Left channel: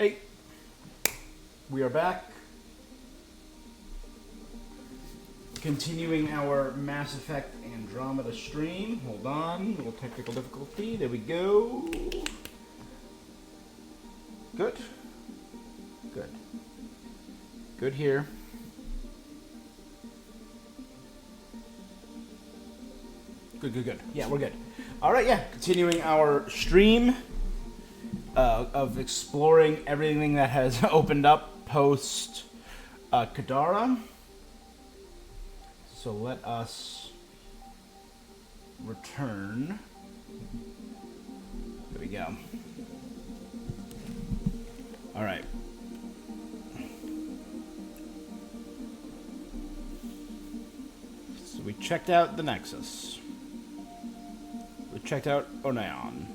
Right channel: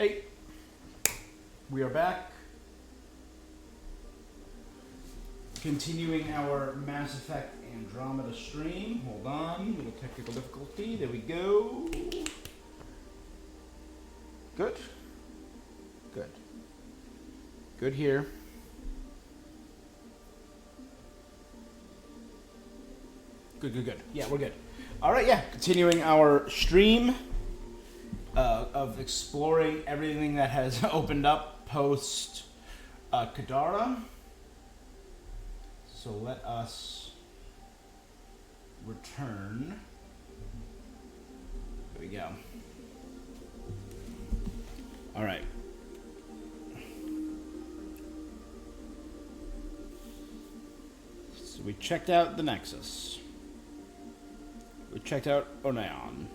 Hey, we are back. Continuing our Mass Effect Andromeda stream. Hold on, little technical difficulty. There we go. Good. Good. Good here. Good. Yeah, we're good. All right, yeah. Continuing our stream of exploring everything that has opened up post Kadara. So let us return. There we go. All right. So we checked out the Nexus. We checked out Oneon.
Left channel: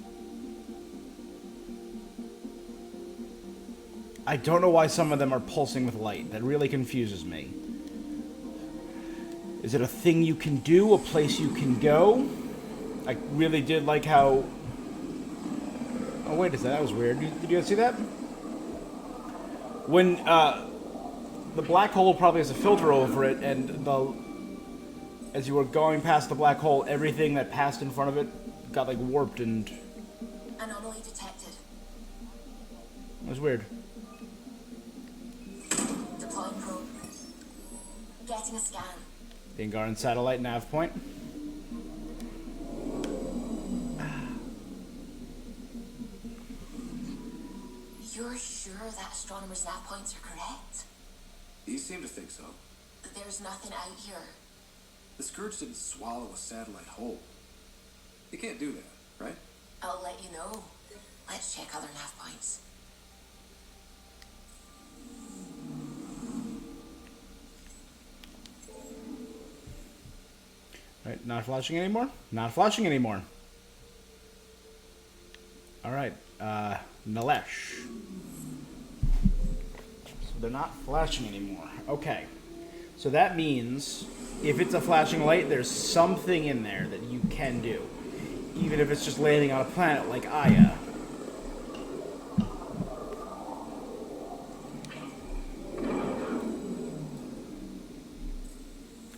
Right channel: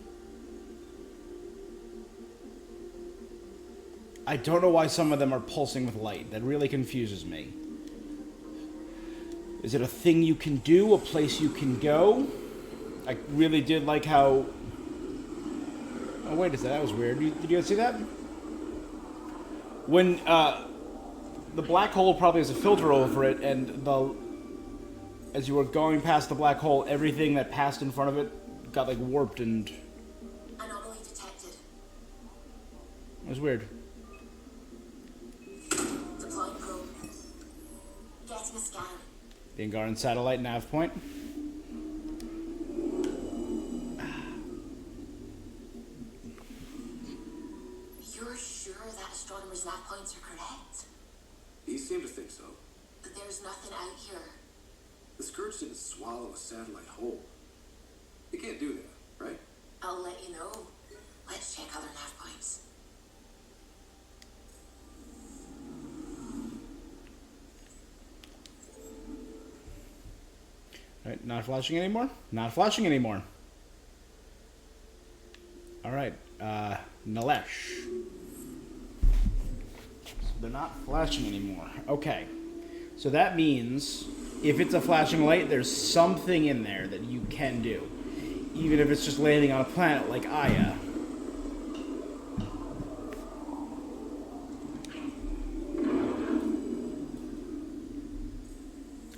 I don't know why some of them are pulsing with light. That really confuses me. Is it a thing you can do? A place you can go? I really did like how... Oh, wait a second. That was weird. Did you guys see that? When the black hole probably has a filter over it, and as you were going past the black hole, everything that passed in front of it got like warped and... Anomaly detected. It was weird. Deploying probe. Getting a scan. The Angaran satellite nav point. You're sure that astronomer's nav points are correct? You seem to think so. But there's nothing out here. The Scourge didn't swallow a satellite whole. It can't do that, right? I'll let you know. Let's check other nav points. Right, not flashing anymore? Not flashing anymore. Alright, Nalesh. So they're not flashing anymore. Okay. So that means if it's a flashing light, there's something in there that you can do. Even if it's just landing on a planet like Aya.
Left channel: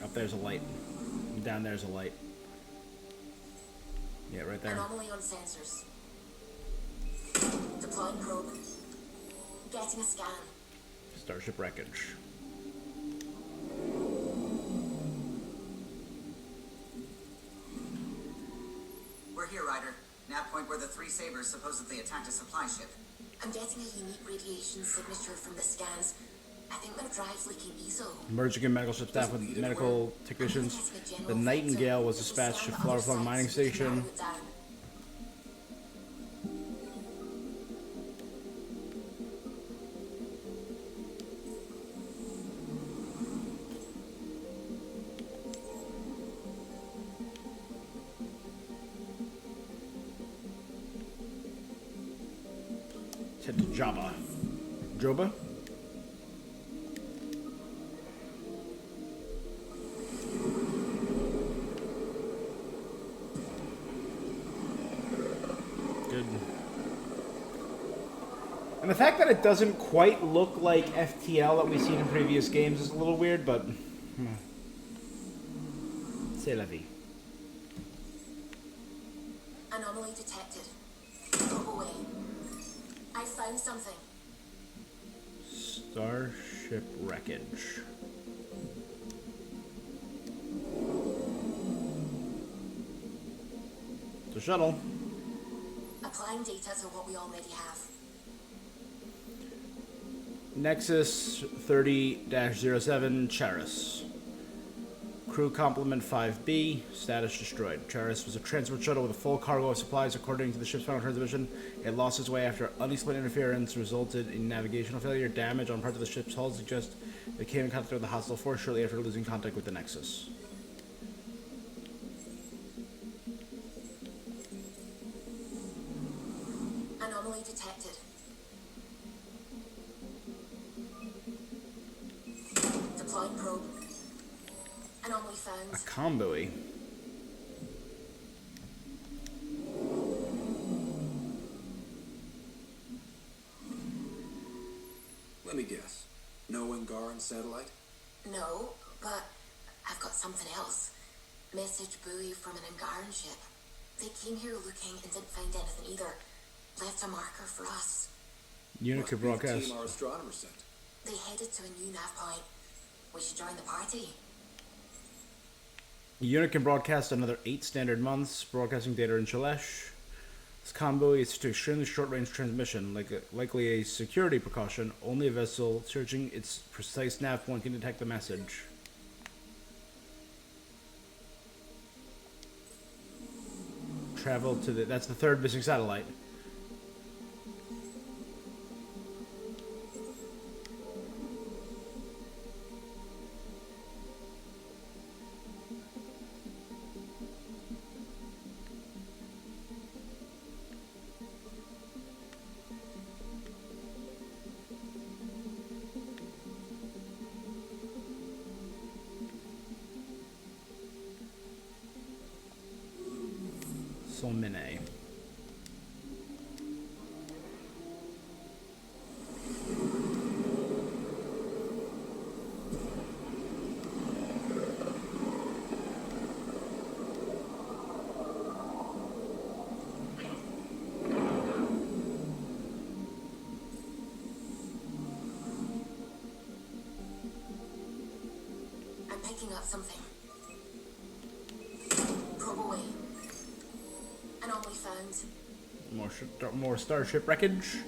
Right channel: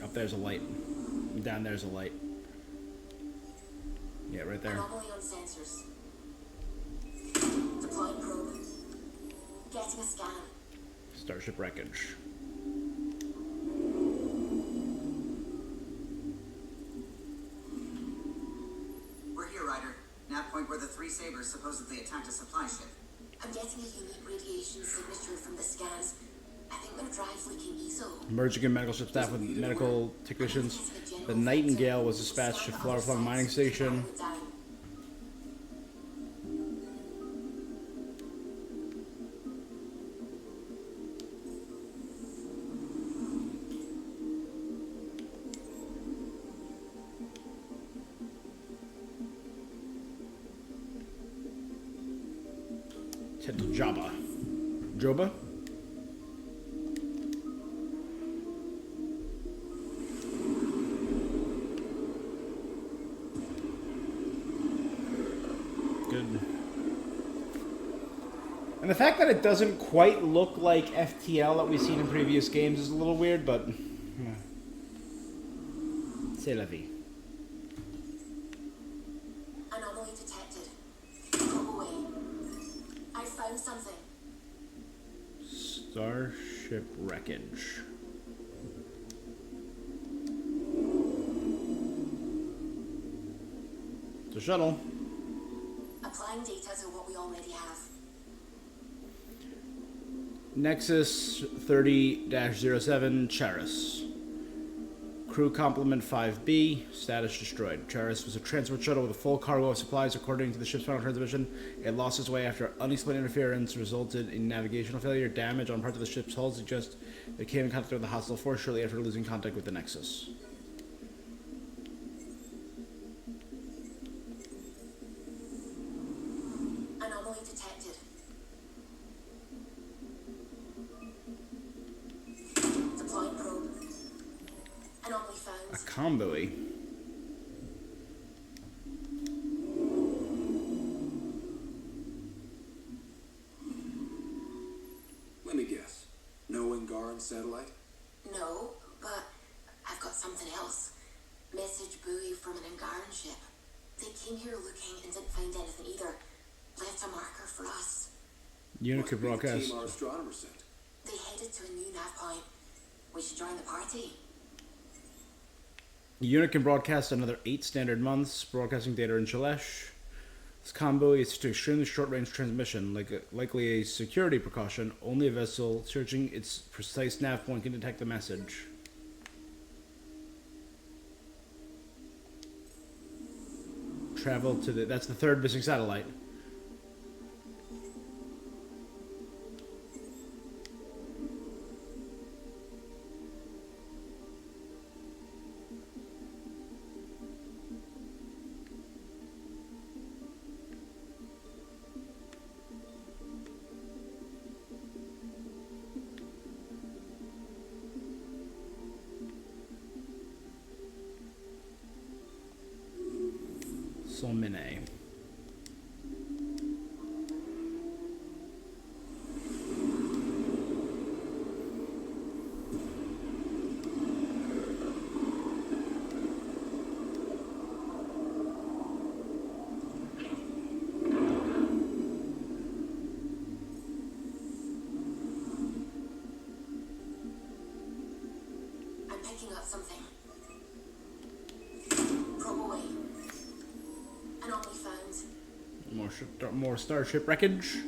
Up there's a light. Down there's a light. Yeah, right there. Anomaly on sensors. Deploying probe. Getting a scan. Starship wreckage. We're here, Ryder. Nav point where the three Sabers supposedly attacked a supply ship. I'm getting a unique radiation signature from the scans. I think my drive's leaking ESO. Merging in medical ship staff with medical technicians. The Nightingale was dispatched to Flowerflung mining station. Head to Jabba. Joba? Good. And the fact that it doesn't quite look like FTL that we've seen in previous games is a little weird, but... C'est la vie. Anomaly detected. Go away. I found something. Starship wreckage. It's a shuttle. Applying data to what we already have. Nexus 30-07 Charis. Crew complement 5B. Status destroyed. Charis was a transport shuttle with a full cargo of supplies. According to the ship's final transmission, it lost its way after unexplained interference resulted in navigational failure. Damage on parts of the ship's hull suggests it came in contact with the hostile force shortly after losing contact with the Nexus. Anomaly detected. Deploying probe. Anomaly found. A comboey. Let me guess. No Angaran satellite? No, but I've got something else. Message buoy from an Angaran ship. They came here looking and didn't find anything either. Left a marker for us. Unit could Must be the broadcast. team our astronomer sent. They headed to a new nav point. We should join the party. The unit can broadcast another 8 standard months, broadcasting data in Shalesh. This combo is to extremely short-range transmission, likely a security precaution. Only a vessel searching its precise nav point can detect the message. Travel to the... That's the third missing satellite. Solmine. I'm picking up something. Probe away. Anomaly found. More starship wreckage.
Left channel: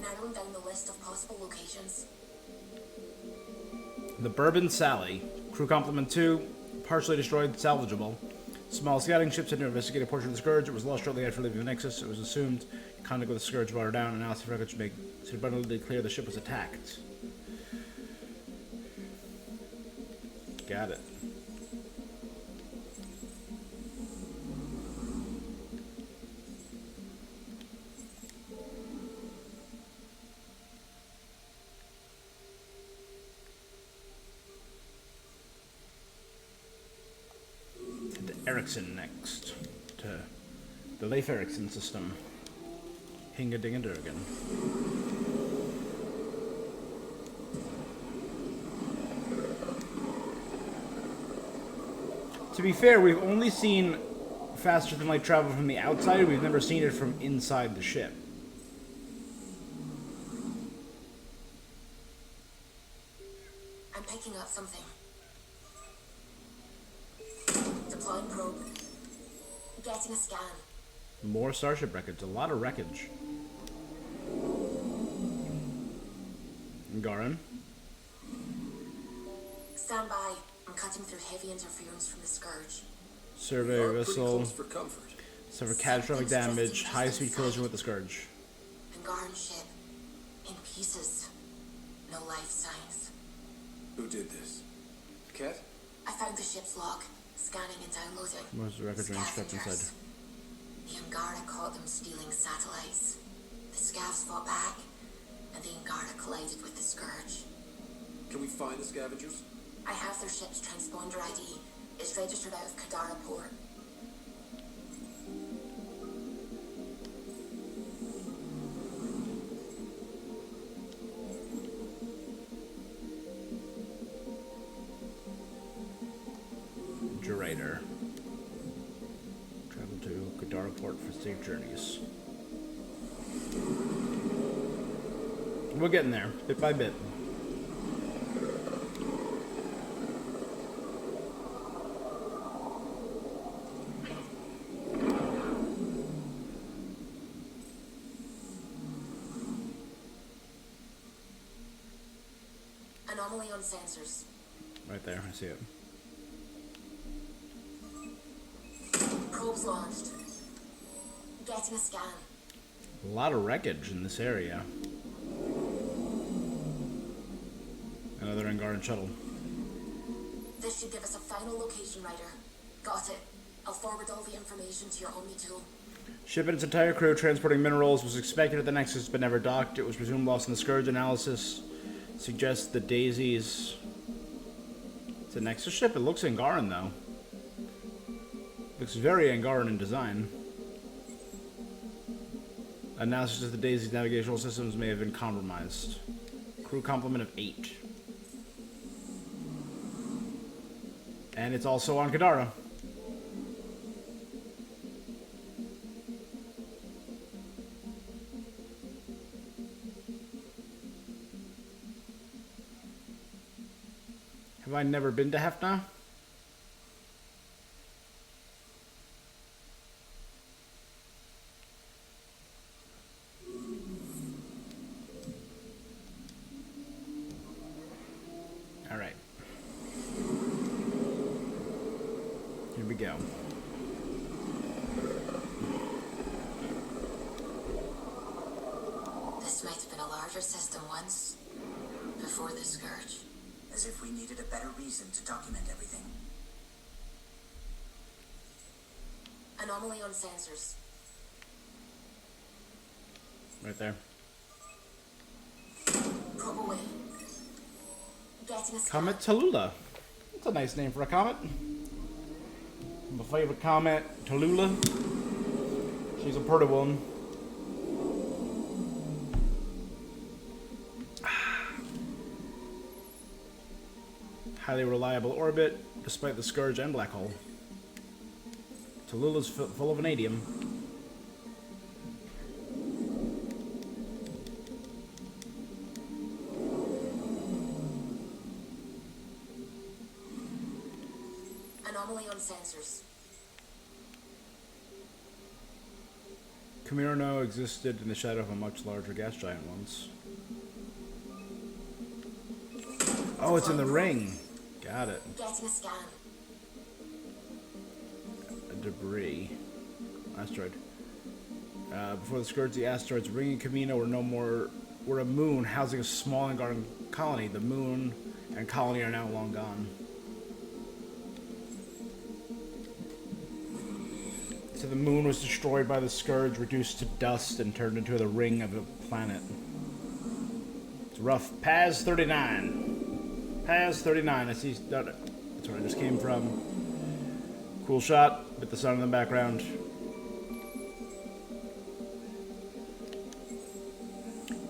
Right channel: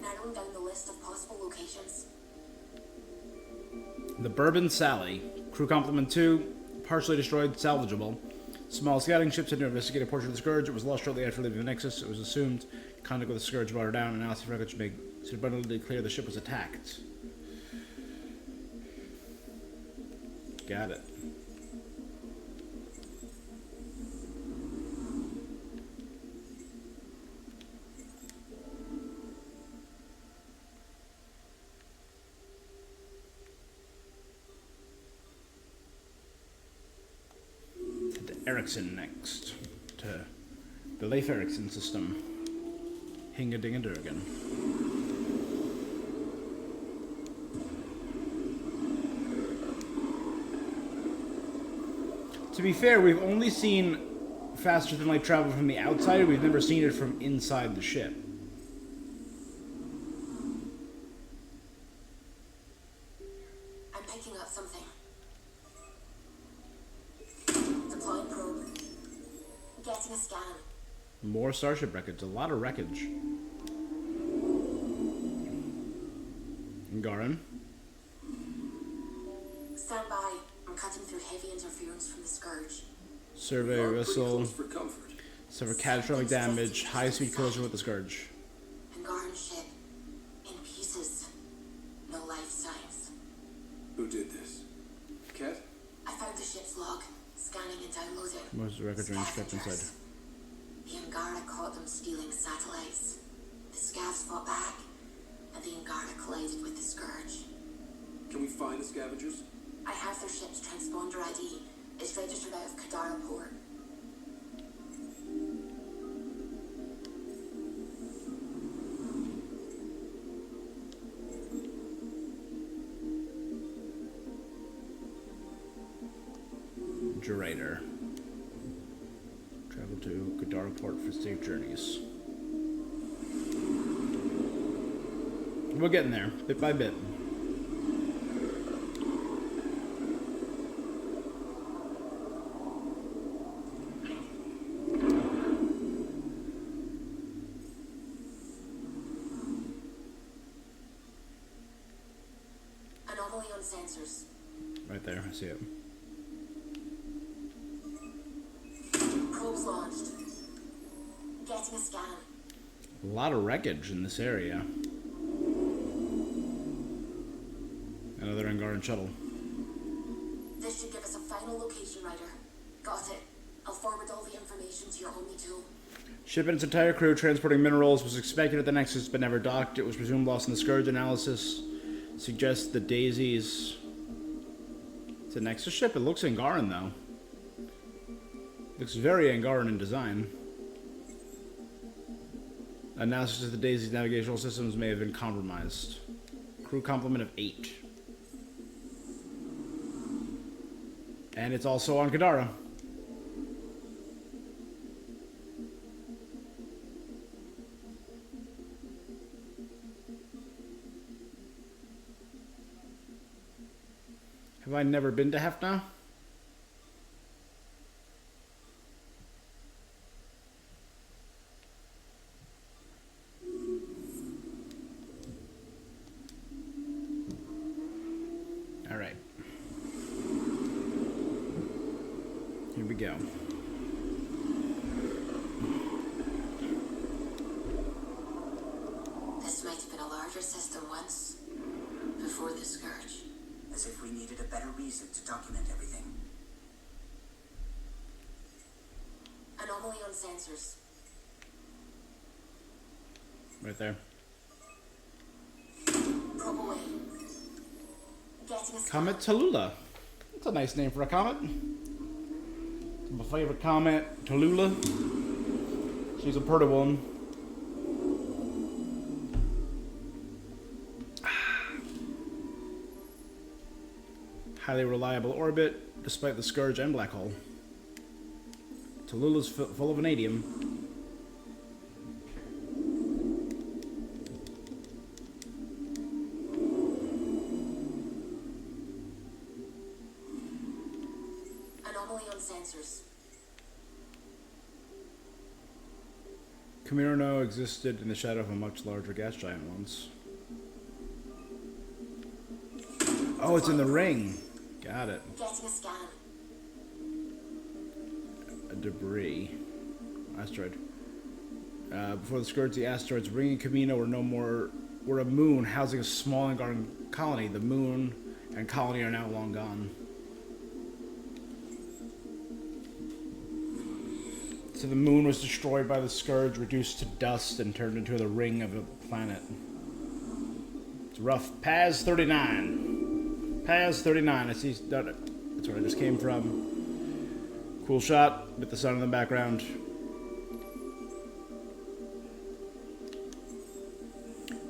Narrowing down the list of possible locations. The Bourbon Sally. Crew complement 2. Partially destroyed, salvageable. Small scouting ship sent to investigate a portion of the Scourge. It was lost shortly after leaving the Nexus. It was assumed contact with the Scourge brought her down. Analysis records make it abundantly clear the ship was attacked. Got it. To Ericsson next. To the Leif Ericsson system. Hinga-dinga-durgan. To be fair, we've only seen faster than light travel from the outside. We've never seen it from inside the ship. I'm picking up something. Deploying probe. Getting a scan. More starship wreckage. A lot of wreckage. Garin. Stand by. I'm cutting through heavy interference from the Scourge. Survey Are pretty vessel. close for comfort. Suffer catastrophic damage. High speed collision with the Scourge. Angaran ship. In pieces. No life signs. Who did this? Cat? I found the ship's log. Scanning and downloading. Most record range kept inside. Scavengers. The Angara caught them stealing satellites. The Scavs fought back, and the Angara collided with the Scourge. Can we find the scavengers? I have their ship's transponder ID. It's registered out of Kadara port. Durator. Travel to Kadara port for safe journeys. We're getting there, bit by bit. Anomaly on sensors. Right there, I see it. Probes launched. Getting a scan. A lot of wreckage in this area. Another Angaran shuttle. This should give us a final location, Ryder. Got it. I'll forward all the information to your Omni tool. Ship and its entire crew transporting minerals was expected at the Nexus but never docked. It was presumed lost in the Scourge. Analysis suggests the Daisies... It's a Nexus ship? It looks Angaran, though. Looks very Angaran in design. Analysis of the Daisy's navigational systems may have been compromised. Crew complement of 8. And it's also on Kadara. Have I never been to Hefna? All right. Here we go. This might have been a larger system once, before the Scourge. As if we needed a better reason to document everything. Anomaly on sensors. Right there. Probe away. Getting a scan. Comet Tallulah. That's a nice name for a comet. My favorite comet, Tallulah. She's a pretty one. Highly reliable orbit, despite the Scourge and Black Hole. Tallulah's full of vanadium. Anomaly on sensors. Camino existed in the shadow of a much larger gas giant once. Oh, it's in the ring. Got it. Getting a scan. A debris. Asteroid. Before the Scourge, the asteroids Ring and Camino were a moon housing a small and garden colony. The moon and colony are now long gone. So the moon was destroyed by the Scourge, reduced to dust, and turned into the ring of a planet. It's rough. Paz 39. Paz 39. I see. That's where I just came from. Cool shot with the sun in the background.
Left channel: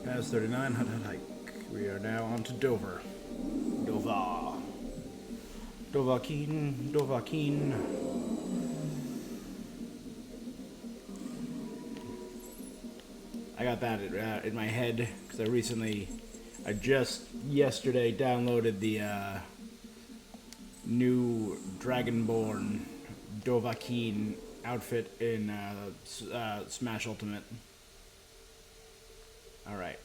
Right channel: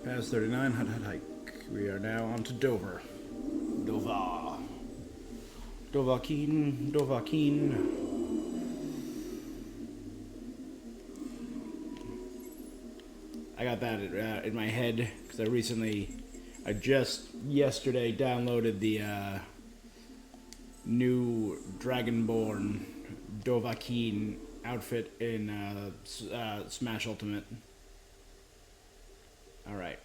Paz 39. Hut hut hike. We are now on to Dover. Dover. Dovahkiin. Dovahkiin. I got that in my head because I just yesterday downloaded the new Dragonborn Dovahkiin outfit in Smash Ultimate. All right,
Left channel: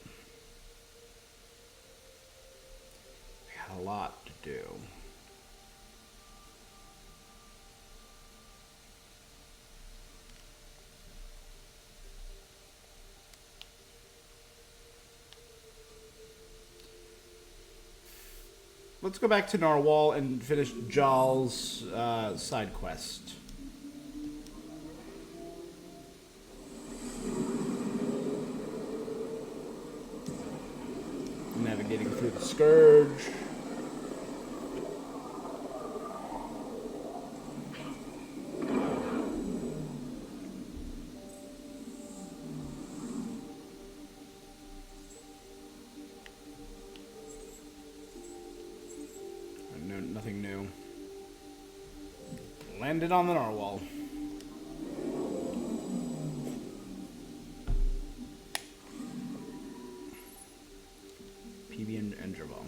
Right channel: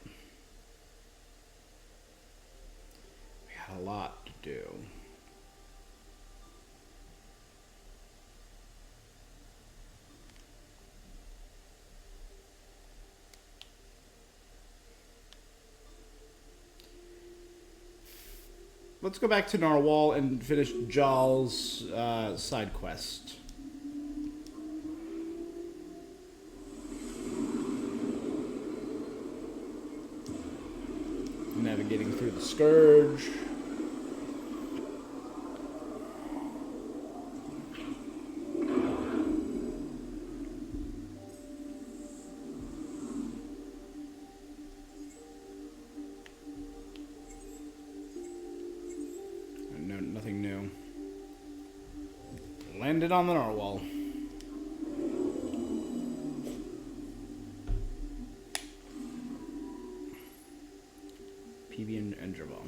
we got a lot to do. Let's go back to Narwhal and finish Jal's side quest. Navigating through the Scourge. No, nothing new. Landed on the Narwhal. PB and Andromeda.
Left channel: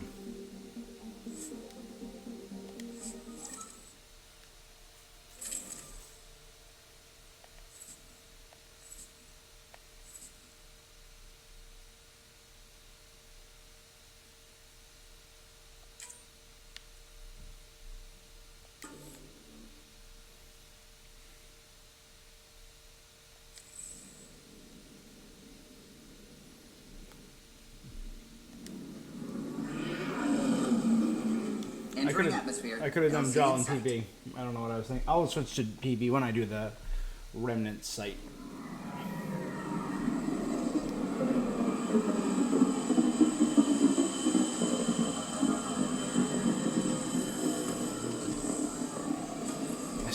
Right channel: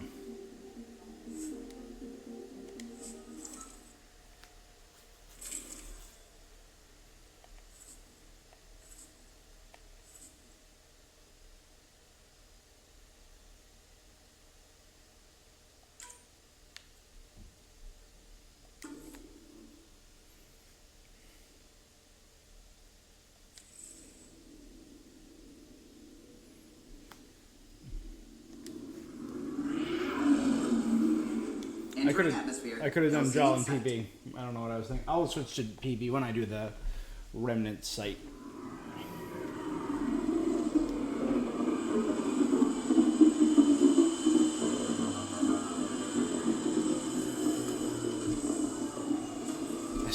I could have done Jal and PB. I don't know what I was thinking. I'll switch to PB when I do the Remnant site.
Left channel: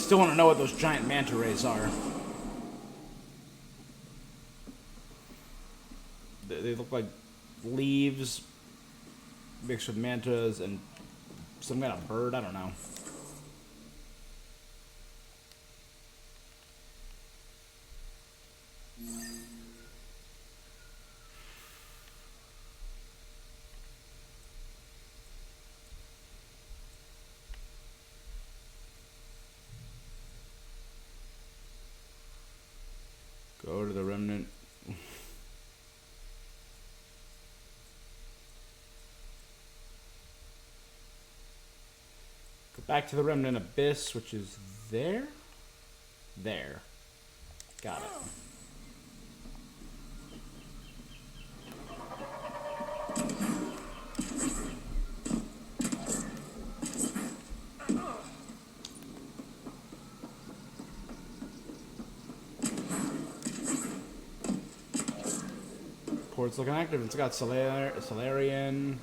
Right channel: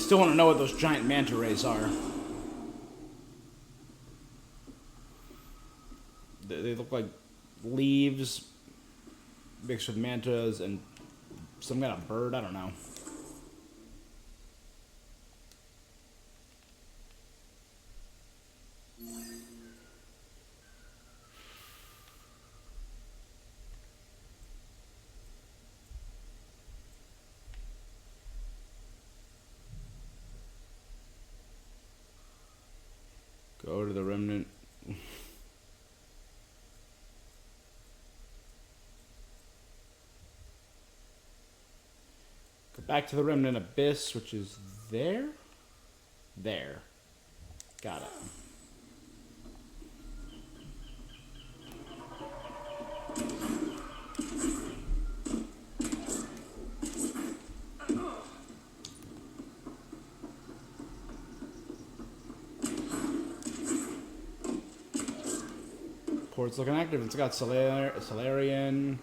Still want to know what those giant manta rays are. They look like leaves mixed with mantas and some kind of bird. I don't know. Go to the remnant. Go back to the remnant abyss, which is there? There. Got it. Port's looking active. It's got Solarian,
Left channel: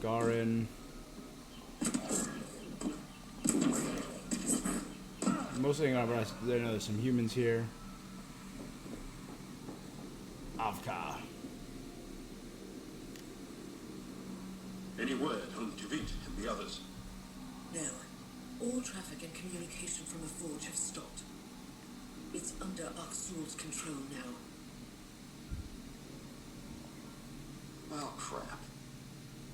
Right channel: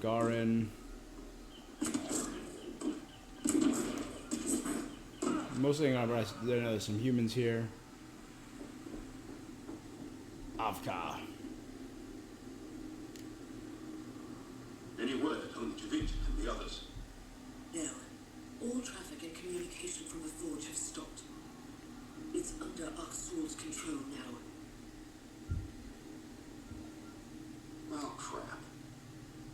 Garin. Mostly, there's some humans here. Avka. Any word on Javit and the others? No. All traffic and communication from the forge have stopped. It's under Aksul's control now. Oh, crap.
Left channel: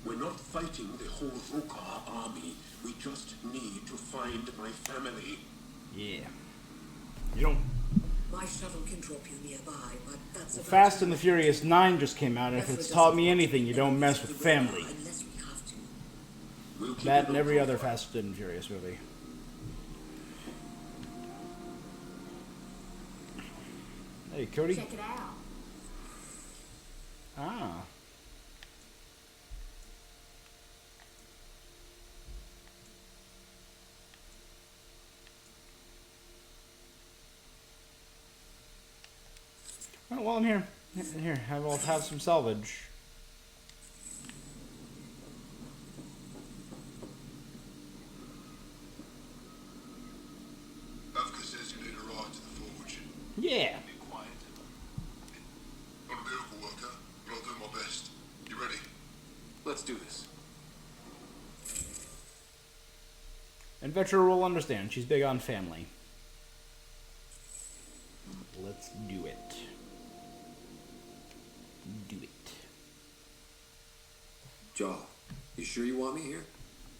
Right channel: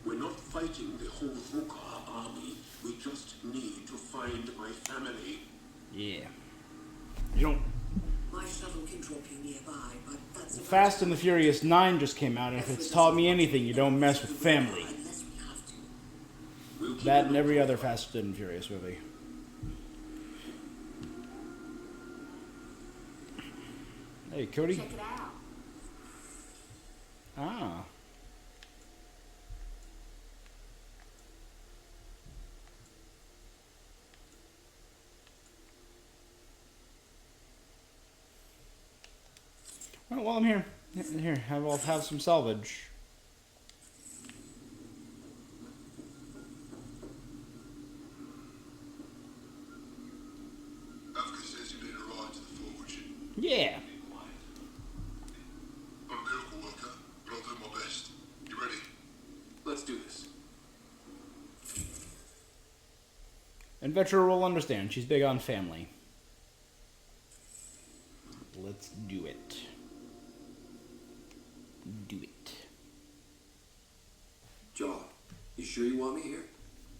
We're not fighting the whole Rukar army. We just need to find my family. Yeah. You don't... My shuttle can drop you nearby, but that's about Fast and the Furious 9 just came out, and if it's taught me anything, you don't mess with family. unless we have to. We'll keep That and every other Fast and Furious movie. Hey, Cody. Check it out. Ah. Well, while I'm here, I'll have some salvage. Avka says you made a ride to the forge. Yeah. Be quiet. I'm a miracle worker, but I'll do my best. You ready? Let's do this. And Vetra will understand. She's big on family. Let's do it. Do it. John, you sure you want me here?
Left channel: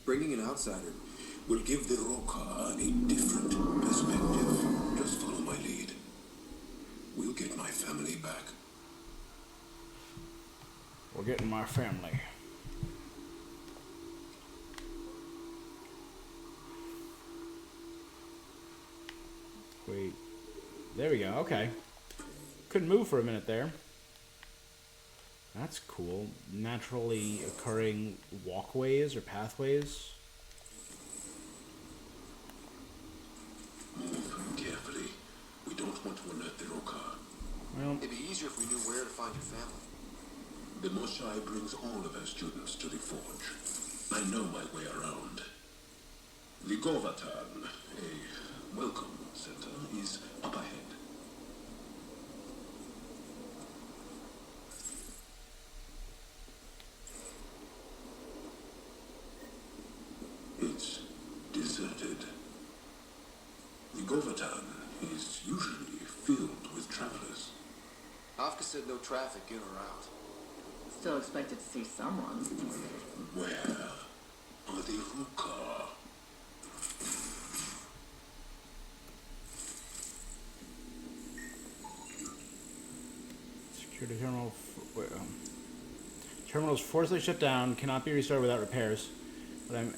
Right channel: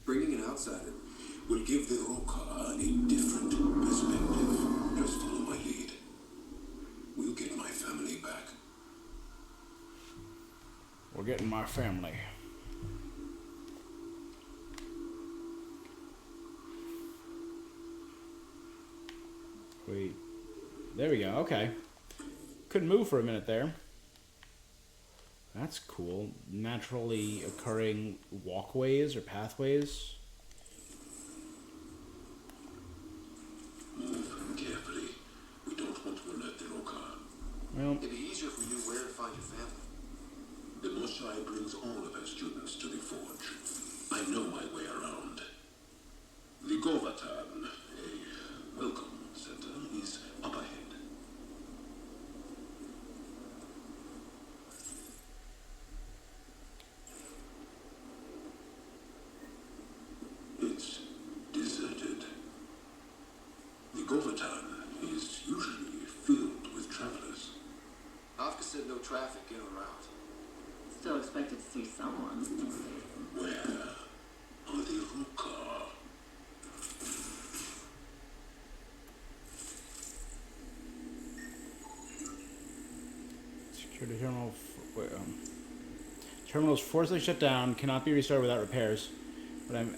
Bringing an outsider Will give the Rukar a different perspective. Just follow my lead. We'll get my family back. We're getting my family. Wait. There we go. Okay. Couldn't move for a minute there. That's cool. Naturally occurring walkways or pathways. Move carefully. We don't want to alert the Rukar. Well, It'd be easier if we knew where to find your family. The Mosai brings all of our students to the forge. I know my way around. The Govatan, a welcome center, is up ahead. It's deserted. The Govatan is usually filled with travelers. Avka said no traffic in or out. Still expected to see someone. Where are the Rukar? security terminal. Terminal is forcibly shut down. Cannot be restarted without repairs. But I'm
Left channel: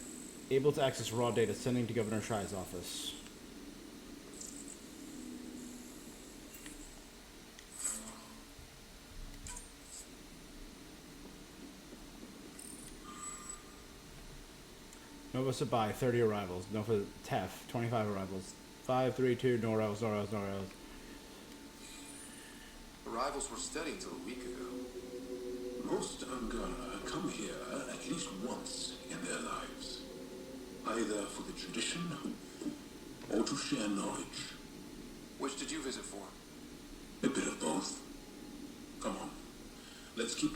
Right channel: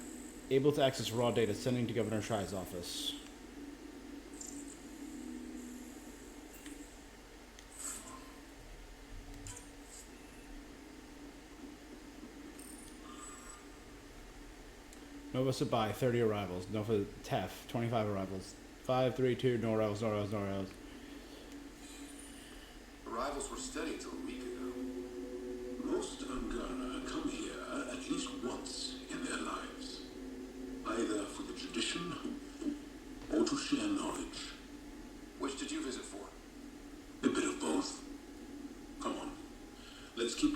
able to access raw data. Sending to Governor Shai's office. Nova Sabai, 30 arrivals. Nova Tef, 25 arrivals. 532, no arrivals, no arrivals, no arrivals. Arrivals were steady until a week ago. Most Angara come here at least once in their lives. Either for the tradition Just keep...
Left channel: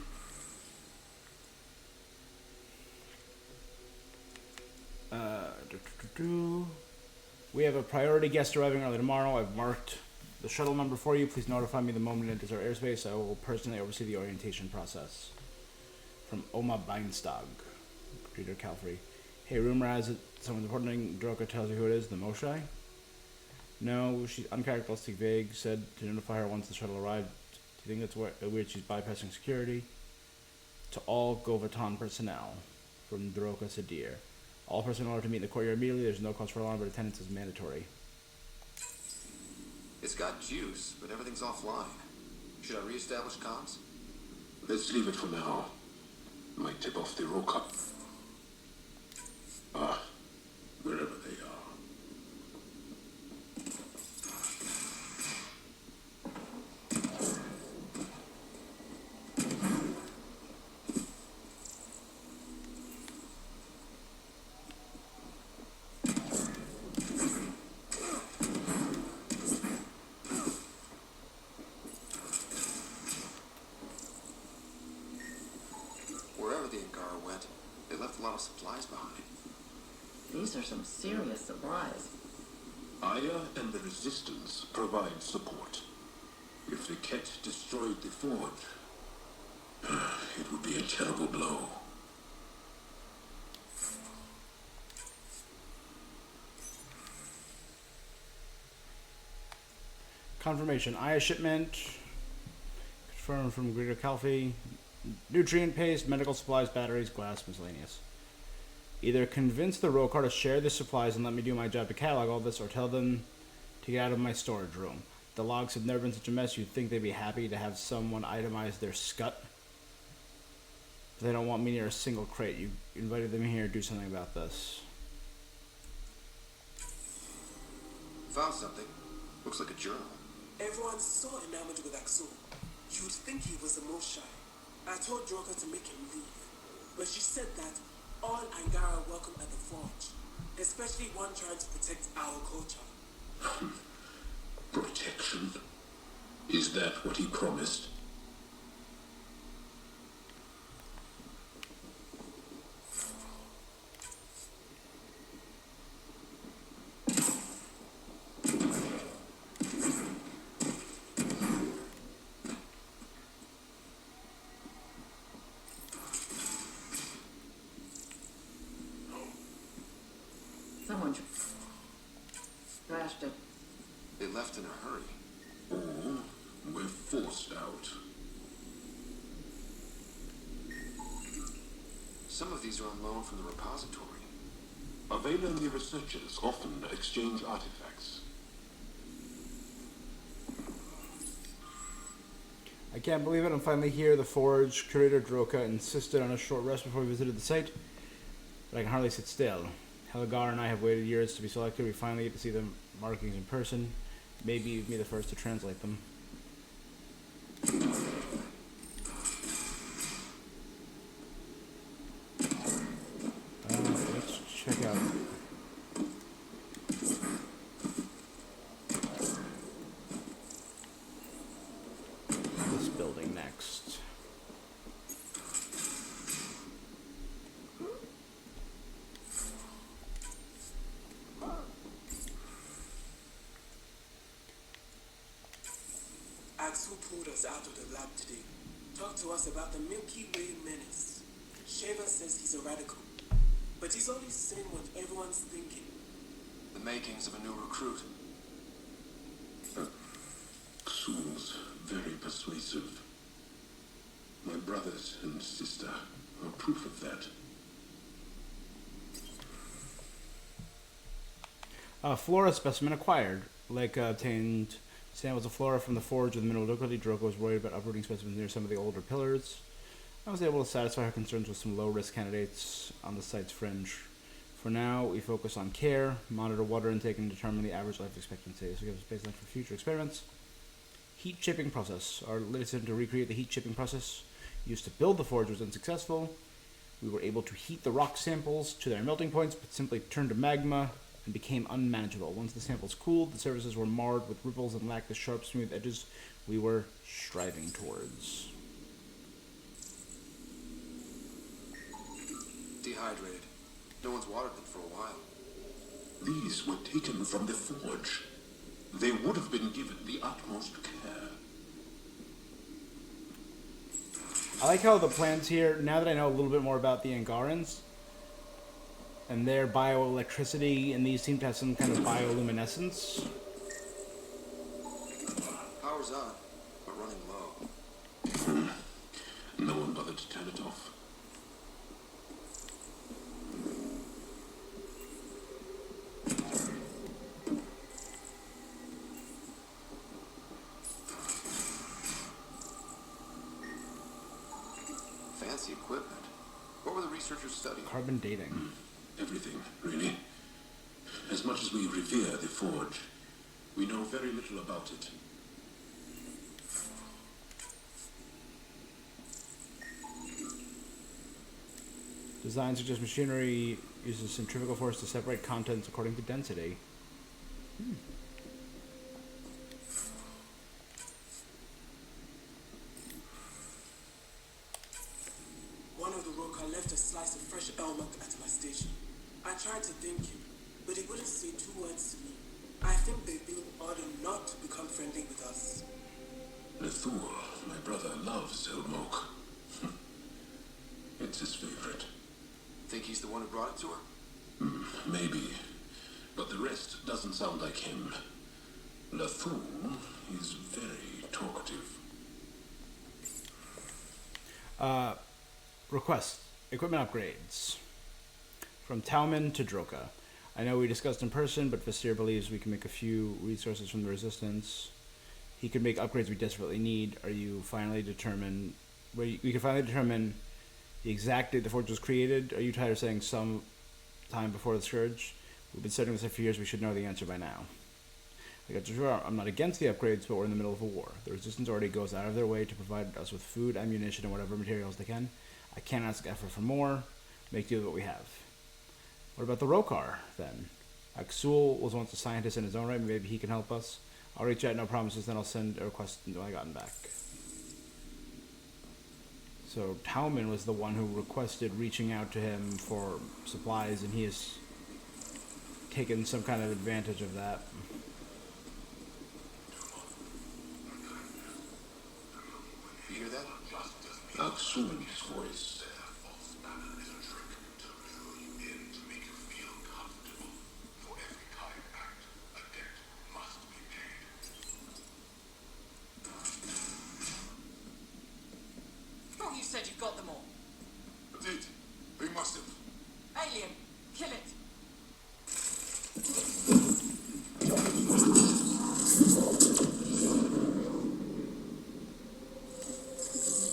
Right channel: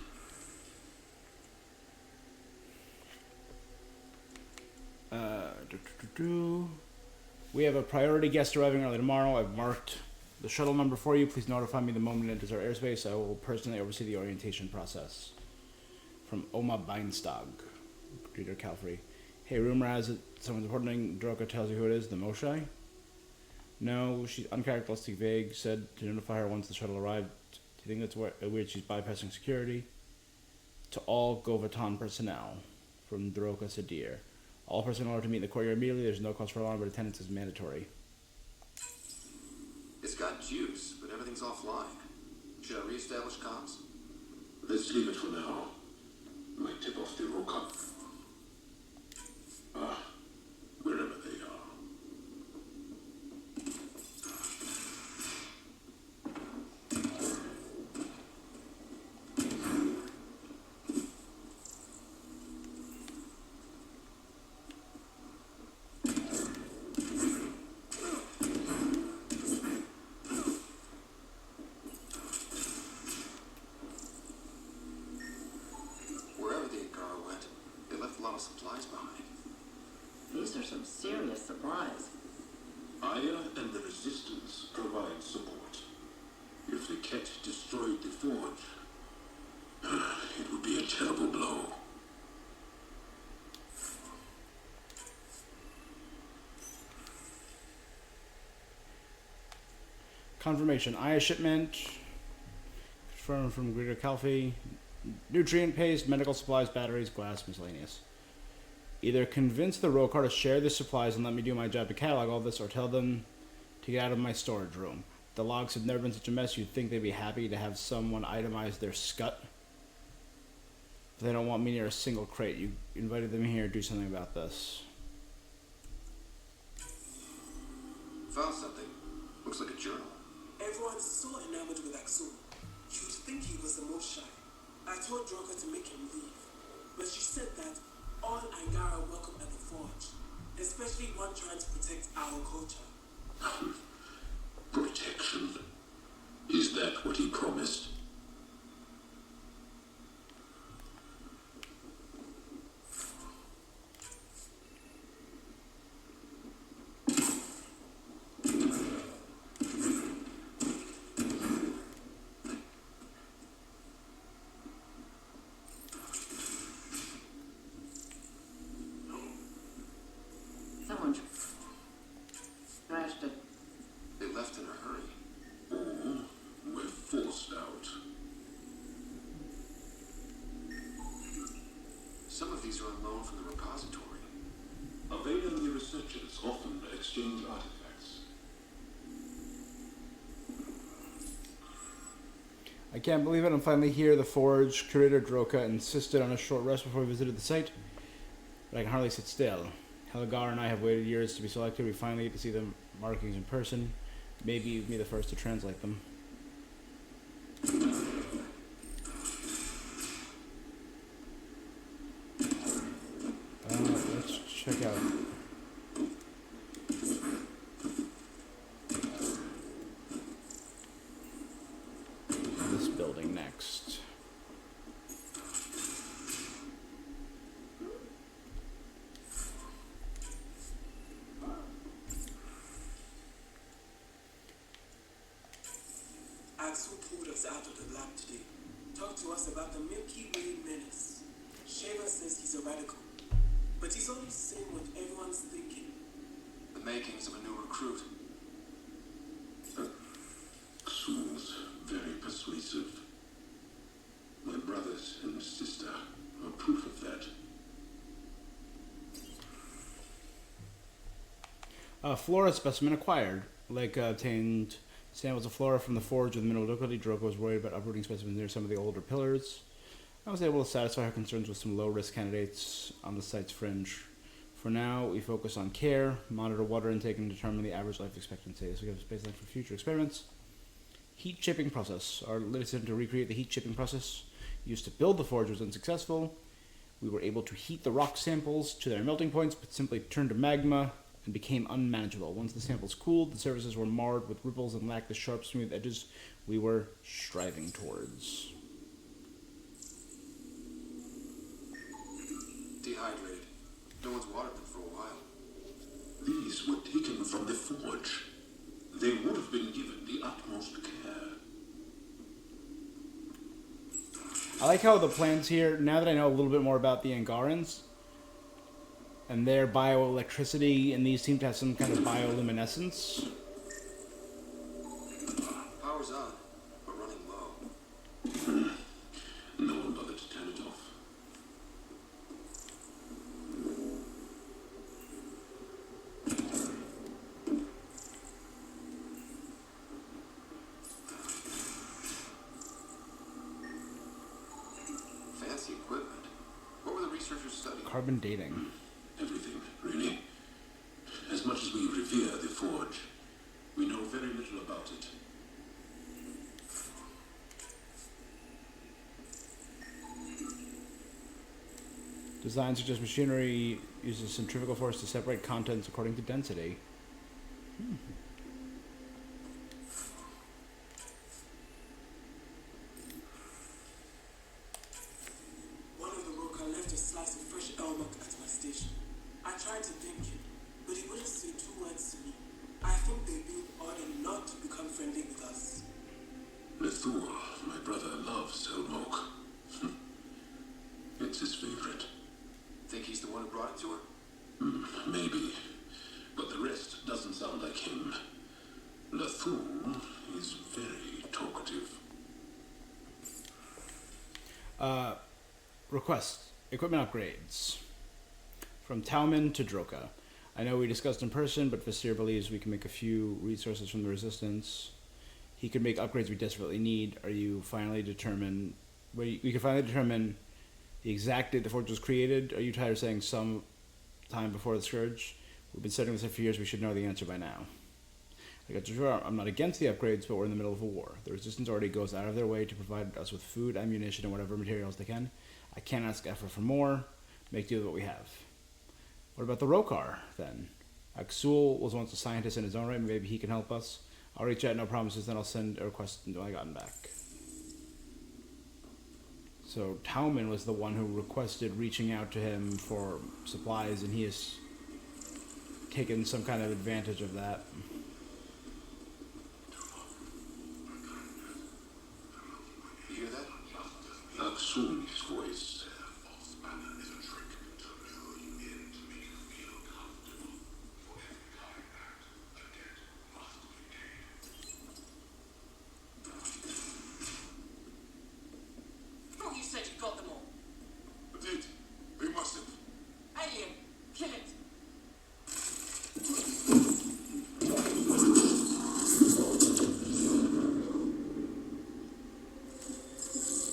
We have a priority guest arriving early tomorrow. I've marked the shuttle number for you. Please notify me the moment it enters our airspace. I will personally oversee the orientation process. From Oma Beinstag, Greeter Calfrey. Hey, rumor has it someone's reporting Droka tells you who it is, the Moshai? No, she's uncharacteristic vague, said to notify her once the shuttle arrived. Do you think that's weird she's bypassing security? To all Govatan personnel, from Droka Sadir. All personnel are to meet in the courtyard immediately. There's no cause for alarm, but attendance is mandatory. It's got juice, but everything's offline. Should I reestablish comms? Let's leave it for now. Might tip off the Roka. Wherever they are. Wherever the Angara went, they left a lot of supplies behind. These are some serious supplies. Aya and the Resistance provide support. If the Ket destroyed the forge, it would be a terrible blow. Confirmation. Aya shipment. Confirmed from Greeter Calfrey. Nutrient paste, medical supplies, batteries, glass, miscellaneous. Either convince the Rokar to share the supplies and let me do my job to catalog all this, or tell them to get out of my storage room. The logs have never been such a mess. You'd think they'd be happy to have someone itemize their scut. But they don't want me near a single crate. You invited them here to do something about this. Found something. Looks like a journal. Everyone's so enamored with Axel. You'd think he was a Moshai. I told Droka to make him leave, but she said that all Angara are welcome at the forge, especially one trying to protect our culture. Protection? Is that what he promised? Someone trashed it. They left in a hurry. Or were forced out. Some of these are on loan from the repository. Availing researchers often exchange artifacts. I can't believe it. I'm finally here. The forge. Curator Droka insisted on a short rest before we visited the site, but I can hardly sit still. Helgar and I have waited years to be selected. We finally get to see the markings in person. Maybe you'd be the first to translate them. Let's check out this building next. Axel pulled us out of the lab today. Talked to us about the Milky Way menace. Shaver says he's a radical, but he's only saying what everyone's thinking. The makings of a new recruit. Soon's very persuasive. My brothers and sister are proof of that. Flora specimen acquired. Leica obtained samples of flora from the forge with minimal difficulty. Droka was worried about uprooting specimens near some of the older pillars. I was able to satisfy her concerns with some low-risk candidates on the site's fringe. For now, we focus on care, monitor water intake, and determine the average life expectancy. This will give us baseline for future experiments. Heat shipping process. Our latest attempt to recreate the heat shipping process used to build the forge was unsuccessful. We were able to heat the rock samples to their melting points, but simply turned to magma and became unmanageable. Once the samples cooled, the surfaces were marred with ripples and lacked the sharp, smooth edges we were striving towards. dehydrated. No one's watered them for a while. These were taken from the forge. They would have been given the utmost care. I like how the plants here, now that I know a little bit more about the Angarans and their bioelectricity, and these seem to have some kind of bioluminescence. Power's on, but running low. No one bothered to turn it off. Fancy equipment. What were the researchers studying? Carbon dating. Everything, really. As much as we revere the forge, we know very little about it. Design suggests machinery uses centrifugal force to separate contents according to density. One of the workers left a slice of fresh elmok at my station. I tried to thank him, but he wouldn't say two words to me. I think they've been ordered not to become friendly with us. Lethur, my brother, loves Elmok. It's his favorite. Think he's the one who brought it to her? Maybe. But the rest doesn't sound like him. Lethur is very talkative. Request. Equipment upgrades. From Talman to Droka. I know we discussed in person, but Vasir believes we can make a few resources from the Resistance. He could make upgrades we desperately need. We can finally determine the exact date the forge was created. Are you tired of saying some time before the Scourge? We've been studying this for years. We should know the answer by now. I'm not against the upgrades, but we're in the middle of a war. The Resistance already goes out of their way to provide us with food, ammunition, and whatever materials they can. I can't ask effort for more. Make do with what we have. What about the Rokar, then? Aksul was once a scientist in his own right. Maybe he can help us. I'll reach out, no promises, then I'll send a request until I gotten back. So Tauman was the one who requested reaching out to him for supplies, and he has taken some kind of advantage of that. You hear that? Aksul's voice. Thought you said you got them all. I did. They must have. Alien, kill it.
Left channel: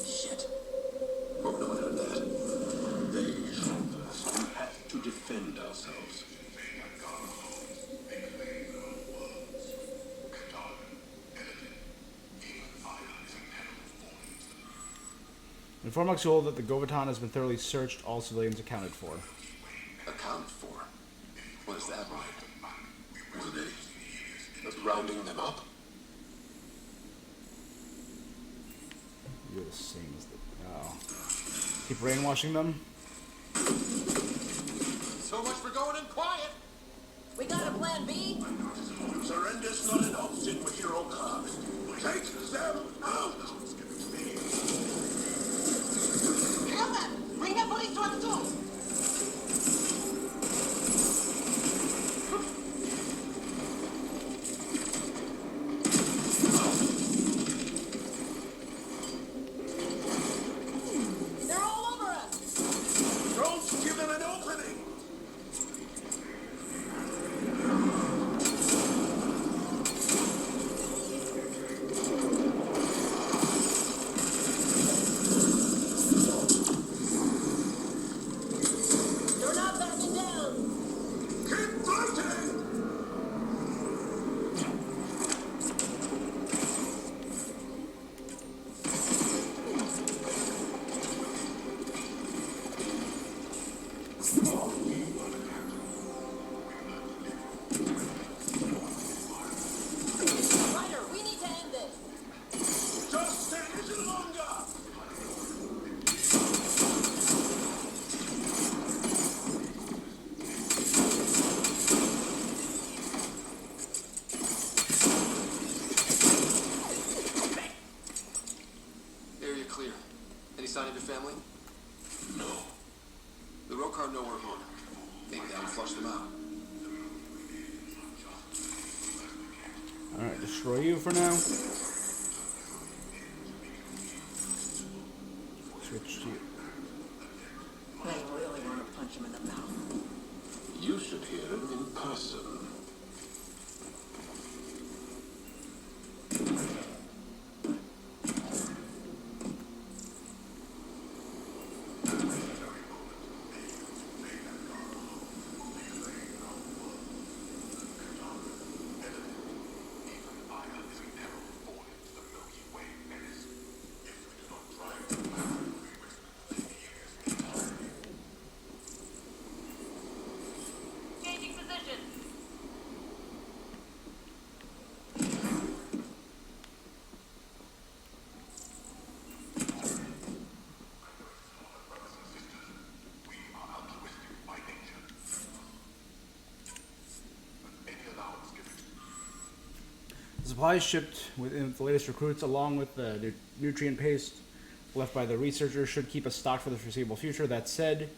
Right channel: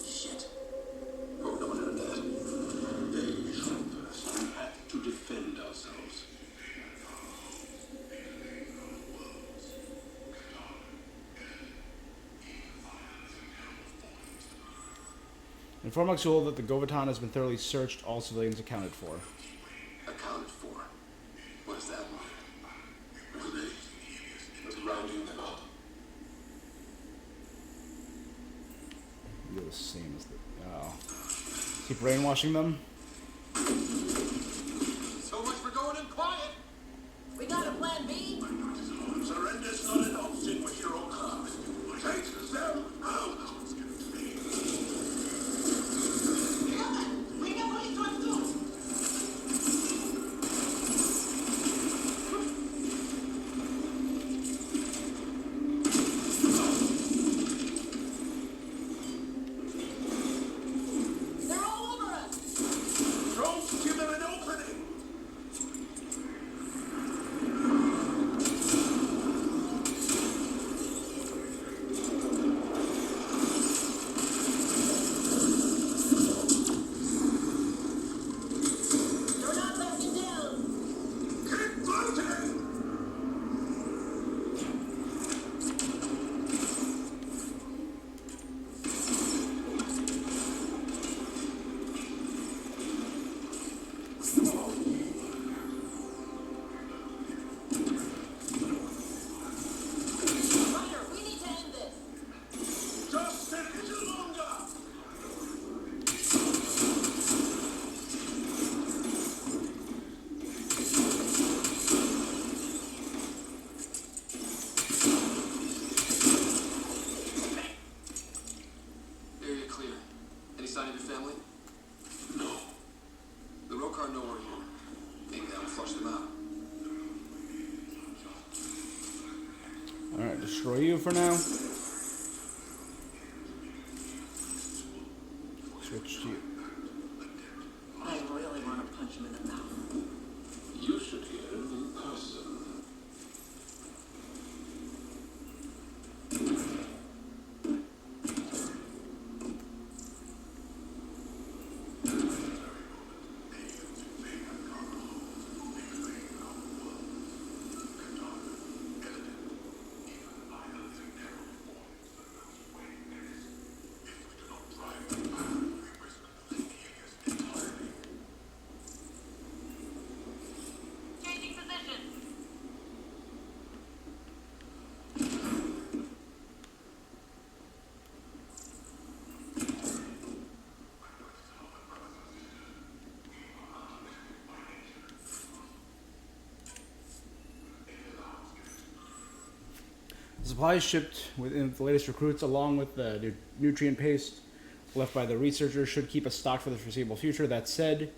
Shit. Oh, no, not that. They have to defend ourselves. Inform Aksul that the Govatan has been thoroughly searched, all civilians accounted for. Accounted for. What does that mean? Were they just rounding them up? You're the same as the... Oh. Keep brainwashing them? So much for going in quiet. We got a plan B? Surrender's not an option with your own car. Take them out. Bring the police to our door. They're all over us! Don't give them an opening. flush them out. Alright, destroy you for now. Switch to you. They really want to punch him in the mouth. You should hear it in person. The supplies shipped with the latest recruits, along with the nutrient paste left by the researchers, should keep us stocked for the foreseeable future. That said,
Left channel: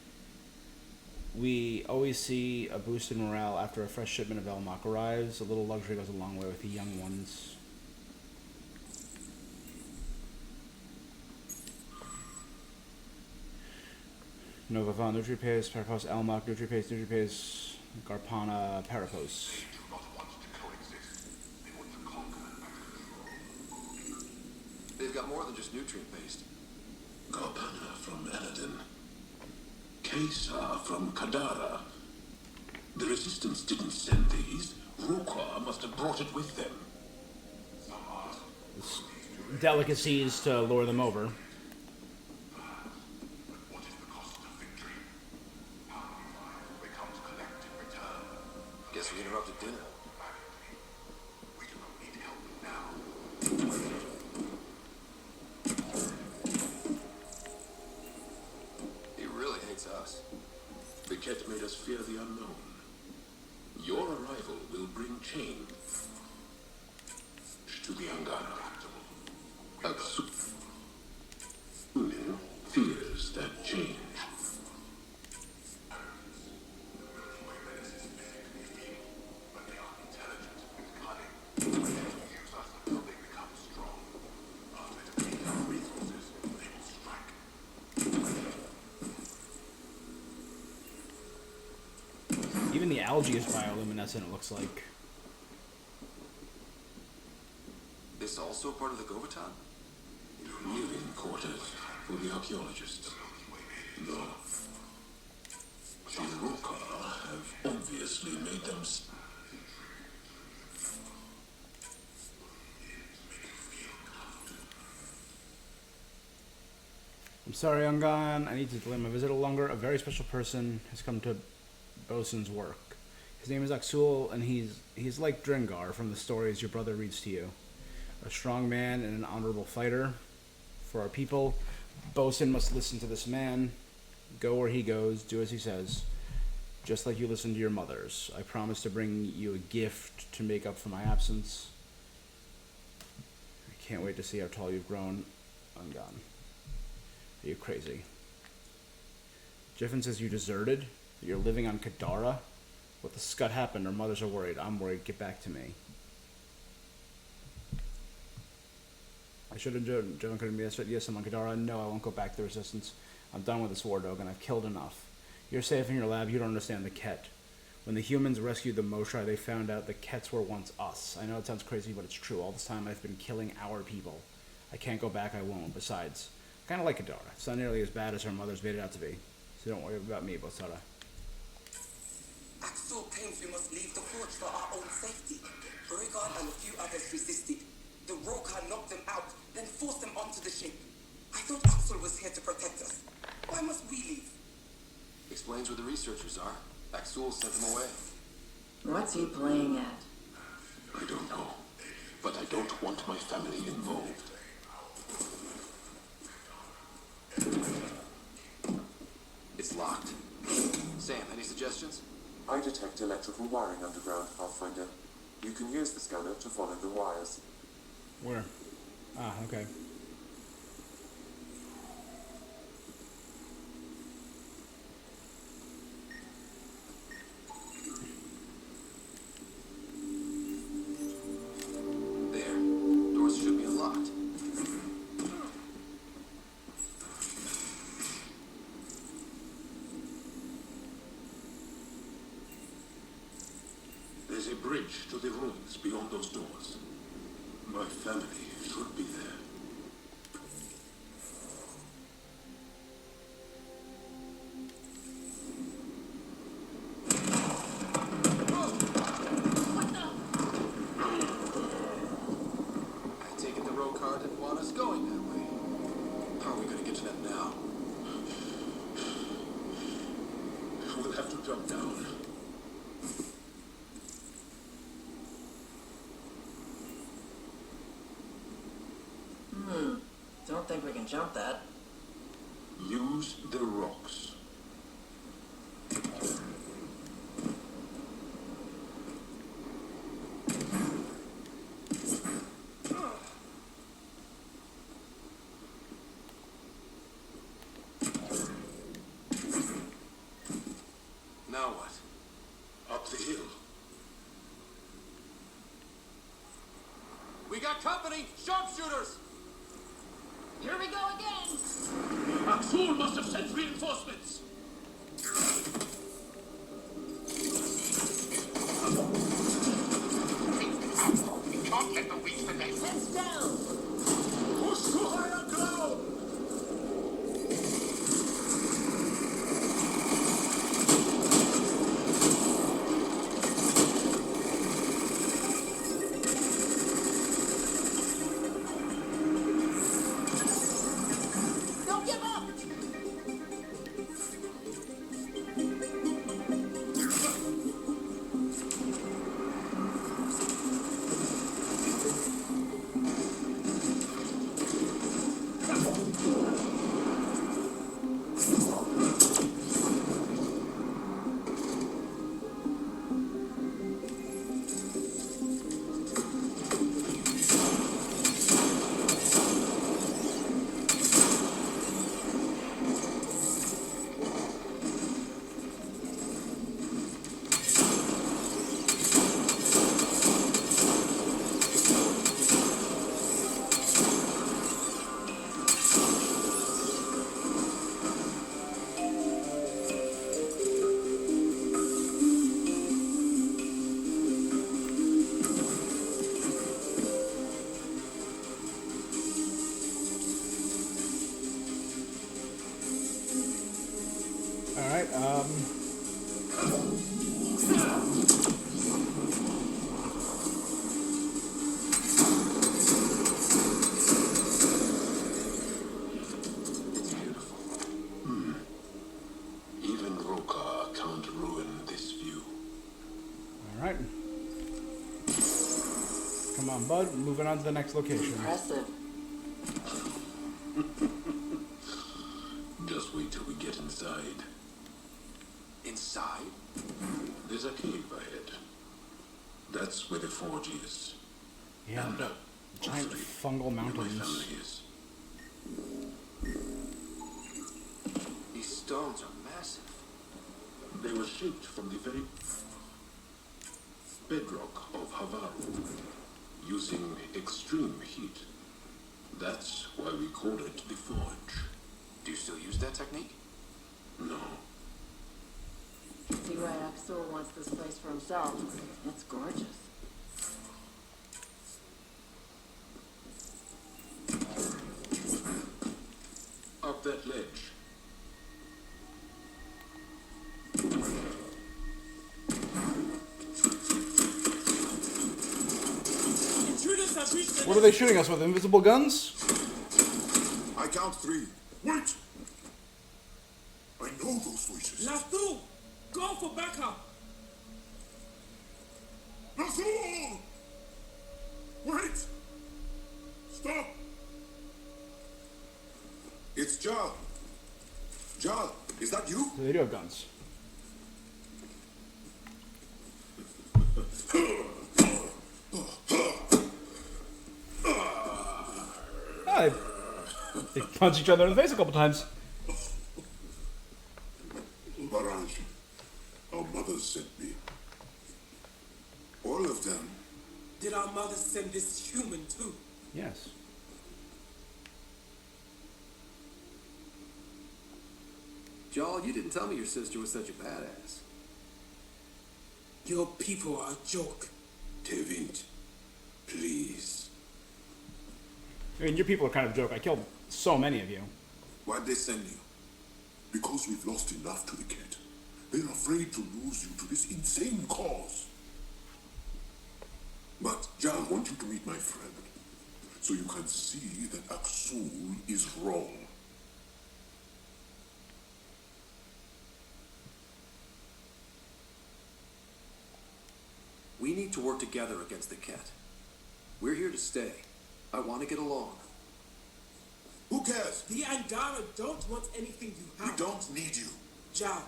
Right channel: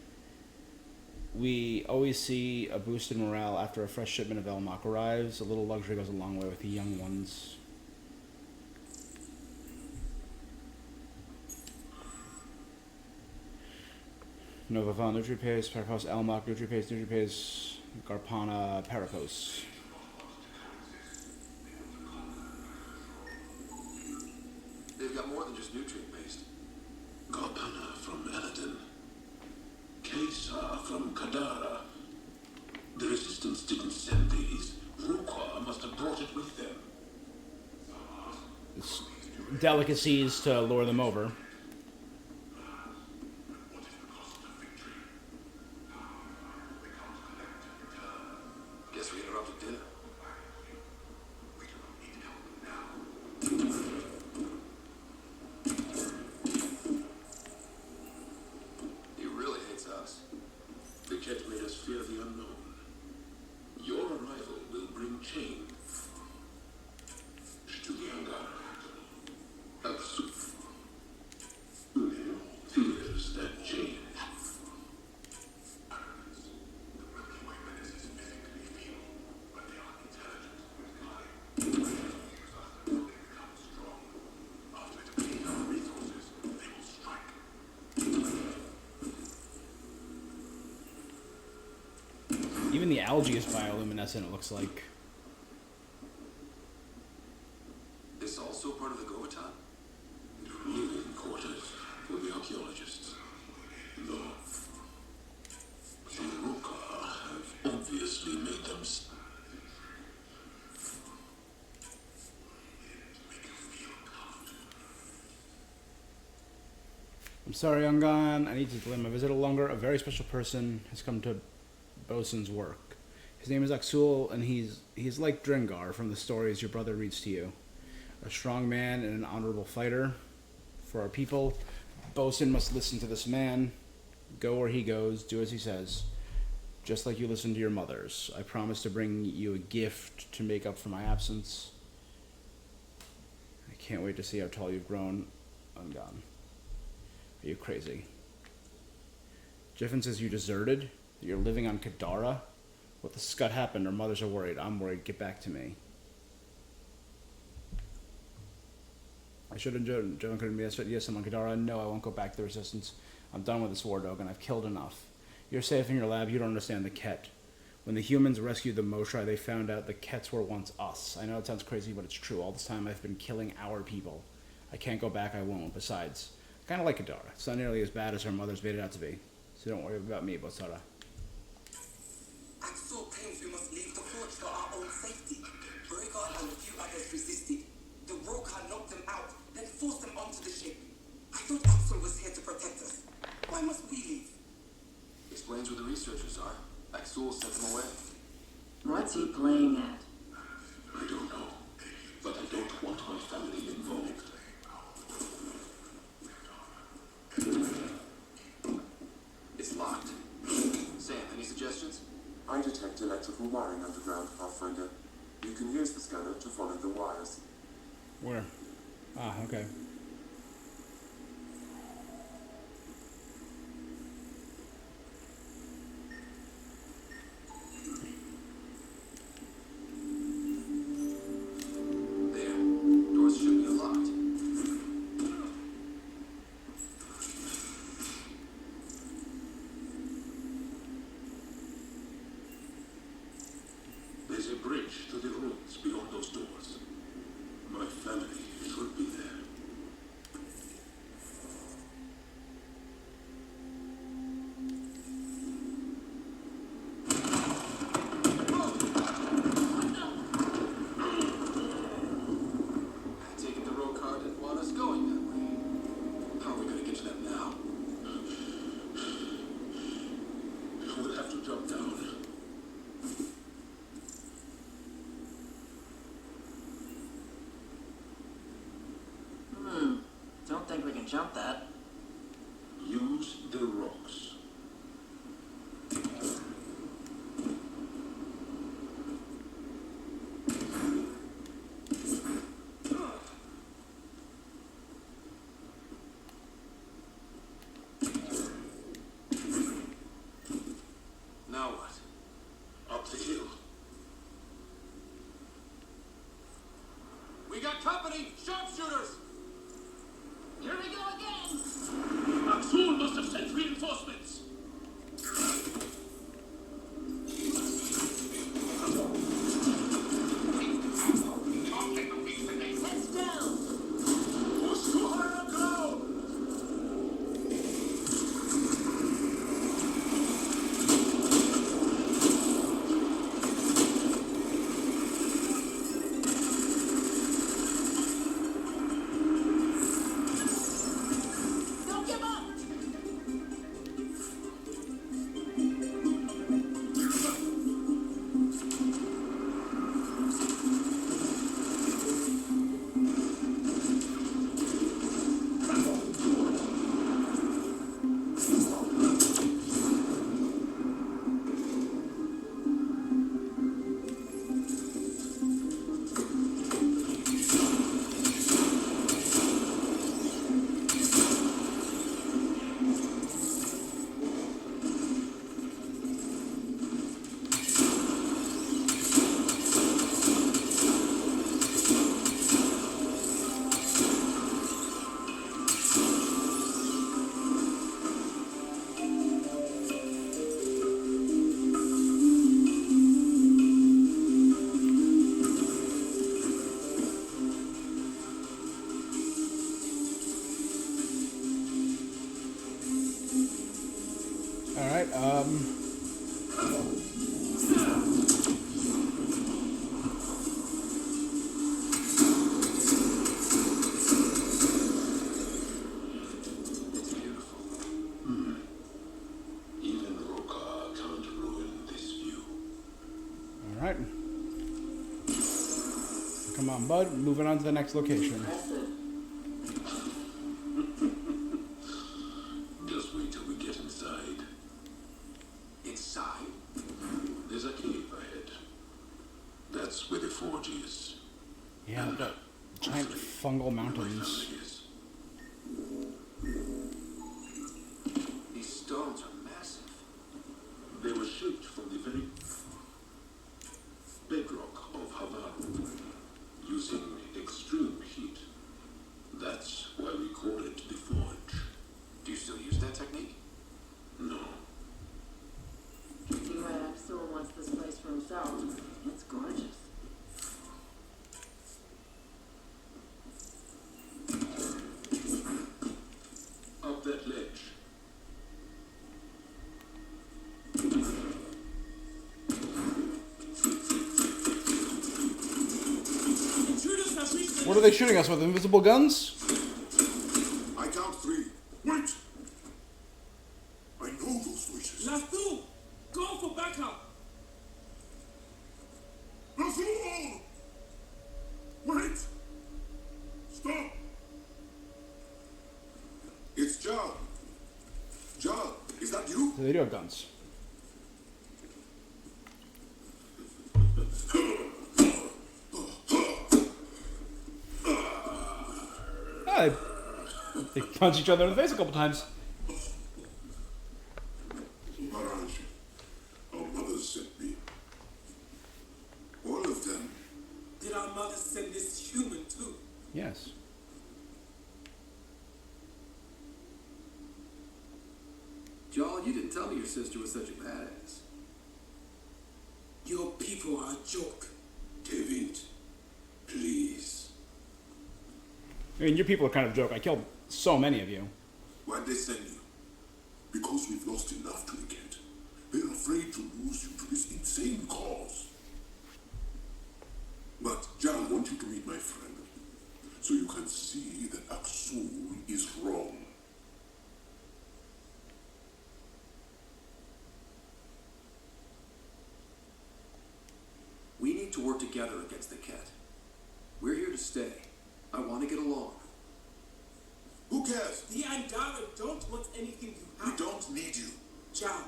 we always see a boost in morale after a fresh shipment of Elmok arrives. A little luxury goes a long way with the young ones. Novavan, Nutripaste, Parapos, Elmok, Nutripaste, Garpana, Parapos. They've got more than just nutrient-based. Garpana from Aladdin. Kesa from Kadara. The Resistance didn't send these. Rukwa must have brought it with them. It's delicacies to lure them over. Guess we interrupted dinner. He really hates us. The Ket made us fear the unknown. Your arrival will bring change to the Angara. Aksu fears that change. Even the algae is bioluminescent, it looks like. This also part of the Govatan? Living quarters for the archaeologists. No. The Ruka have obviously made them. I'm sorry, Ungon. I need to delay my visit a longer. A very special person has come to Bosun's work. His name is Aksul, and he's like Drengar from the stories your brother reads to you. A strong man and an honorable fighter. For our people, Bosun must listen to this man. Go where he goes, do as he says. Just like you listen to your mothers. I promise to bring you a gift to make up for my absence. I can't wait to see how tall you've grown, Ungon. Are you crazy? Jiffin says you deserted? That you're living on Kadara? What the scut happened? Our mothers are worried. I'm worried. Get back to me. I should have Jiffin couldn't be answered. Yes, I'm on Kadara. No, I won't go back to the Resistance. I'm done with this war dog, and I've killed enough. You're safe in your lab. You don't understand the Ket. When the humans rescued the Moshai, they found out the Kets were once us. I know it sounds crazy, but it's true. All this time I've been killing our people. I can't go back. I won't. Besides, kind of like Kadara. It's not nearly as bad as her mother's made it out to be. So don't worry about me, Bosara. Axel thinks we must leave the forge for our own safety. Breaker and a few others resisted. The Roka knocked them out, then forced them onto the ship. I thought Axel was here to protect us. Why must we leave? Explains where the researchers are. Axel sent them away. What's he playing at? I don't know, but I don't want my family involved. It's locked. Sam, any suggestions? I detect electrical wiring underground, Pathfinder. You can use the scanner to follow the wires. Where? Ah, okay. is a bridge to the ruins beyond those doors. My family should be there. I take it the road car didn't want us going that way. How are we gonna get to that now? We'll have to jump down. Don't think we can jump that. Use the rocks. Now what? Up the hill. We got company! Sharpshooters! Here we go again! Axul must have sent reinforcements. Heads down! Who's too high on ground? Don't give up! All right. Even Roka can't ruin this view. All right. Come on, bud. Moving on to the next location. Impressive. Just wait till we get inside. Inside? There's a cave ahead. That's where the forge is. Yeah, the giant fungal My mountains. family is. These stones are massive. They were shaped from the very bedrock of Havaru, using extreme heat. That's why we call it the forge. Do you still use that technique? No. See right, Axel wants this place for himself. It's gorgeous. Up that ledge. Intruders have reached the What are they shooting us with? Invisible guns? I count three. Wait! I know those voices. Lastu! Go for backup! Azul! Wait! Stop! It's John. John, is that you? So they do have guns. Ah, they punch each other in the face a couple times. Barrage. Our mother sent me. All of them. Did our mother send this human too? Yes. Jarl, you didn't tell me your sister was such a badass. Your people are a joke. David, please. I mean, your people are kind of a joke. I killed so many of you. Why'd they send you? Because we've lost enough to the kid. They're afraid to lose you to this insane cause. But John, I want you to meet my friend, so you can see that Aksul is wrong. We need to work together against the cat. We're here to stay. I want to get along. Who cares? The Angara don't want anything you We have. don't need you. John,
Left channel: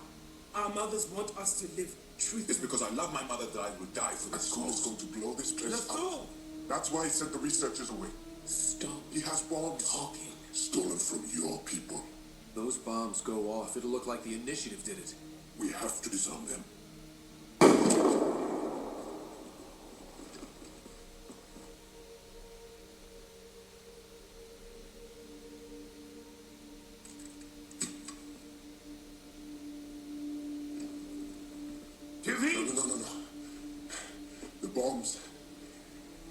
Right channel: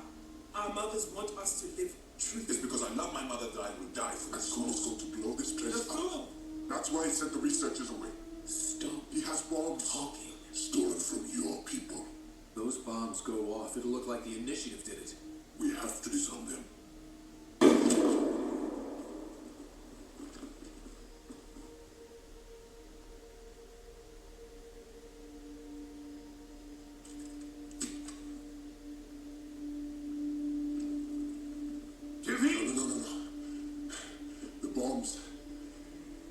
our mothers want us to live It's truthfully. because I love my mother that I would die for this. Aksul's going to blow this place up. Rasul! That's why he sent the researchers away. Stop He has bombs. talking. Stolen from your people. Those bombs go off, it'll look like the initiative did it. We have to disarm them. No. The bombs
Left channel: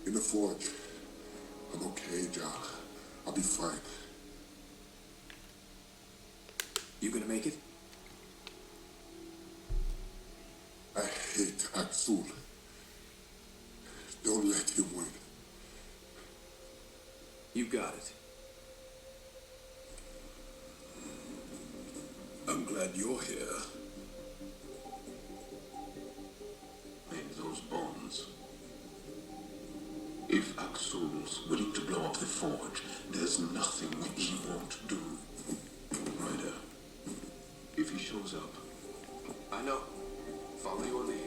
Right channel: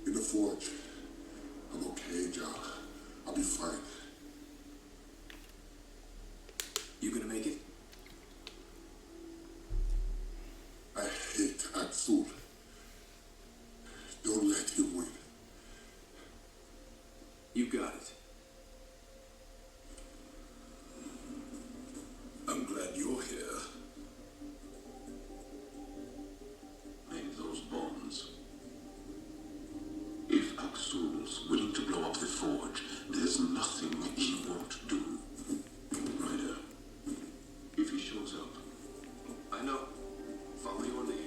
in the forge. I'm okay, Jack. I'll be fine. You gonna make it? I hate Aksul. Don't let him win. You got it. I'm glad you're here. Make those bombs. If Aksul's willing to blow up the forge, there's nothing he won't do. Ryder, if he shows up, I know. Follow your lead.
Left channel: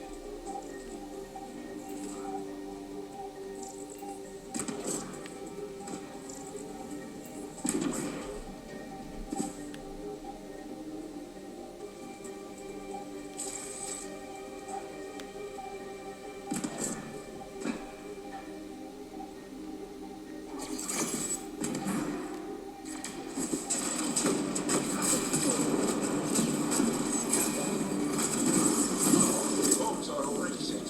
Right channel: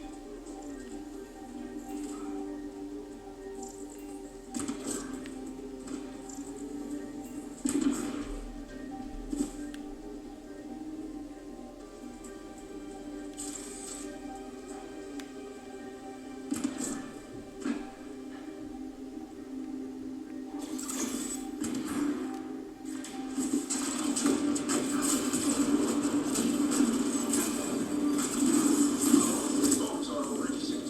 bombs are already set.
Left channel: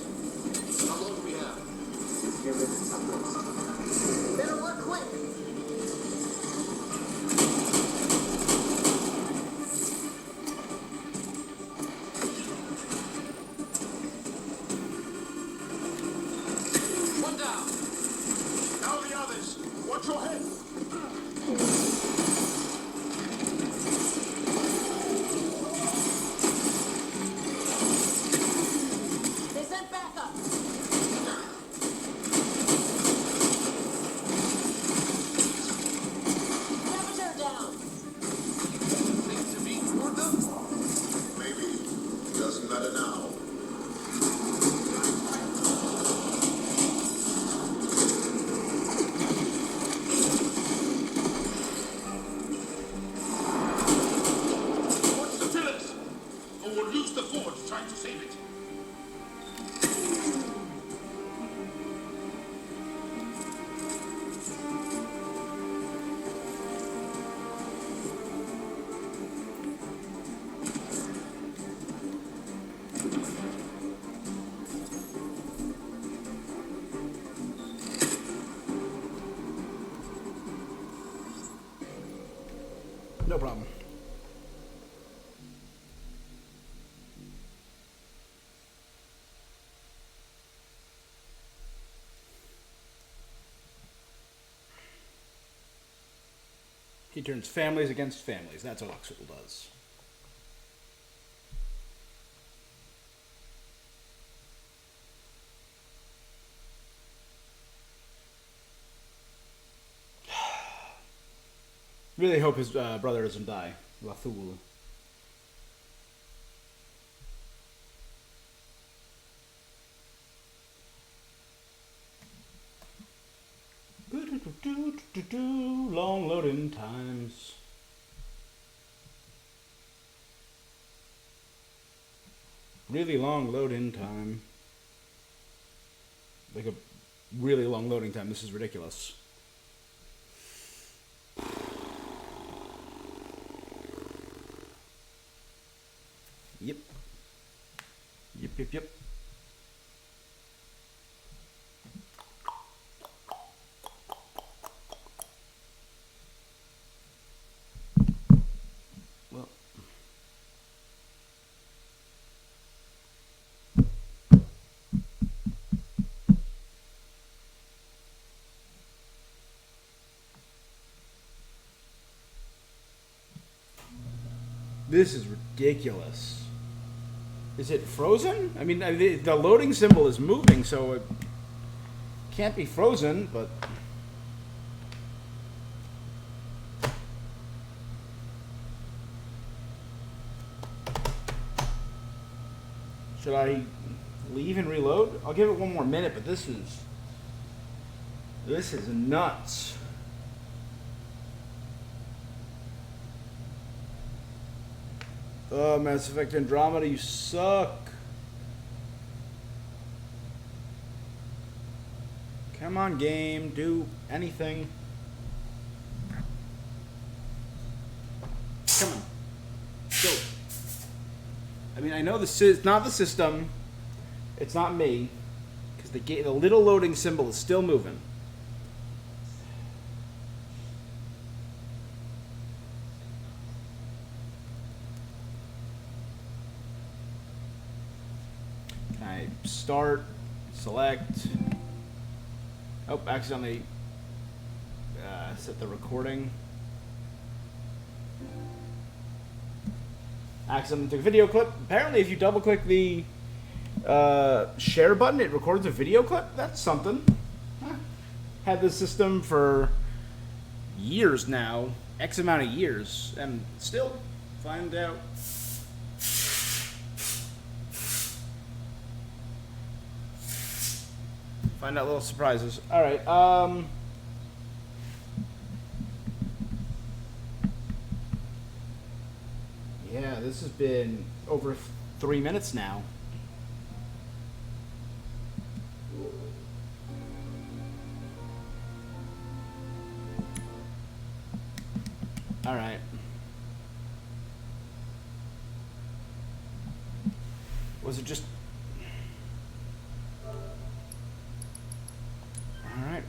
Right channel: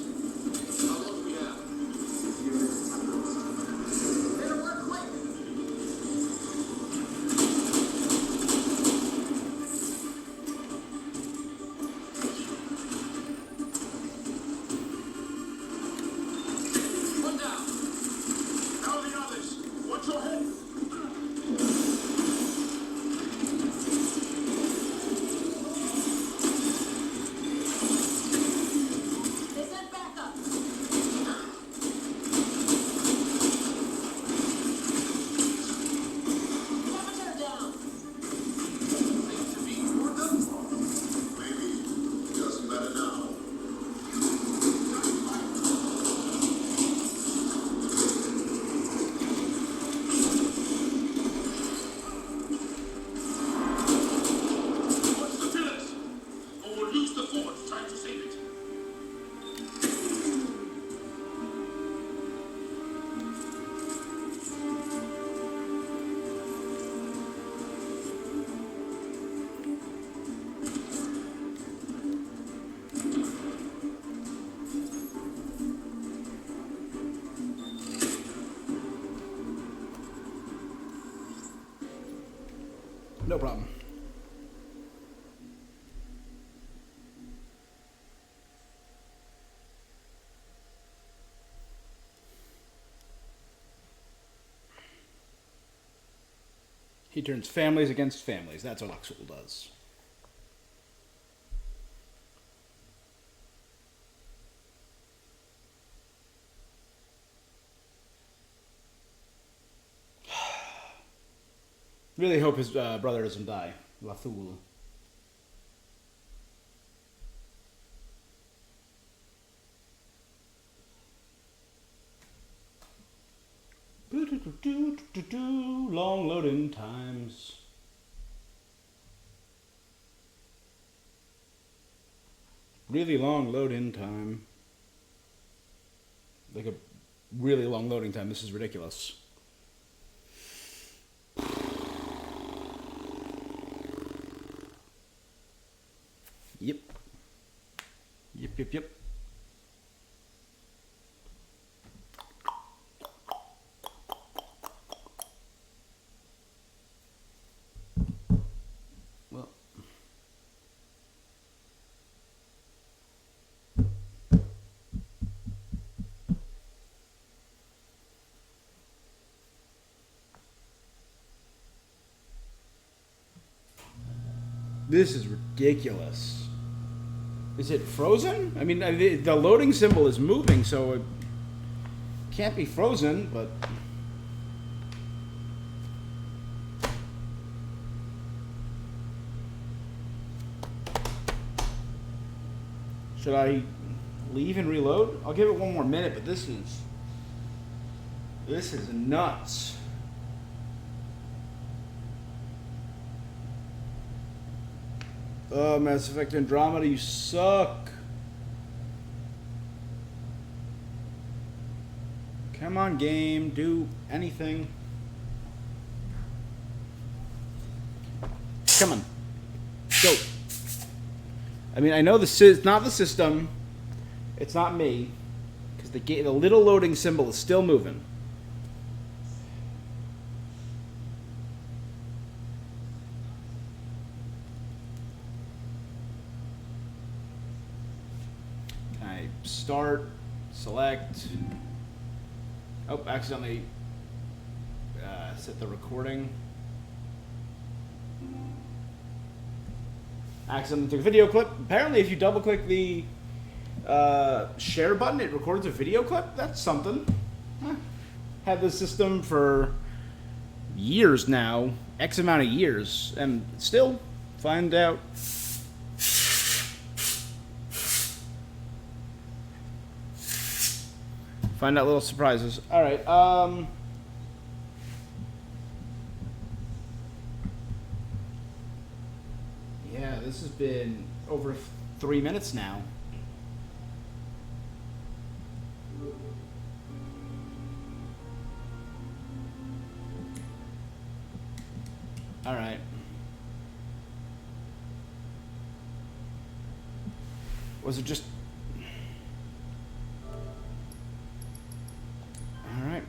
How long do we have? Better work quick. One down. Now the others, watch your head. They sent backup. Temperature down. To be toward them? Maybe. Doesn't matter now. Watch the pillars, or we'll lose the forge trying to save it. No problem. He turns families against families. That's what Aksul does. Really hope his brother doesn't die. Lathul. Long loading times. Really long load-in time. Like a really long loading time. This is ridiculous. Yep. Yep. This is ridiculous. Is it frozen? I mean, the loading symbol is moving, so it can't be frozen, but... Should I leave and reload? I'll give it one more minute, but this is nuts. Oh, Mass Effect Andromeda, you suck. Come on, game, do anything. Come on, go. I mean, I know it's not the system, it's not me, because the little loading symbol is still moving. Can I start, select? Oh, accidentally set the recording. Accidentally took a video clip. Apparently, if you double click the share button, it records a video clip. That's something. Huh. Had this system for years now, X amount of years, and still find out. Find out little surprises. All right. Yeah, this has been over 3 minutes now. All right. Was it just... All right.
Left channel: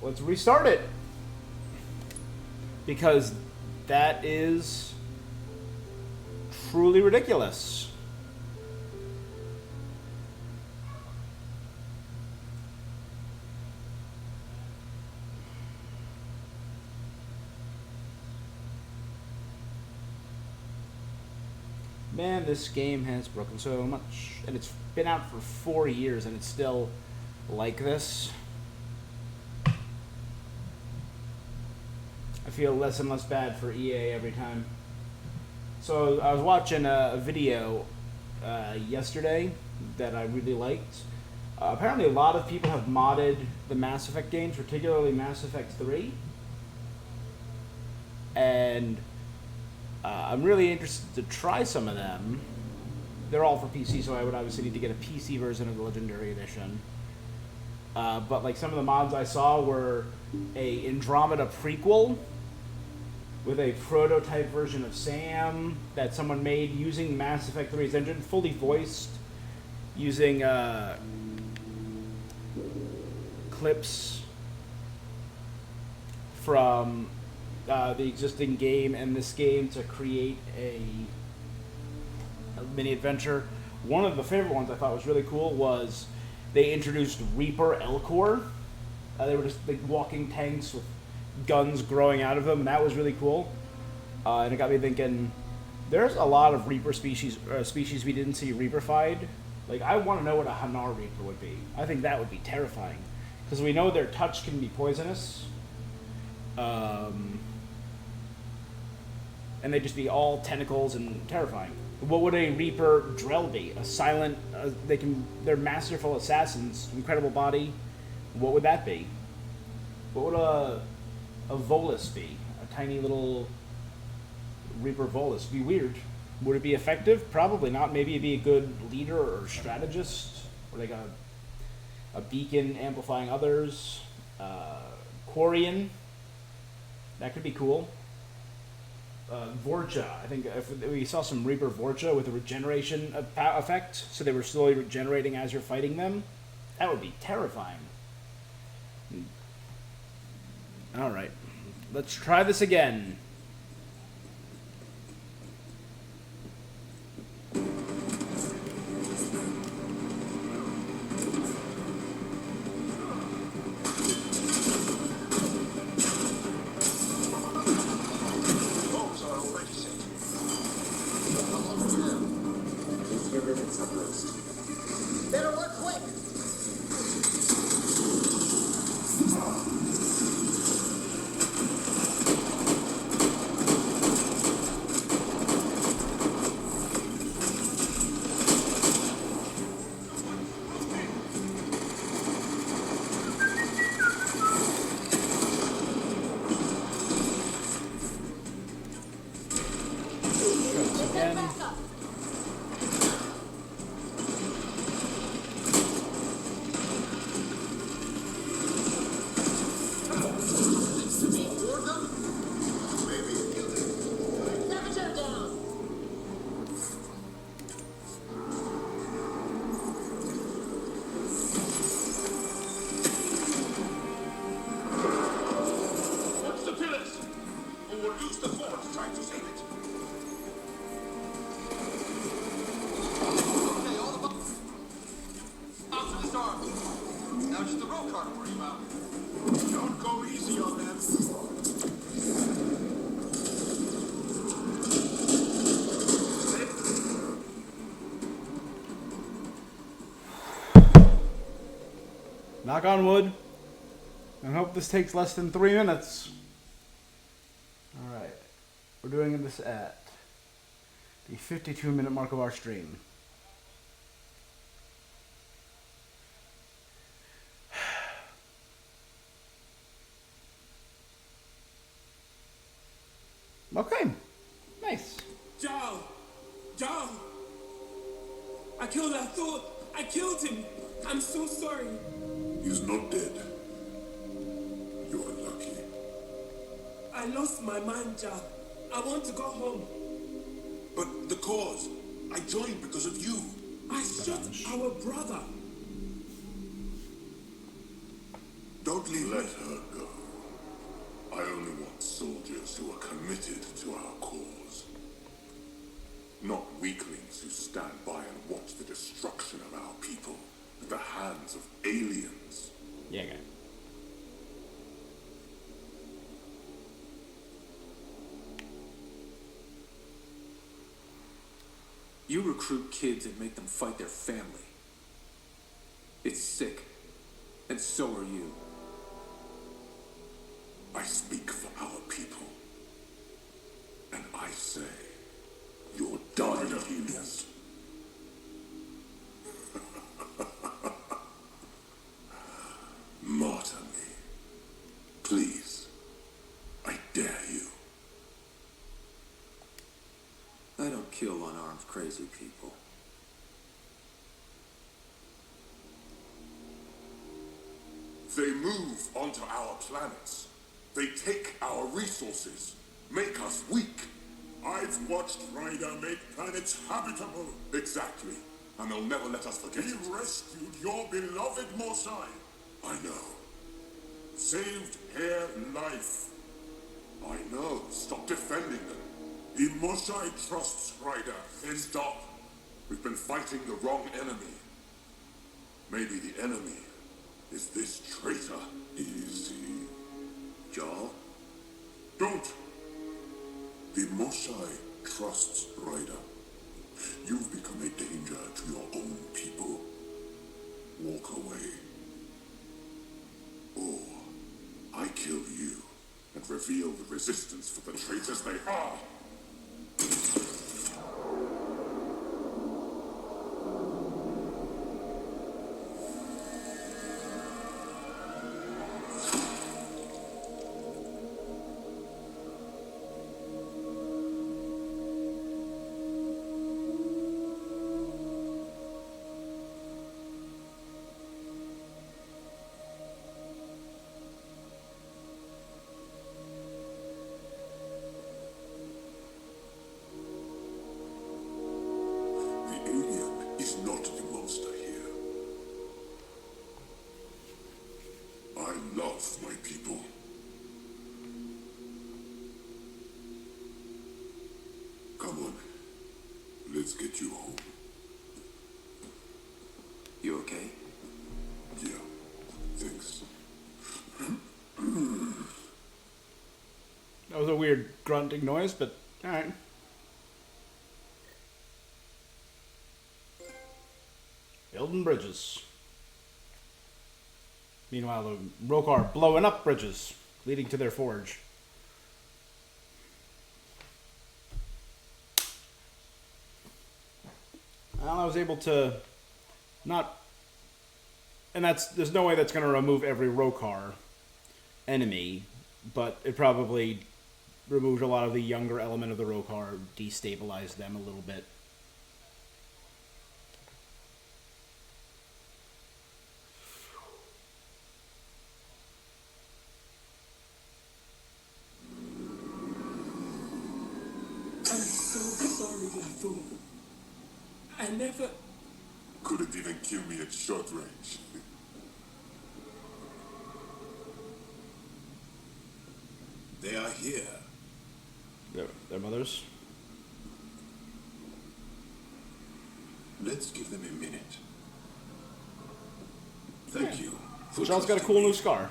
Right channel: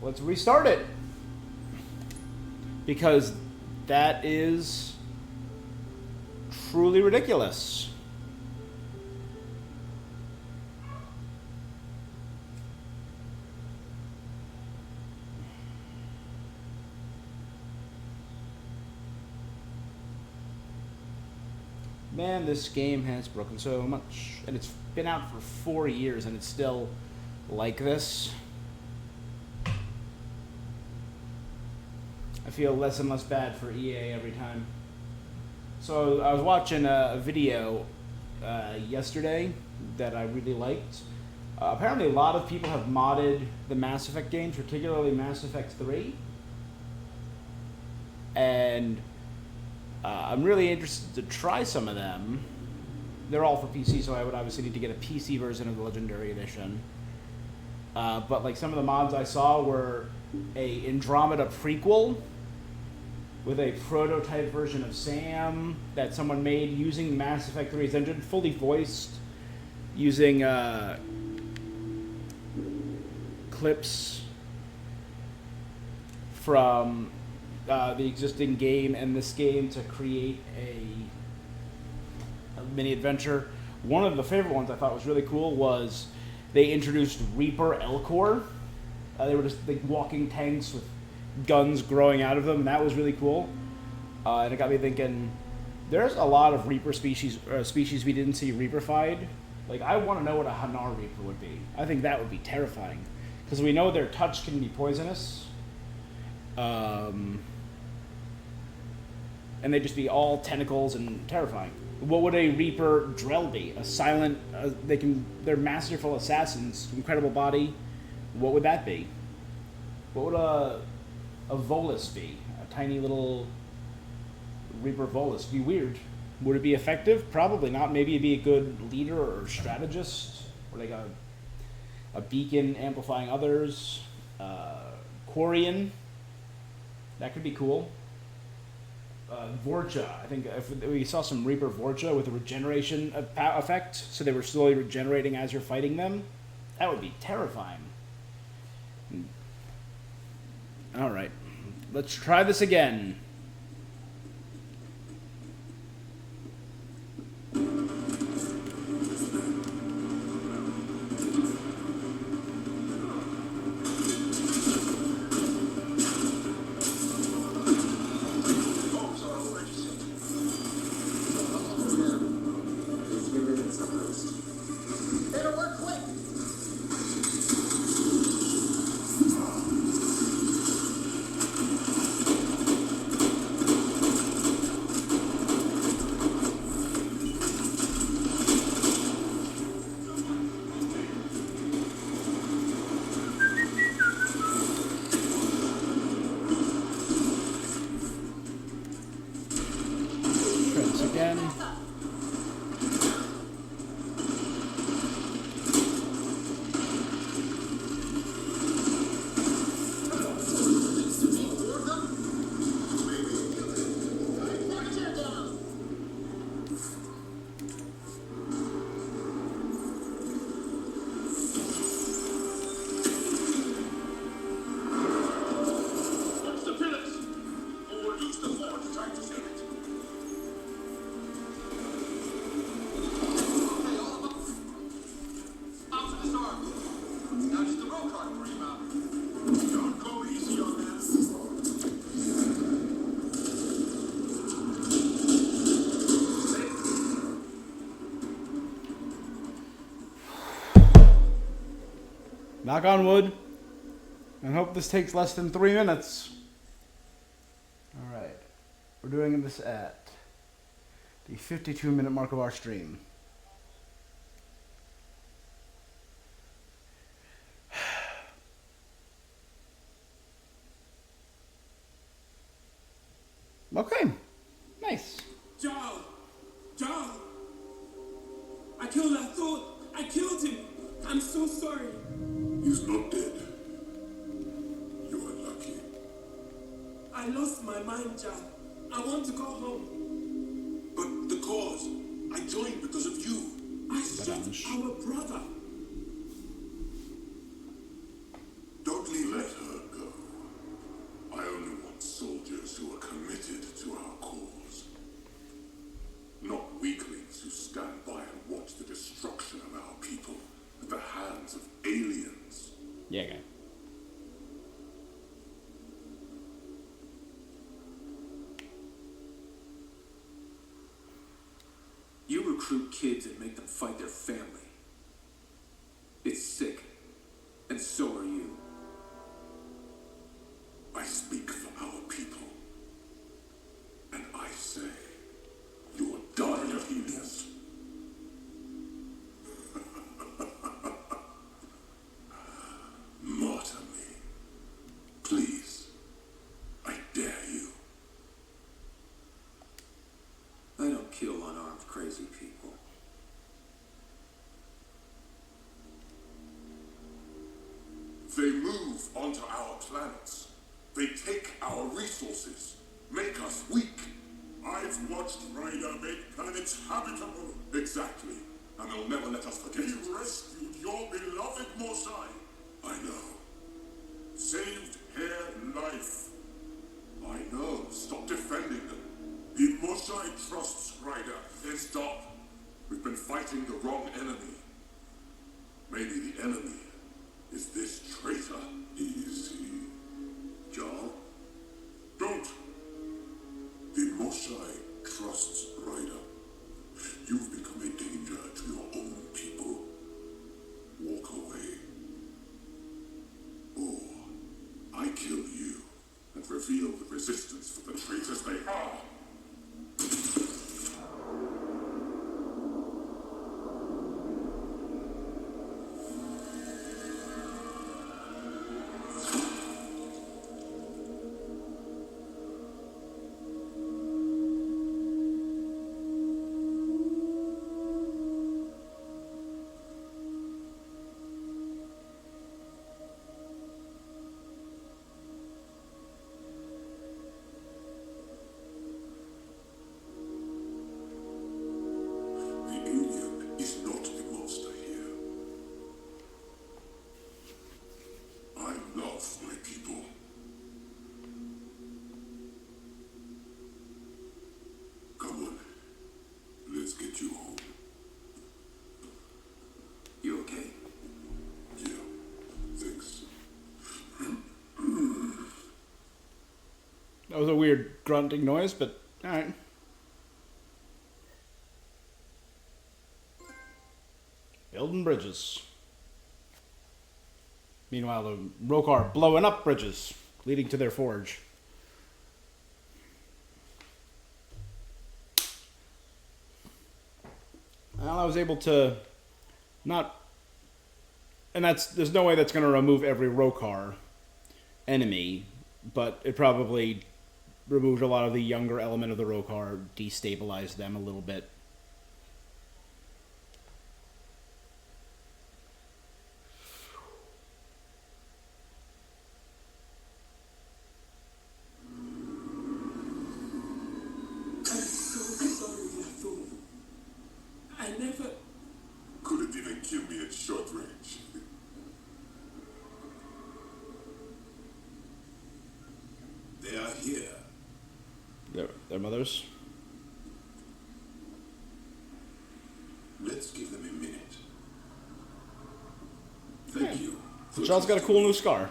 Let's restart it. Because that is truly ridiculous. Man, this game has broken so much. And it's been out for 4 years and it's still like this. I feel less and less bad for EA every time. So I was watching a video yesterday that I really liked. Apparently a lot of people have modded the Mass Effect games, particularly Mass Effect 3. And I'm really interested to try some of them. They're all for PC, so I would obviously need to get a PC version of the Legendary Edition. But like some of the mods I saw were a Andromeda prequel with a prototype version of Sam that someone made using Mass Effect 3's engine, fully voiced, using clips from the existing game and this game to create a mini adventure. One of the favorite ones I thought was really cool was they introduced Reaper Elcor. They were just like walking tanks with guns growing out of them, and that was really cool. And it got me thinking, there's a lot of Reaper species we didn't see Reaper-fied. Like, I want to know what a Hanar Reaper would be. I think that would be terrifying. Because we know their touch can be poisonous. And they'd just be all tentacles and terrifying. What would a Reaper Drell be? A silent, they're masterful assassins, incredible body. What would that be? What would a Volus be? A tiny little Reaper Volus. Be weird. Would it be effective? Probably not. Maybe it'd be a good leader or strategist. Or like a beacon amplifying others. Quarian. That could be cool. Vorcha. I think if we saw some Reaper Vorcha with a regeneration effect, so they were slowly regenerating as you're fighting them, that would be terrifying. Alright. Let's try this again. defense at least. Better work quick. Try this again. Watch the pillars! Or we'll use the fort to try to save it. Hey, all of them. Out to disarm. Now just the roll card worry about. Don't go easy on them. Knock on wood. And hope this takes less than 3 minutes. Alright. We're doing this at the 52-minute mark of our stream. Okay. Nice. John! John! I killed Arthur! I killed him! I'm so sorry! He's not dead. You're lucky. I lost my mind, John. I want to go home. But the cause, I joined because of you. I shot our brother. Don't let her go. I only want soldiers who are committed to our cause. Not weaklings who stand by and watch the destruction of our people at the hands of aliens. Yeah, guy. You recruit kids and make them fight their family. It's sick. And so are you. I speak for our people. And I say, you're done of healers. Martyr me. Please. I dare you. I don't kill unarmed crazy people. They move onto our planets. They take our resources, make us weak. I've watched Ryder make planets habitable. Exactly. And they'll never let us forget it. You rescued your beloved Mosai. I know. Saved her life. I know. Stop defending them. The Mosai trusts Ryder. Then stop. We've been fighting the wrong enemy. Maybe the enemy is this traitor. Easy. Jarl? Don't! The Mosai trusts Ryder. You've become a danger to your own people. Walk away. Or I kill you and reveal the resistance for the traitors they are. The alien is not the monster here. I love my people. Come on. Let's get you home. You okay? Yeah. Thanks. That was a weird grunting noise, but alright. Building bridges. Meanwhile, the Rokar blowing up bridges, leading to their forge. Well, I was able to not... And there's no way that's going to remove every Rokar enemy, but it probably removed a lot of the younger element of the Rokar, destabilized them a little bit. I'm so sorry, Blackthorn. I never. Couldn't even kill me at short range. They are here. Their mothers? Let's give them a minute. Thank you. Jarl's got a cool new scar.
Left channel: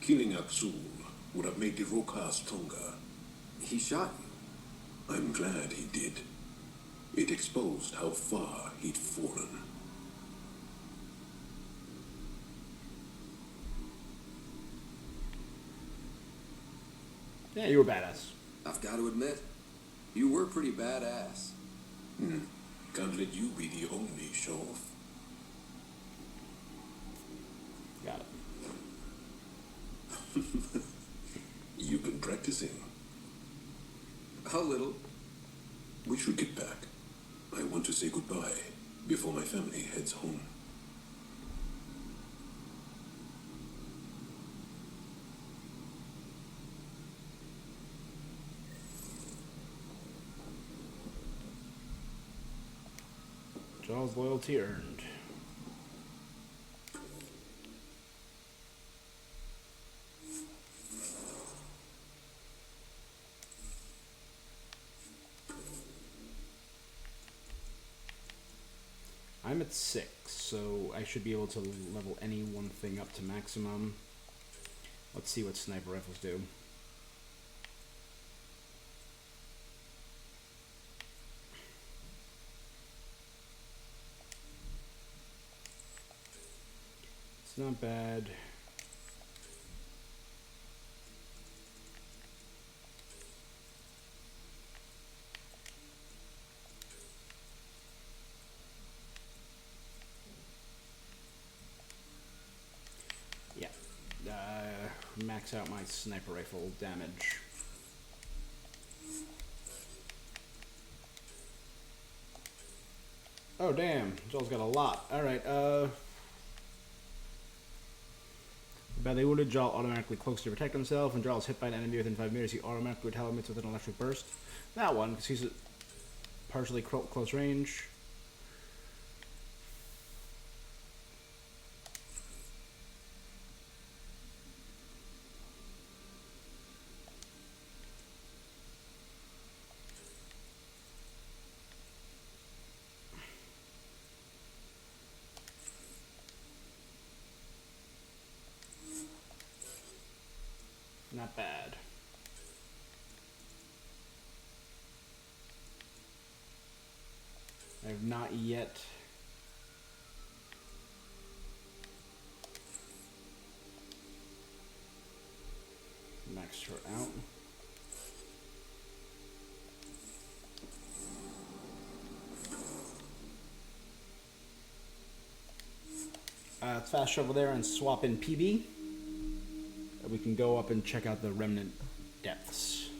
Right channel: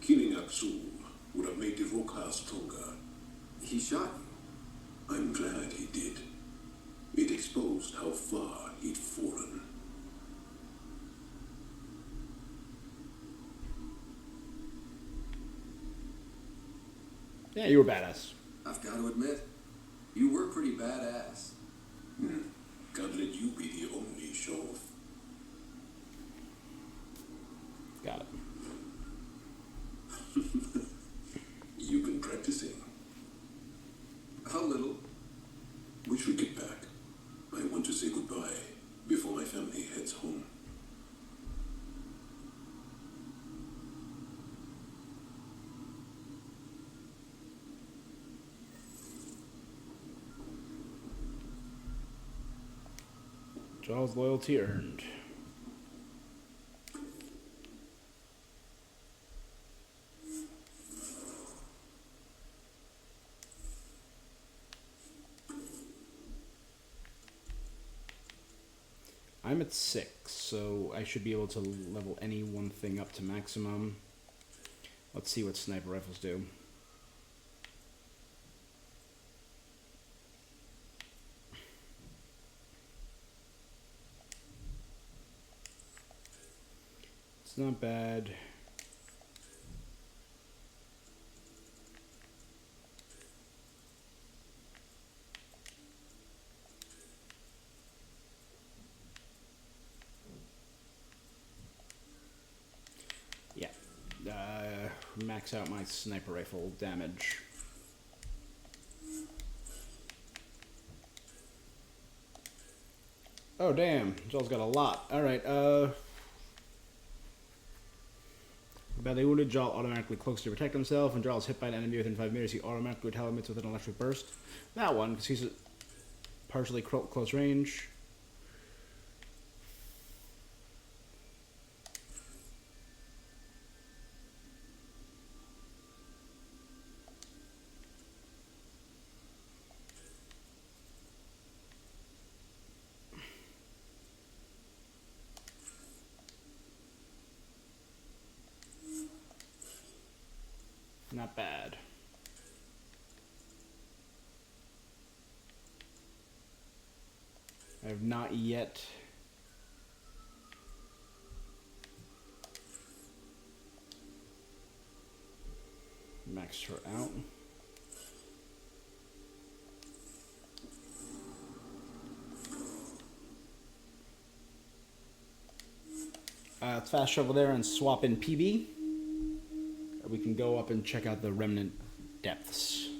Killing Aksul would have made the Rokar stronger. He shot you. I'm glad he did. It exposed how far he'd fallen. Yeah, you were badass. I've got to admit, you were pretty badass. Can't let you be the only show-off. Got it. You've been practicing. A little. We should get back. I want to say goodbye before my family heads home. Jarl's loyalty earned. I'm at 6, so I should be able to level any one thing up to maximum. Let's see what sniper rifles do. It's not bad. Yeah. Max out my sniper rifle damage. Oh, damn. Joel's got a lot. Alright, badly wounded, Jarl automatically cloaks to protect himself. When Jarl is hit by an enemy within 5 meters, he automatically retaliates with an electric burst. That one, because he's at partially close range. Not bad. I have not yet maxed her out. Let's fast travel there and swap in PB. We can go up and check out the remnant depths.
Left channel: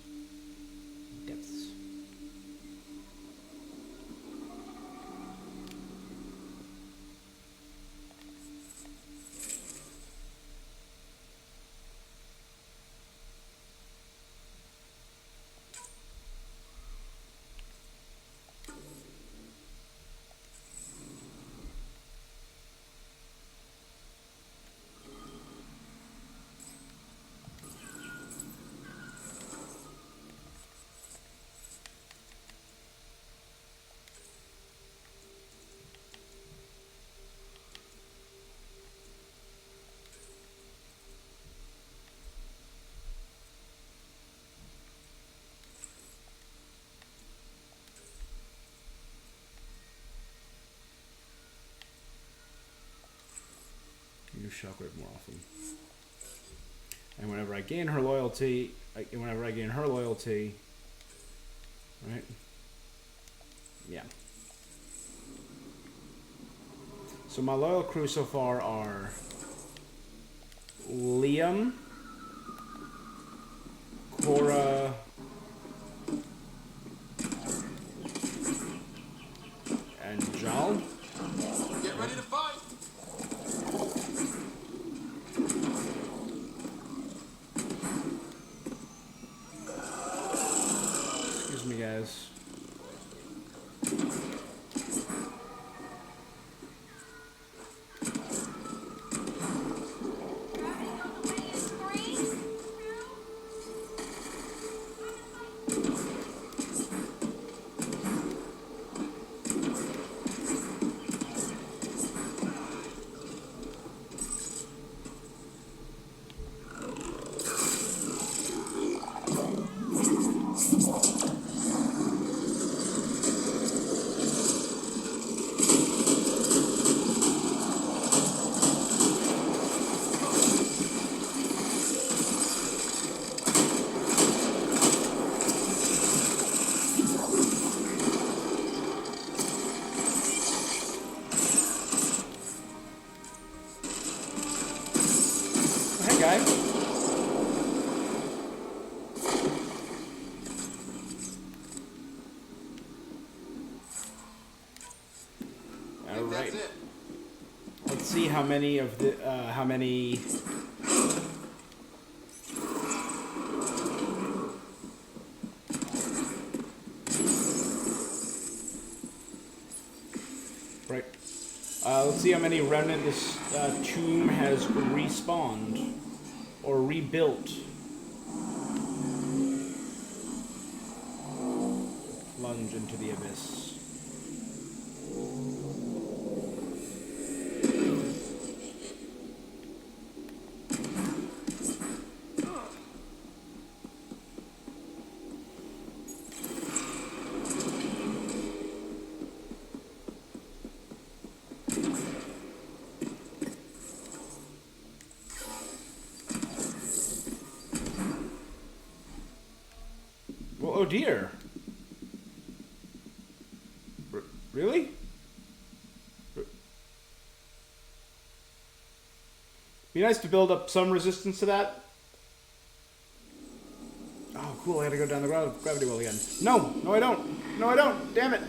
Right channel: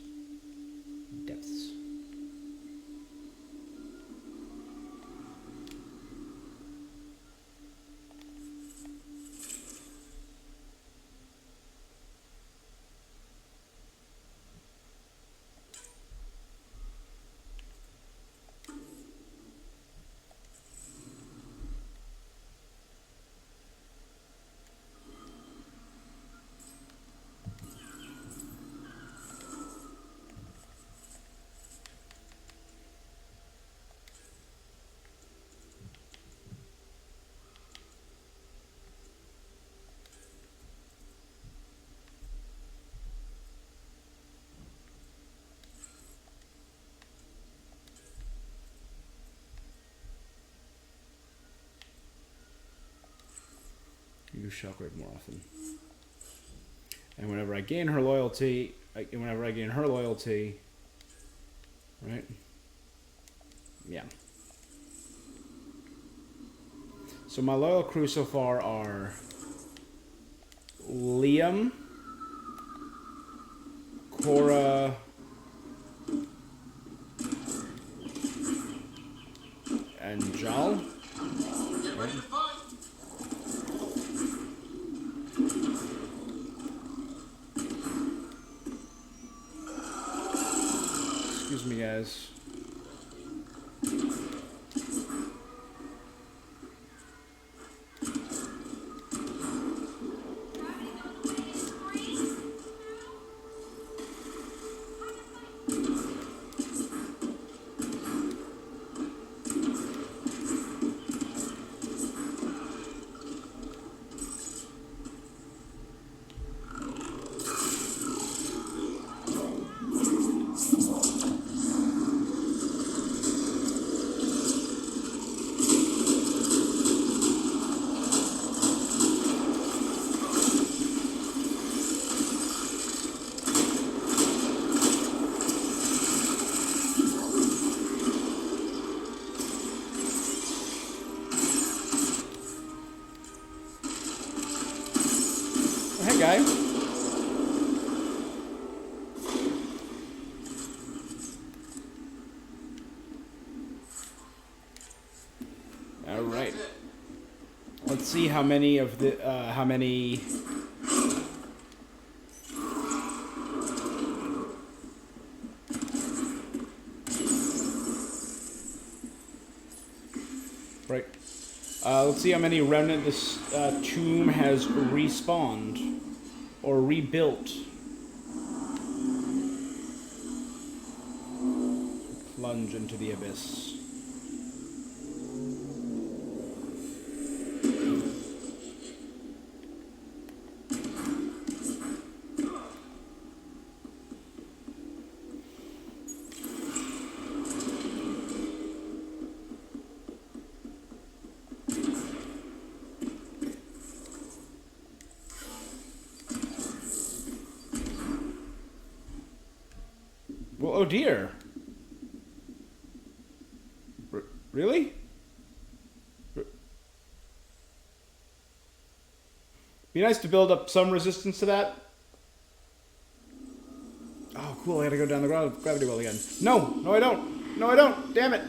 use Shockwave more often. And whenever I gain her loyalty, right? Yeah. So my loyal crew so far are Liam, Cora, and Jal. Right? Excuse me, guys. Hey, guy. All right. Let's see how many of the Right. Let's see how many remnant this tomb has respawned or rebuilt. Plunge into the abyss. Well, oh dear. Really? Be nice to build up some resistance to that. Oh, cool. I gotta go down the gravity well again. No! No, I don't! No, I don't! Damn it!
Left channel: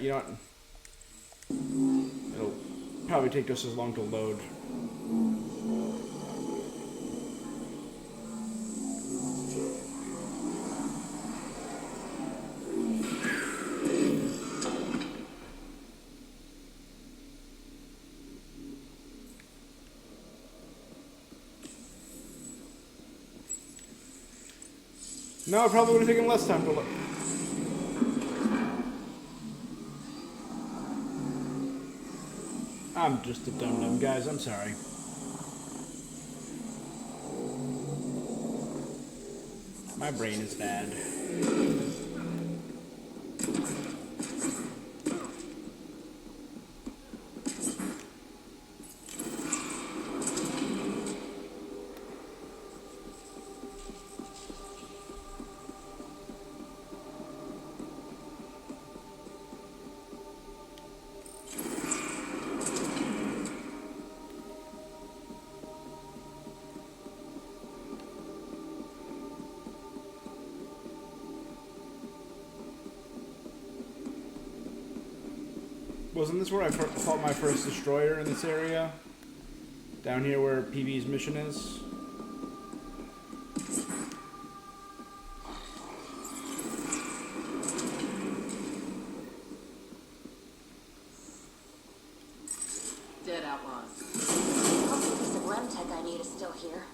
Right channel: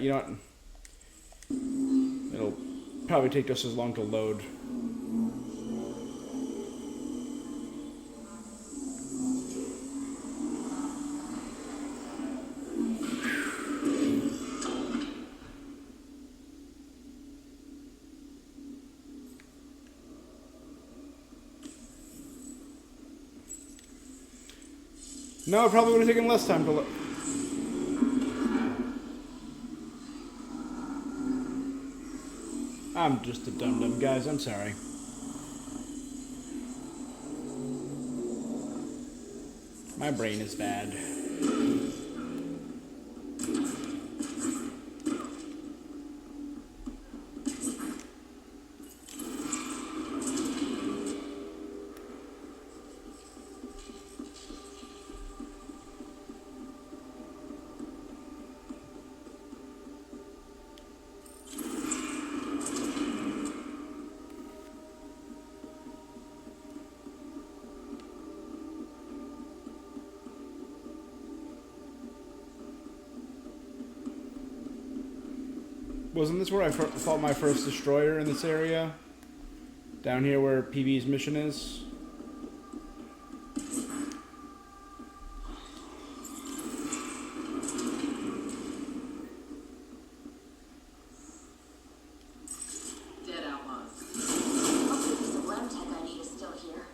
You know what? It'll probably take just as long to load. No, it probably would have taken less time to load. I'm just a dum-dum, guys. I'm sorry. My brain is bad. Wasn't this where I fought my first destroyer in this area? Down here where PB's mission is? Dead outlaws. Hopefully the lab tech I need is still here.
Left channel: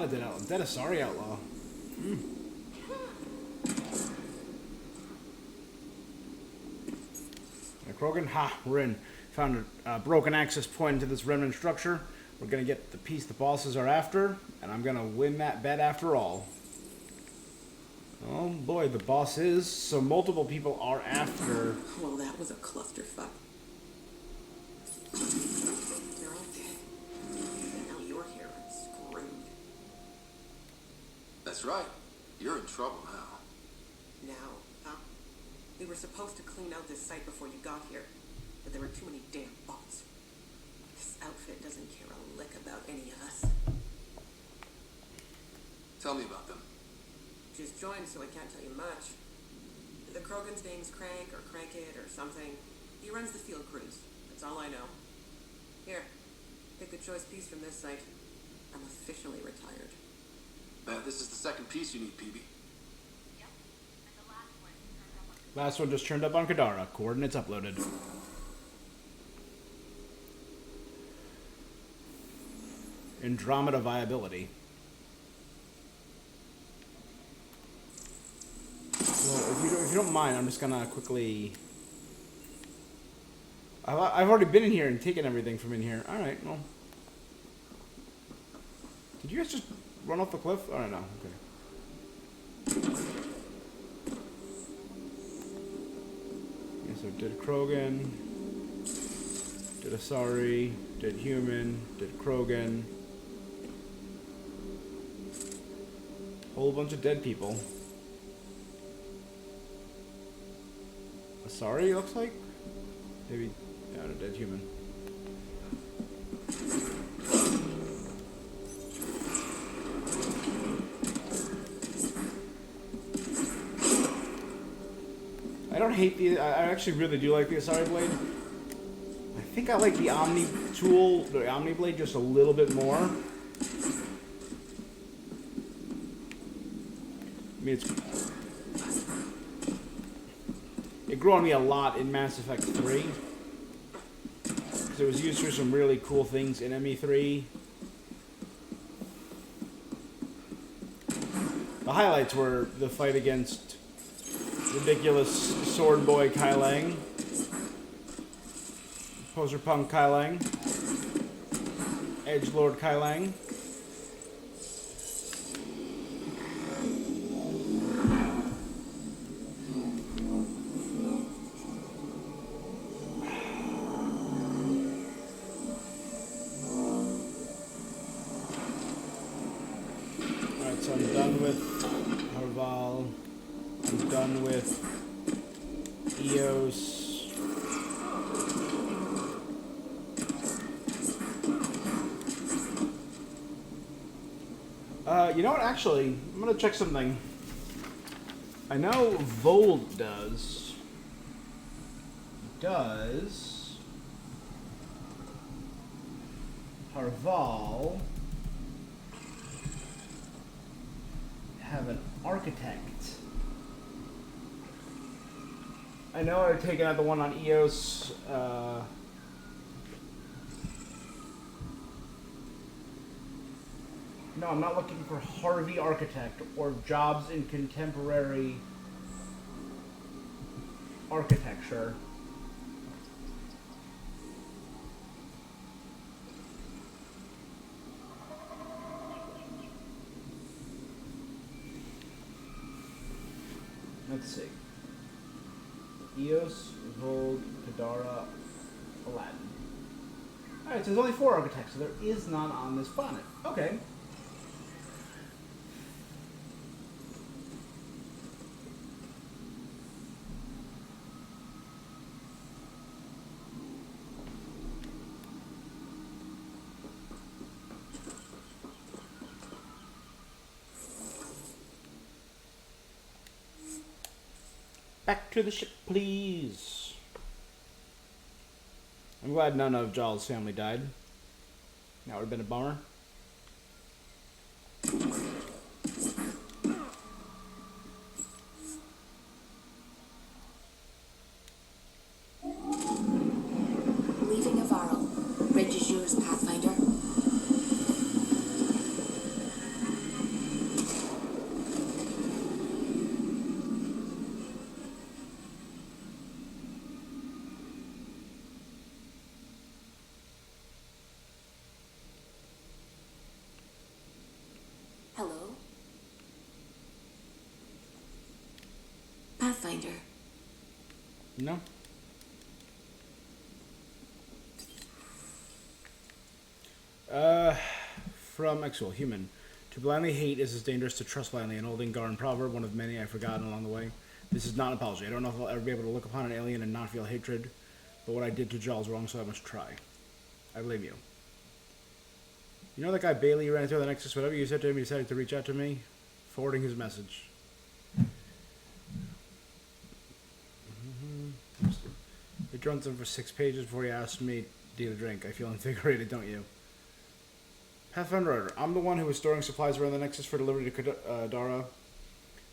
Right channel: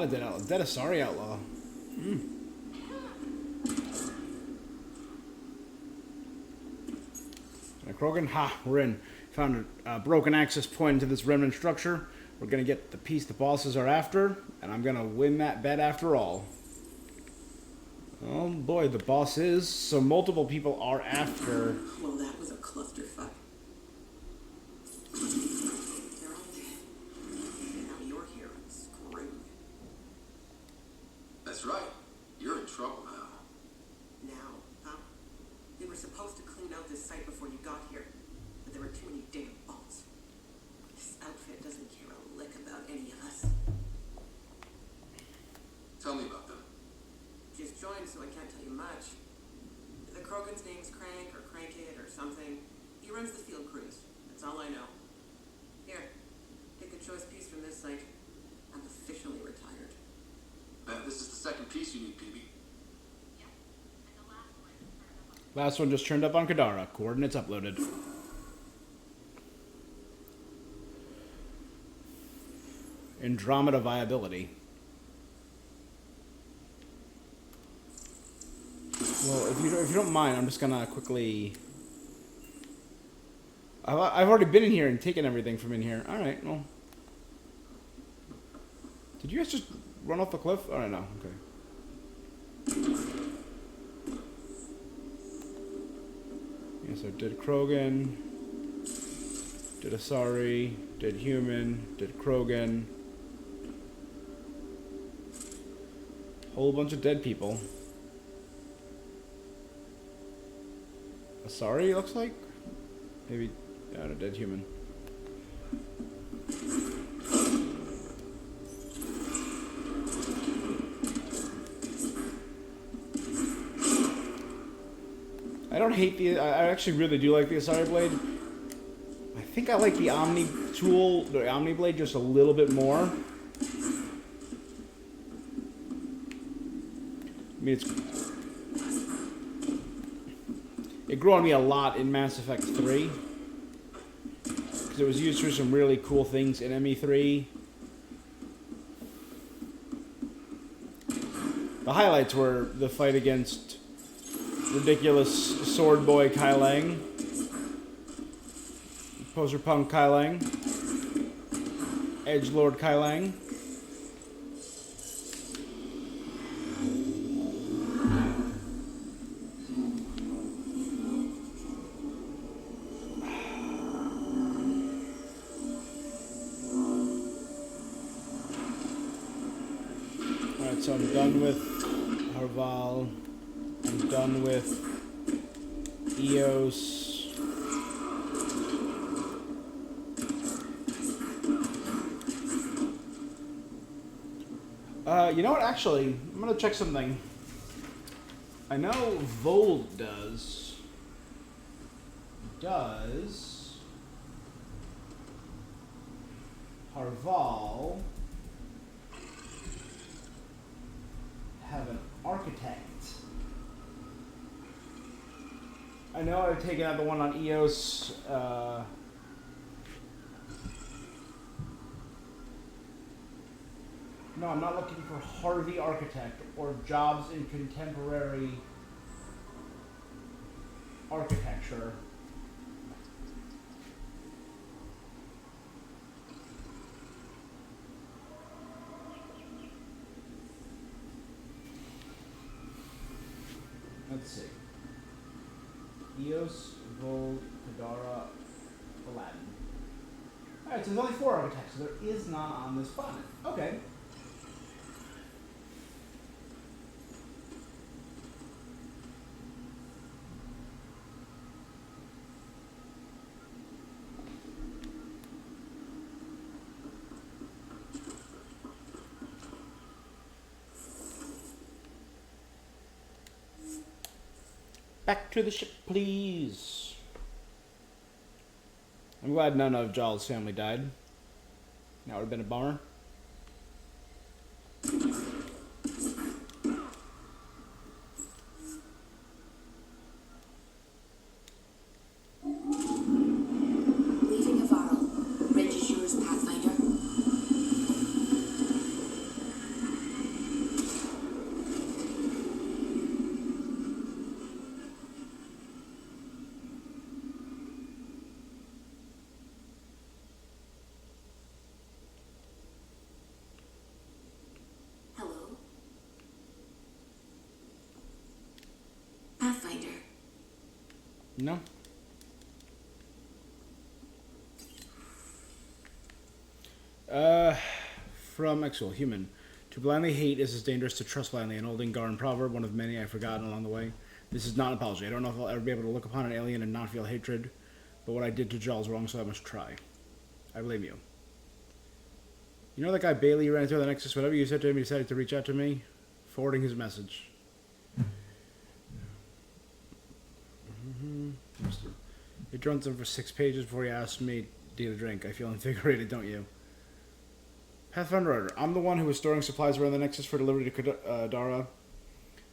lot of dead outlaw. Dead Asari outlaw. Krogan, ha, we're in. Found a broken access point into this remnant structure. We're gonna get the piece the bosses are after, and I'm gonna win that bet after all. Oh boy, the boss is. So multiple people are after. Well, that was a clusterfuck. They're all dead. And now you're here and screwed. That's right. You're in trouble now. Now, huh? We were supposed to clean out this site before you got here, but there were too many damn bots. This outfit doesn't care a lick about any of us. Tell me about them. She's joined, so I can't tell you much. The Krogan's name's Crank or Crankit or something. He runs the field crews. That's all I know. Here, pick a choice piece from this site. I'm officially retired. This is the second piece you need, PB. Last one just turned up on Kadara. Coordinates uploaded. Andromeda viability. Well, if you don't mind, I'm just gonna quickly. I've already been in here and taken everything from in here. All right, well. Did you guys just run off the cliff? All right, no, okay. Yeah, so did Krogan, did Asari, did human, did Krogan. Whole bunch of dead people. Asari, looks like? Maybe, yeah, a dead human. I don't hate the, I actually really do like the Asari blade. I think I like the Omni tool, the Omni blade just a little bit more. I mean, it grew on me a lot in Mass Effect 3. Because it was used for some really cool things in ME3. The highlights were the fight against ridiculous sword boy Kai Lang. Poser punk Kai Lang. Edgelord Kai Lang. Alright, so I'm done with Harval. I'm done with Eos. You know what? Actually, I'm gonna check something. I know Vold does. Does Harval have an architect? I know I've taken out the one on EOS. No, I'm not looking for Harvey Architect or jobs in contemporary architecture. Let's see. Eos, Vold, Kadara, Aladdin. Alright, so there's only 4 architects, so there is none on this planet. Okay. Back to the ship, please. I'm glad none of Jal's family died. That would have been a bummer. Leaving Navarro. Bridge is yours, Pathfinder. find her? No. From Exul, human. To blindly hate is as dangerous to trust blindly, an old Ingaran proverb, one of many I've forgotten along the way. This is not an apology. I don't know if I'll ever be able to look upon an alien and not feel hatred, but what I did to Jaw is wrong, so I must try. I blame you. You know that guy Bailey you ran into on the Nexus? Whatever you said to him, he decided to reach out to me, forwarding his message. He drunk them for 6 pages before he asked me to get a drink. I feel invigorated, don't you? Pathfinder Order. I'm the one who was storing supplies around the Nexus for delivery to Kadara.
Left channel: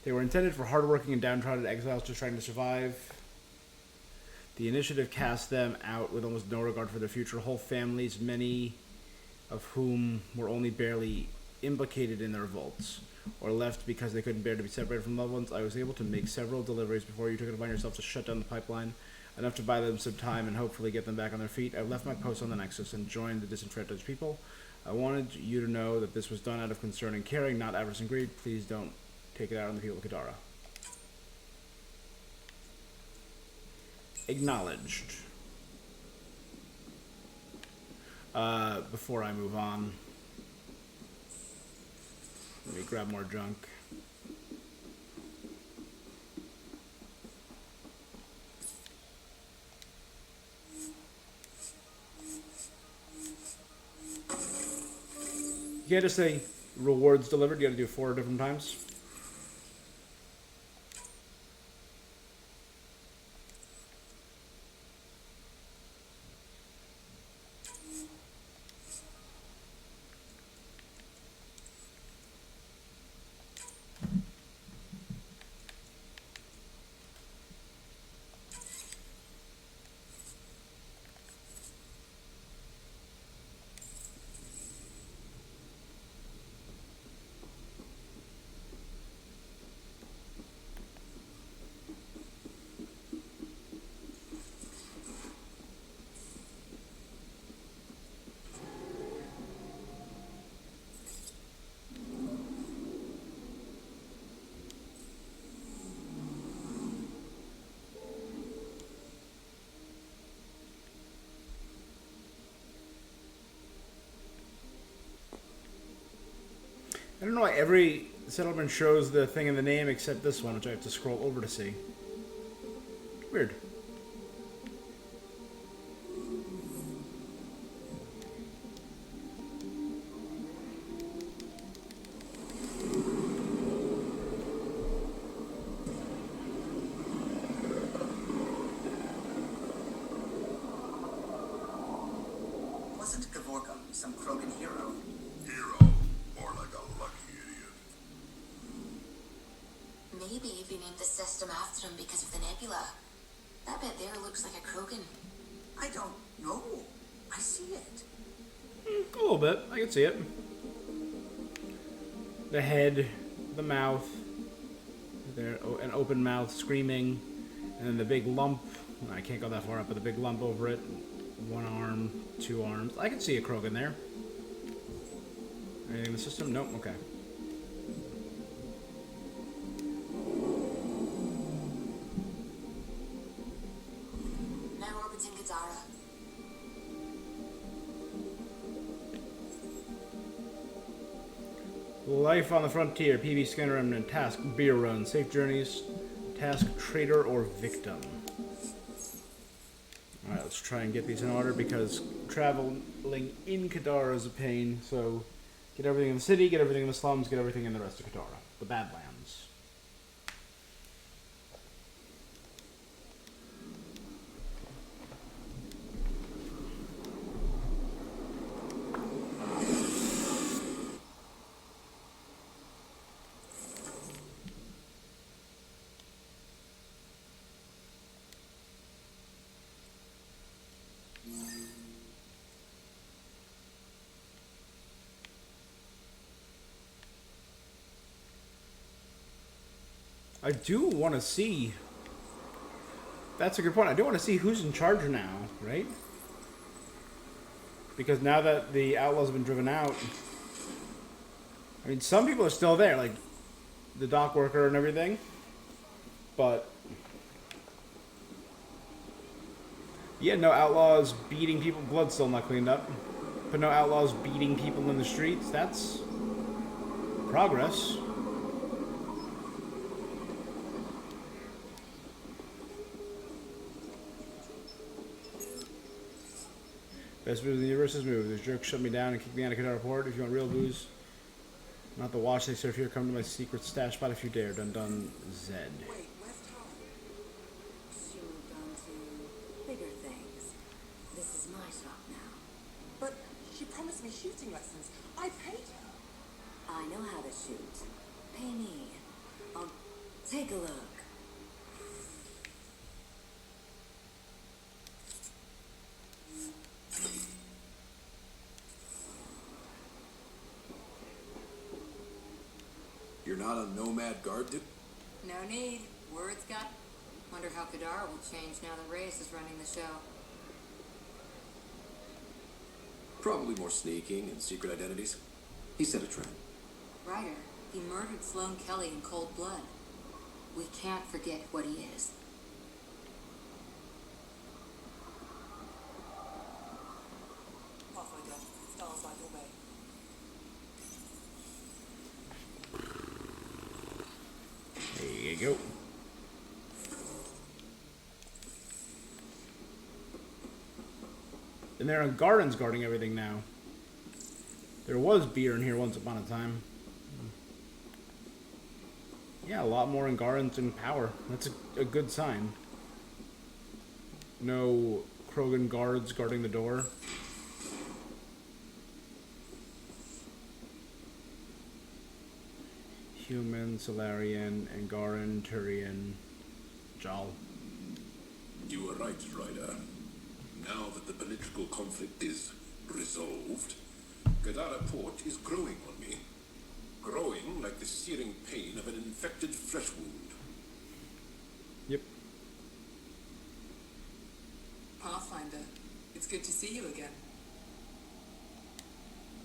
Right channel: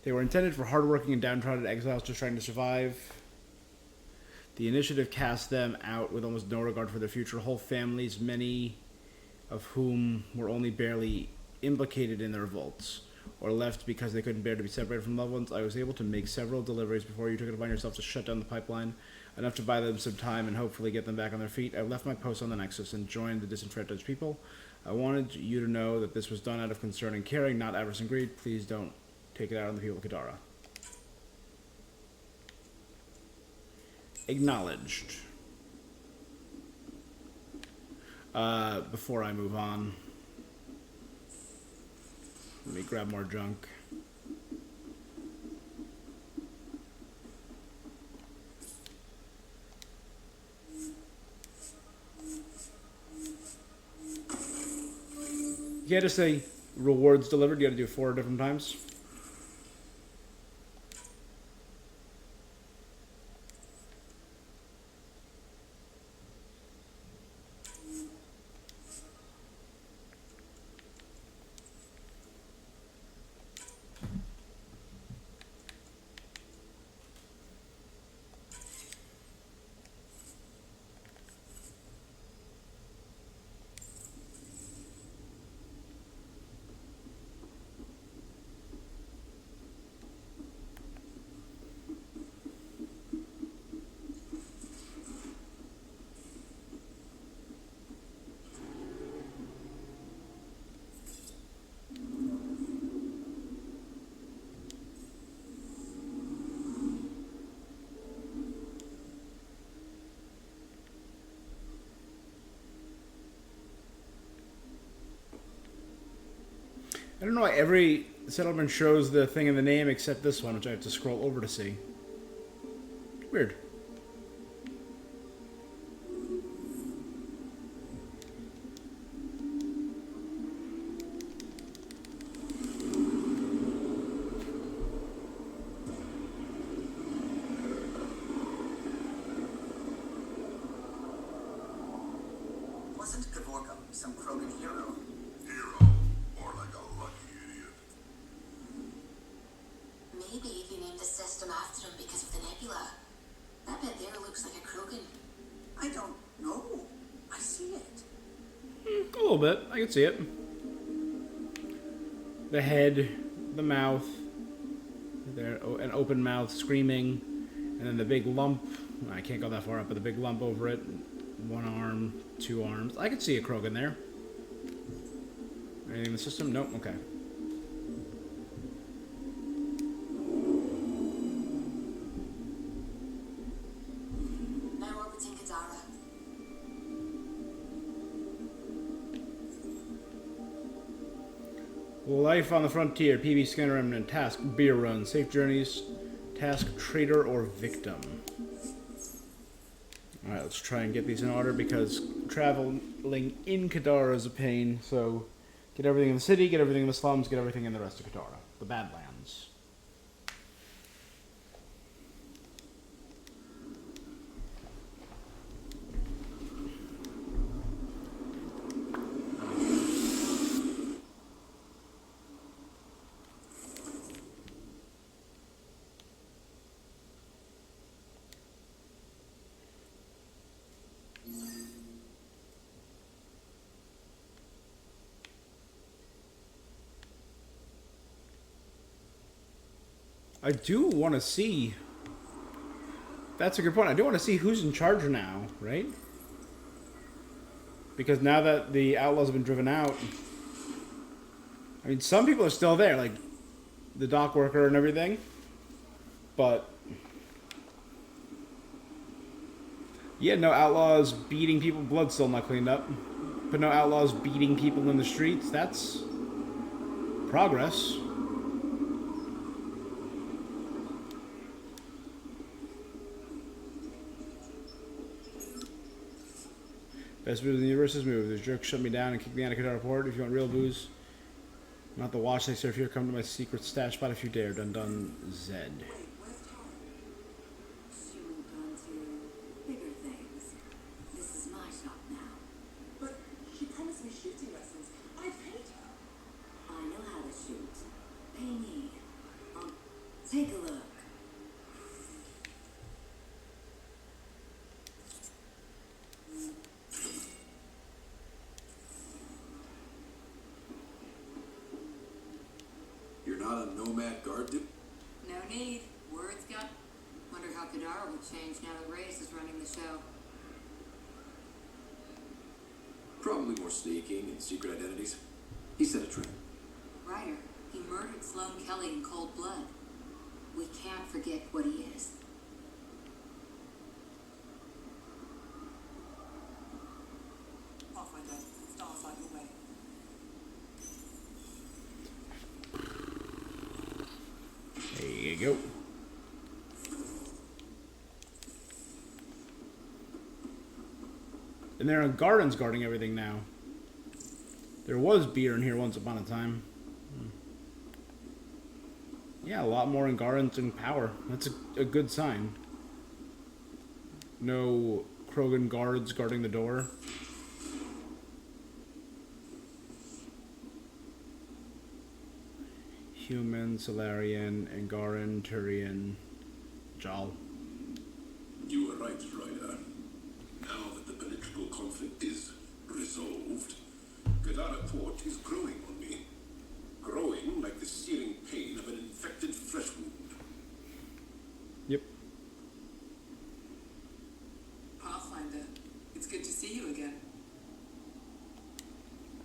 They were intended for hardworking and downtrodden exiles just trying to survive. The initiative cast them out with almost no regard for their future. Whole families, many of whom were only barely implicated in the revolts, or left because they couldn't bear to be separated from loved ones. I was able to make several deliveries before you took it upon yourself to shut down the pipeline, enough to buy them some time and hopefully get them back on their feet. I left my post on the Nexus and joined the disenfranchised people. I wanted you to know that this was done out of concern and caring, not avarice and greed. Please don't take it out on the people of Kadara. Acknowledged. Before I move on, let me grab more junk. You can't just say rewards delivered, you gotta do it 4 different times. I don't know why every settlement shows the thing in the name except this one, which I have to scroll over to see. Weird. Wasn't Gavorka some Krogan hero? Hero, more like a lucky idiot. Maybe they named the system after him because of the nebula. That bit there looks like a Krogan. I don't know. I see it. A little bit. I can see it. The head, the mouth, there, an open mouth screaming, and then the big lump. I can't go that far up, but the big lump over it. 1 arm, 2 arms. I could see a Krogan there. Anything in the system? Nope. Okay. Now orbiting Kadara. Life on the Frontier, PB Scanner Remnant, Task, Beer Run, Safe Journeys, Task, Traitor or Victim. Alright, let's try and get these in order because traveling in Kadara is a pain, so get everything in the city, get everything in the slums, get everything in the rest of Kadara, the Badlands. I do want to see... That's a good point. I do want to see who's in charge now, right? Because now that the outlaws have been driven out... I mean, some people are still there, like the dock worker and everything. But Yeah, no outlaws beating people. Blood's still not cleaned up. But no outlaws beating people in the streets. That's progress. Best booze in the universe is move. This jerk shut me down and kicked me out of Qatar Port. If you want real booze, not the watch they serve here. Come to my secret stash spot if you dare. Dun dun Zed. She moved on to bigger things. This is my shop now. But she promised me shooting lessons. I paid her. I know how to shoot. Pay me. Take a look. You're not a nomad guard dude? No need. Word's got. Wonder how Kadara will change now that Reyes is running the show. Probably more sneaking and secret identities. He set a trend. Ryder, he murdered Sloane Kelly in cold blood. We can't forget what he is. Pathfinder, stars out your way. There you go. And there are gardens guarding everything now. There was beer in here once upon a time. Yeah, a lot more in gardens and power. That's a good sign. No Krogan guards guarding the door. Human, Solarian, Angaran, Turian, Jal. You are right, Ryder. Now that the political conflict is resolved, Gadara Port is growing on me. Growing like the searing pain of an infected flesh wound. Yep. Pathfinder, it's good to see you again.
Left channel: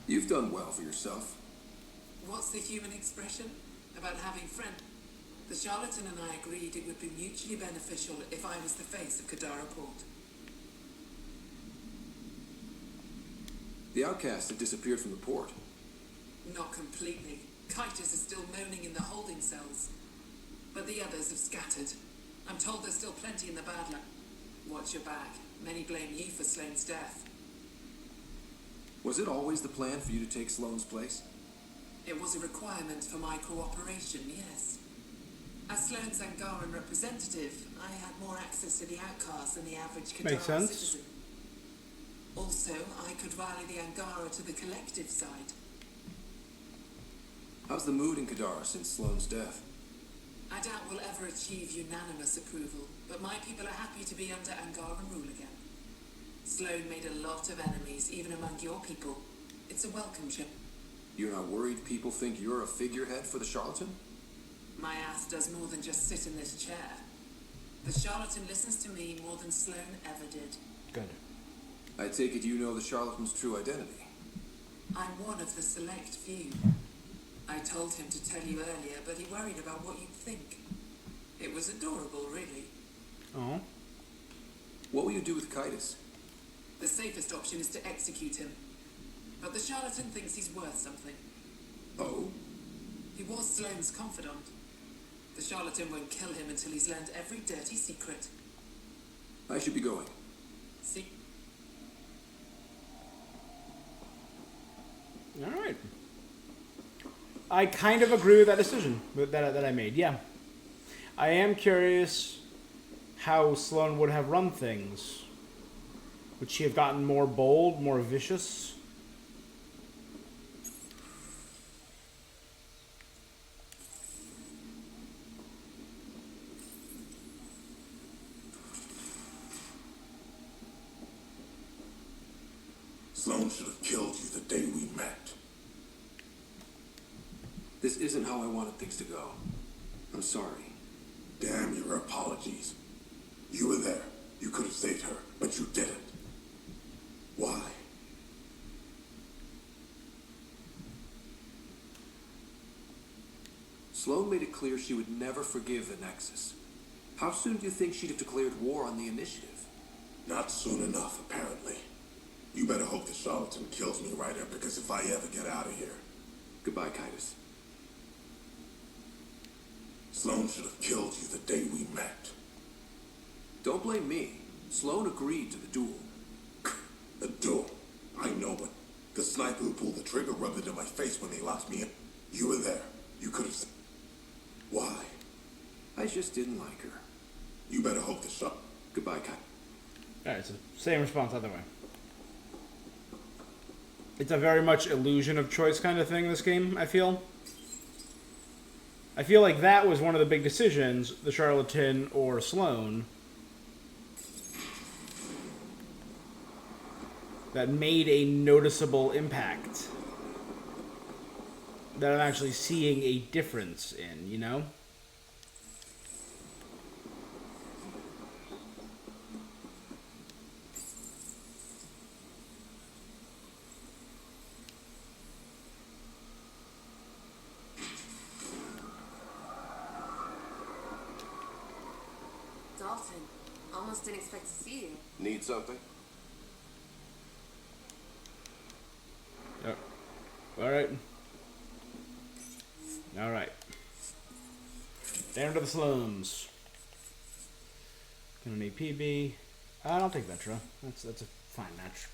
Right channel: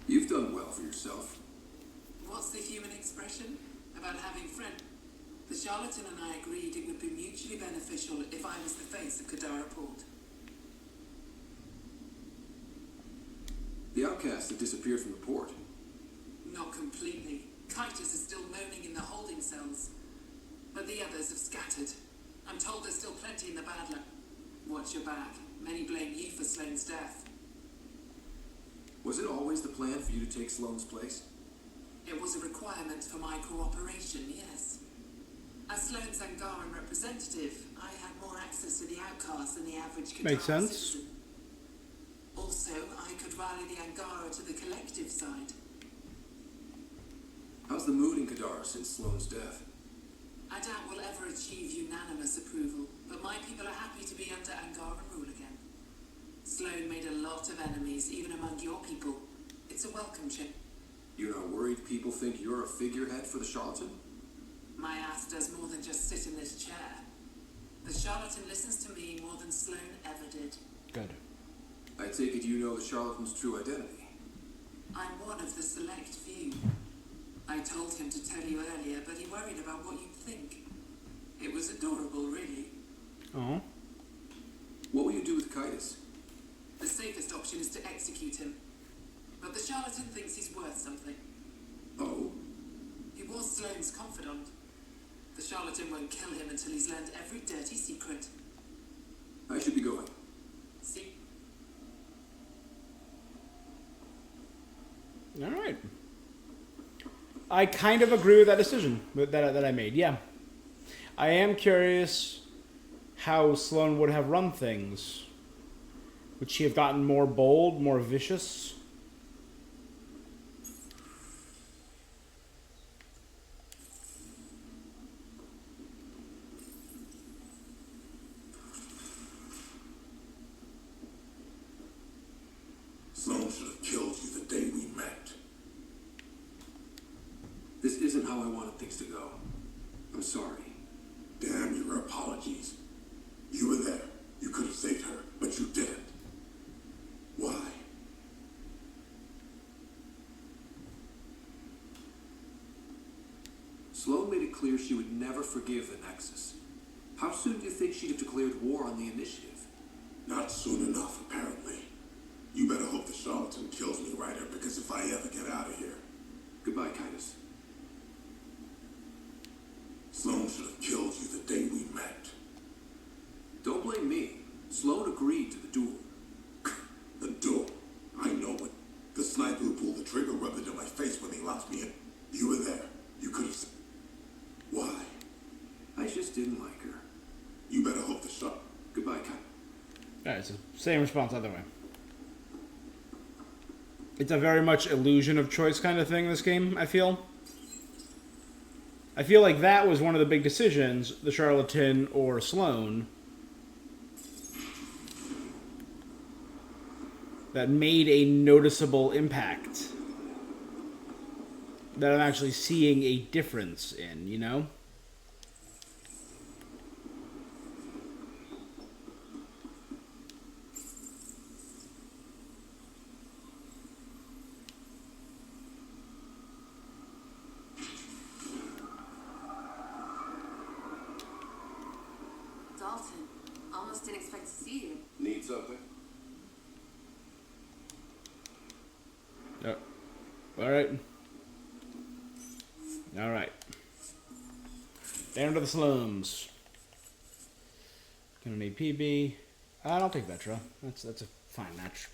You've done well for yourself. What's the human expression about having friends? The charlatan and I agreed it would be mutually beneficial if I was the face of Kadara Port. The outcasts have disappeared from the port. Not completely. Titus is still moaning in the holding cells. But the others have scattered. I'm told there's still plenty in the Badler. Watch your back. Many blame you for Sloane's death. Was it always the plan for you to take Sloane's place? It was a requirement for my cooperation, yes. As Sloane's Angaran representative, I had more access to the outcasts than the average Kadara Makes sense. citizen. Also, I could rally the Angara to the collective side. How's the mood in Kadara since Sloane's death? I doubt we'll ever achieve unanimous approval, but my people are happy to be under Angaran rule again. Sloane made a lot of enemies, even among your people. It's a welcome chip. You're not worried people think you're a figurehead for the charlatan? My ass does more than just sit in this chair. The charlatan listens to me more than Sloane ever did. Good. I take it you know the charlatan's true identity. I'm one of the select few. I told him to tell you earlier, but he worried about what you'd think. It was adorable, really. Oh. What will you do with Titus? The safest option is to execute him. But the charlatan thinks he's worth something. Oh? He was Sloane's confidant. The charlatan won't kill him until he's learned every dirty secret. I should be going. See? All right. I kind of agree with that decision that I made. Yeah. I am curious how Sloane would have run things. Would she have gotten more bold, more vicious? Sloan should have killed you the day we met. This isn't how I wanted things to go. I'm sorry. Damn your apologies. You were there. You could have saved her, but you didn't. Why? Sloane made it clear she would never forgive the Nexus. How soon do you think she'd have declared war on the Initiative? Not soon enough, apparently. You better hope the charlatan kills me, Ryder, because if I ever get out of here... Goodbye, Titus. Sloan should have killed you the day we met. Don't blame me. Sloan agreed to the duel. A duel? I know it. The sniper who pulled the trigger rubbed it in my face when they locked me in. You were there. You could have... Why? I just didn't like her. You better hope the shot... Goodbye, Cap. Alright, so same response either way. It's a very much illusion of choice kind of thing, this game, I feel. I feel like that was one of the big decisions, the charlatan or Sloan, that made a noticeable impact. That I'm actually seeing a difference in, you know? Dalton, almost didn't expect to see you. Need something? Oh. Alright. Alright. Down to the slums. Gonna need PB. I'll take Vetra. That's a fine match.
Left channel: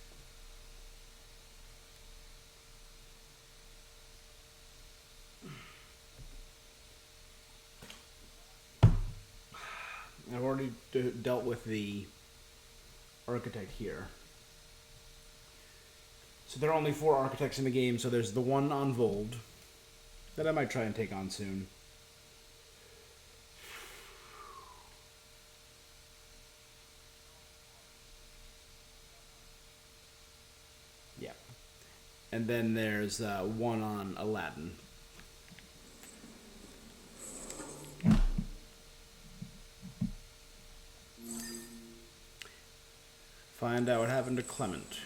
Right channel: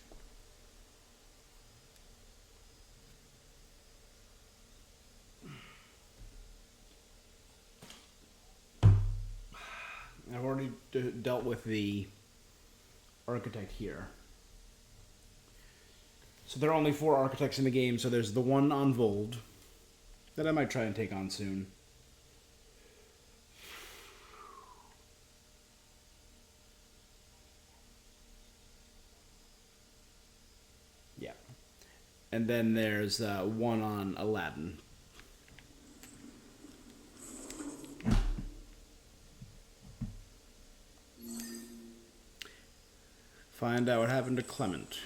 I've already dealt with the architect here. So there are only 4 architects in the game, so there's the one on Vold that I might try and take on soon. Yeah. And then there's one on Aladdin. Find out what happened to Clement.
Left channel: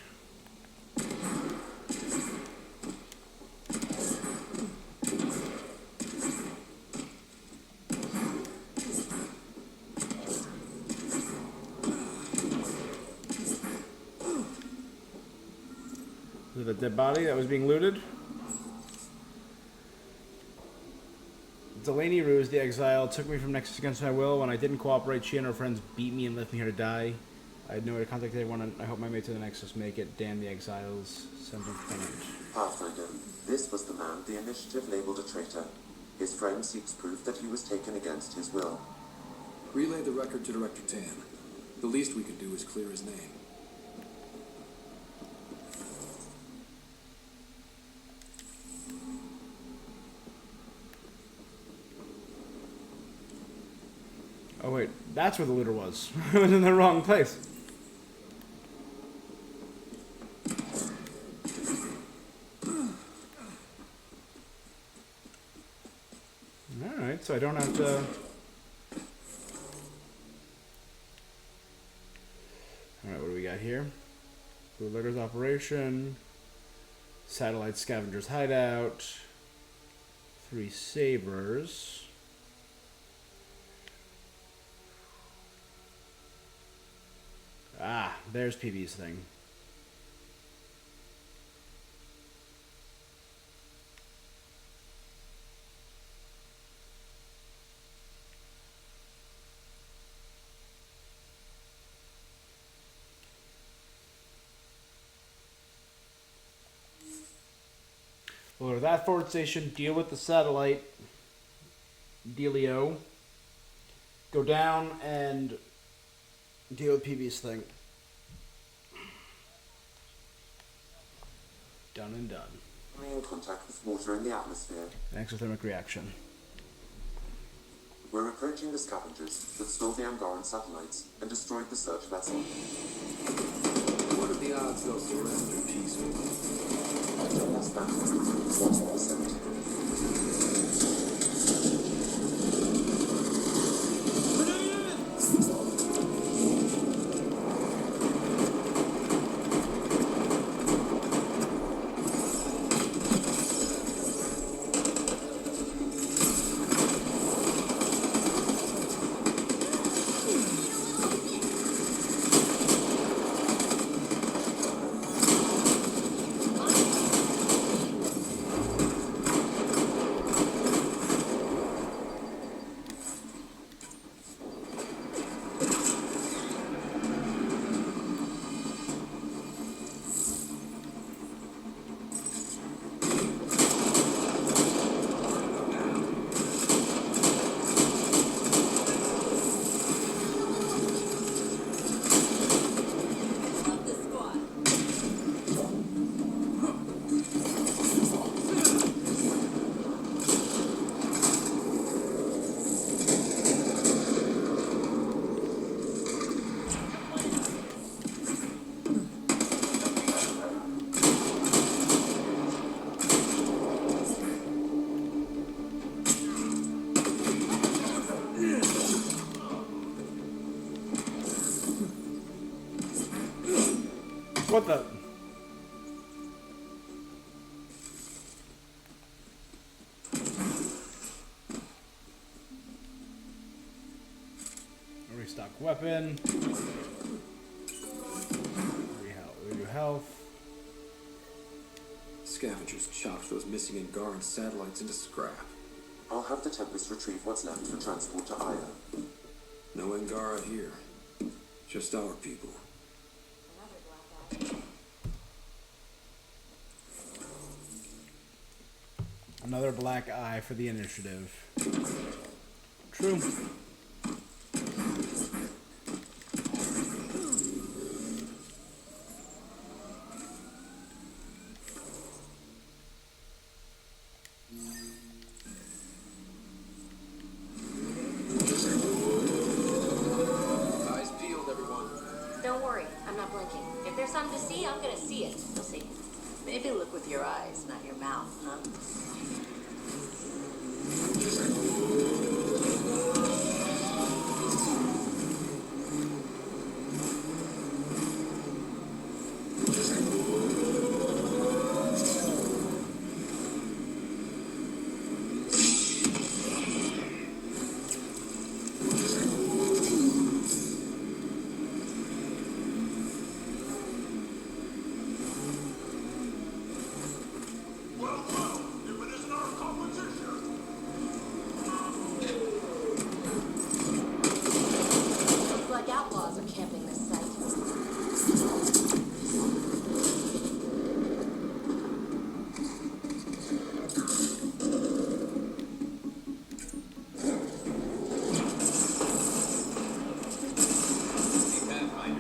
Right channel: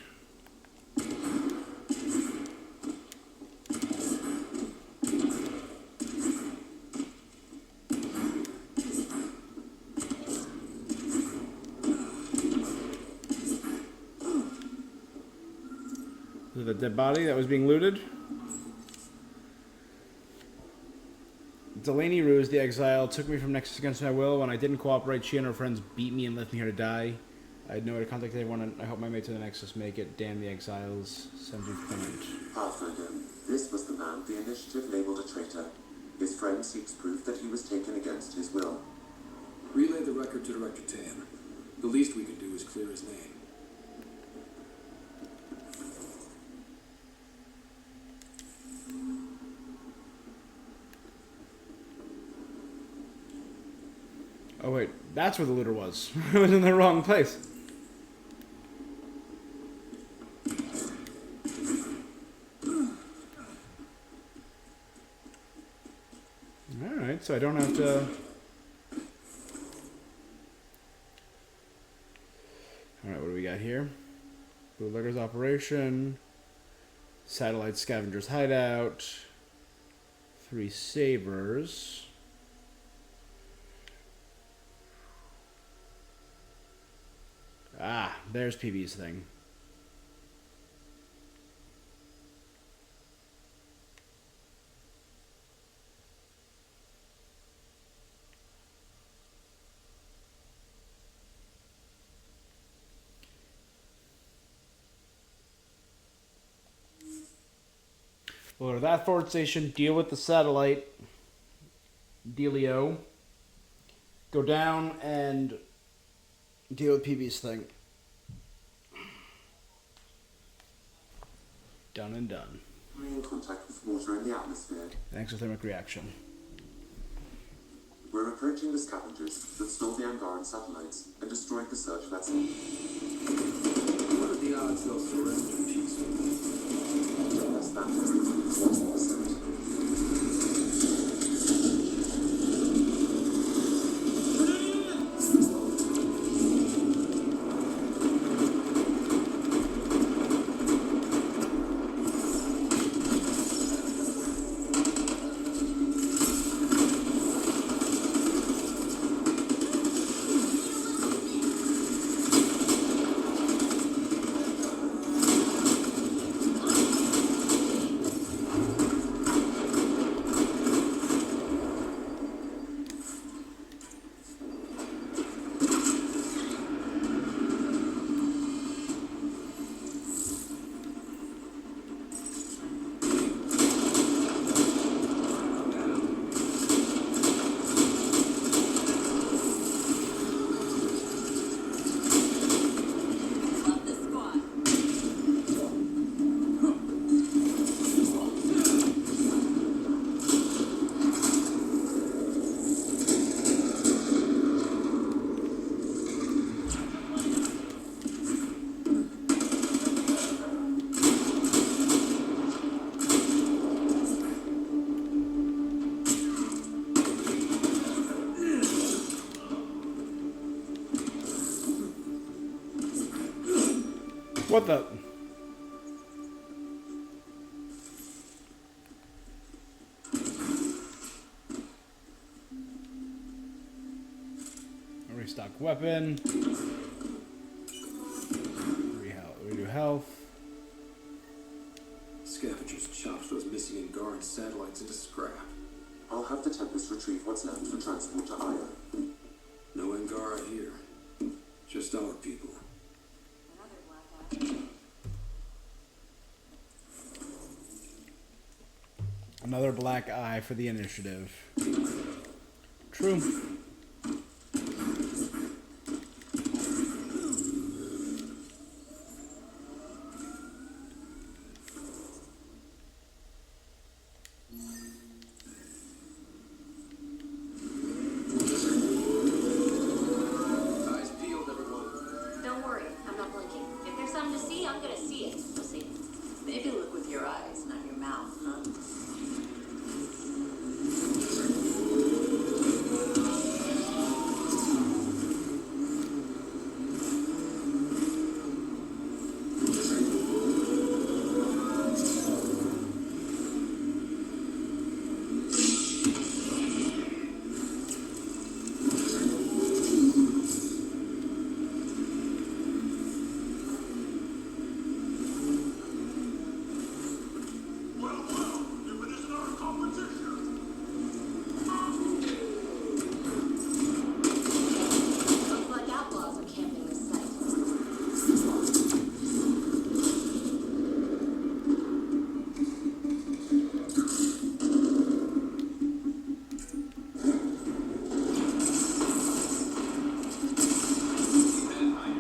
Was it a dead body that was being looted? Delaney Ruse, the exile, took me from Nexus against my will. When I didn't cooperate, she and her friends beat me and left me here to die. I had no way to contact anyone, and I hope my mates in the Nexus make it. Damn the exiles. Sends you Clement. Pathfinder, this was the man the initiative labeled a traitor. His friend seeks proof that he was taken against his will. Relay the record to Director Tan. The least we could do is clear his name. Oh wait, that's where the looter was. I was in the wrong place. Alright, so I don't have to... Alright, what do we got here? Bootlegger's Operation. Satellite Scavenger's Hideout. 3 Sabers. Ah, there's PB's thing. We'll go to that forward station, deal with the satellite dealio, go down and deal with PB's thing. Done and done. Contact with water in the atmosphere. An exothermic reaction. We're approaching the scavengers that stole the Angaran satellites and destroyed the search vessel. What are the odds they'll surrender peacefully? Less than 1%. What the? Restock weapon. Redo health. Scavengers chopped those missing Angaran satellites into scrap. I'll have the Tempest retrieve what's left for transport to Ida. No Angara here. Just our people. Another black eye for the initiative. True. Eyes peeled, everyone. Don't worry, I'm not blinking. If there's something to see, I'm gonna see it. You'll see. Maybe look with your eyes, not your mouth, huh? Looks like outlaws are camping this site.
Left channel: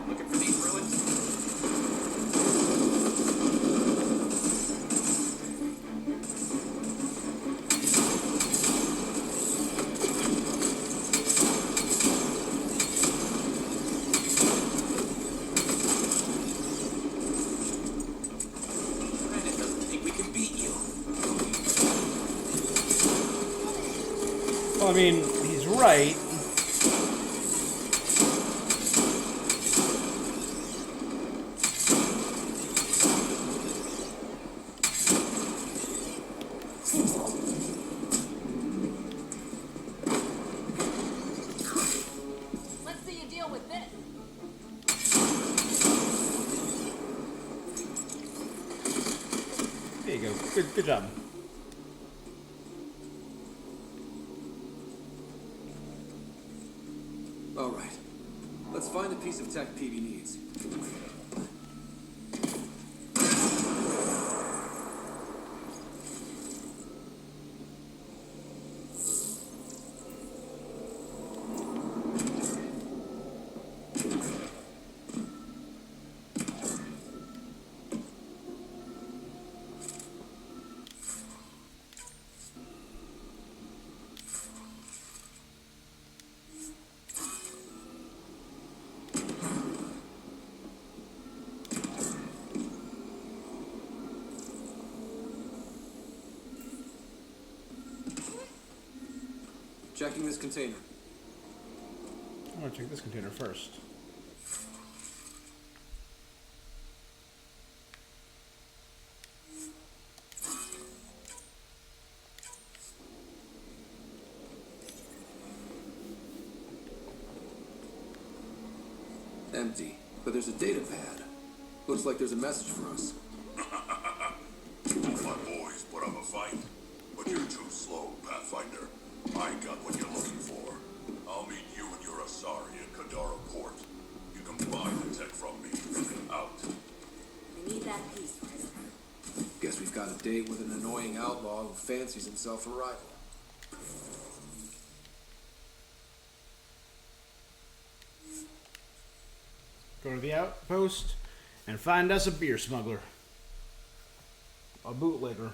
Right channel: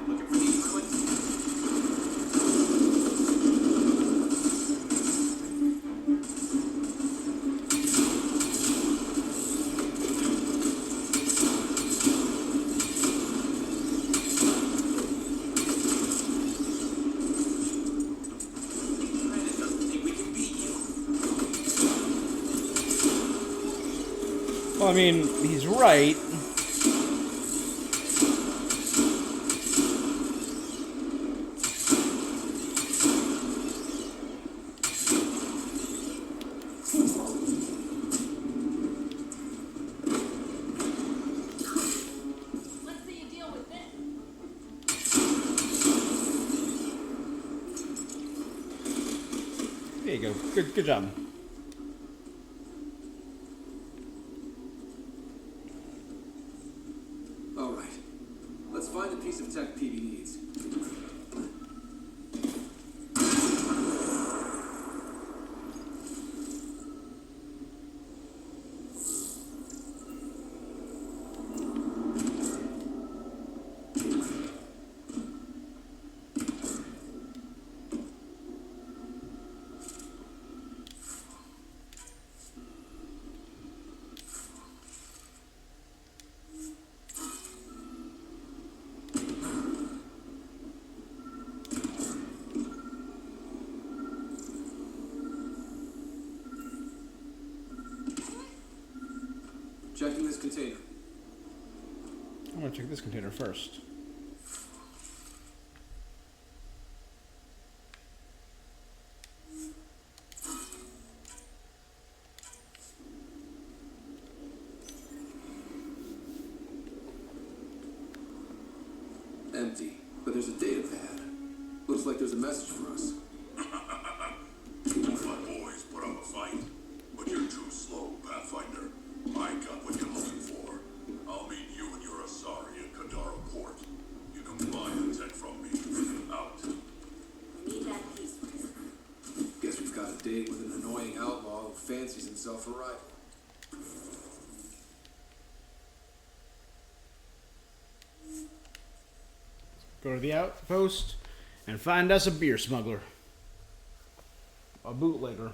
Looking for these ruins? Andromeda doesn't think we can beat you. Well, I mean, he's right. Let's see you deal with this. There you go. Good job. All right. Let's find a piece of tech PB needs. Checking this container. I'm gonna check this container first. Empty. But there's a data pad. Looks like there's a message for us. You want my boys put up a fight? But you're too slow, Pathfinder. I got what you're looking for. I'll meet you and your Asari at Kadara Port. You can buy the tech from me. Out. We need that piece first. Guess we've got a date with an annoying outlaw who fancies himself a rival. Go to the outpost and find us a beer smuggler. A bootlegger.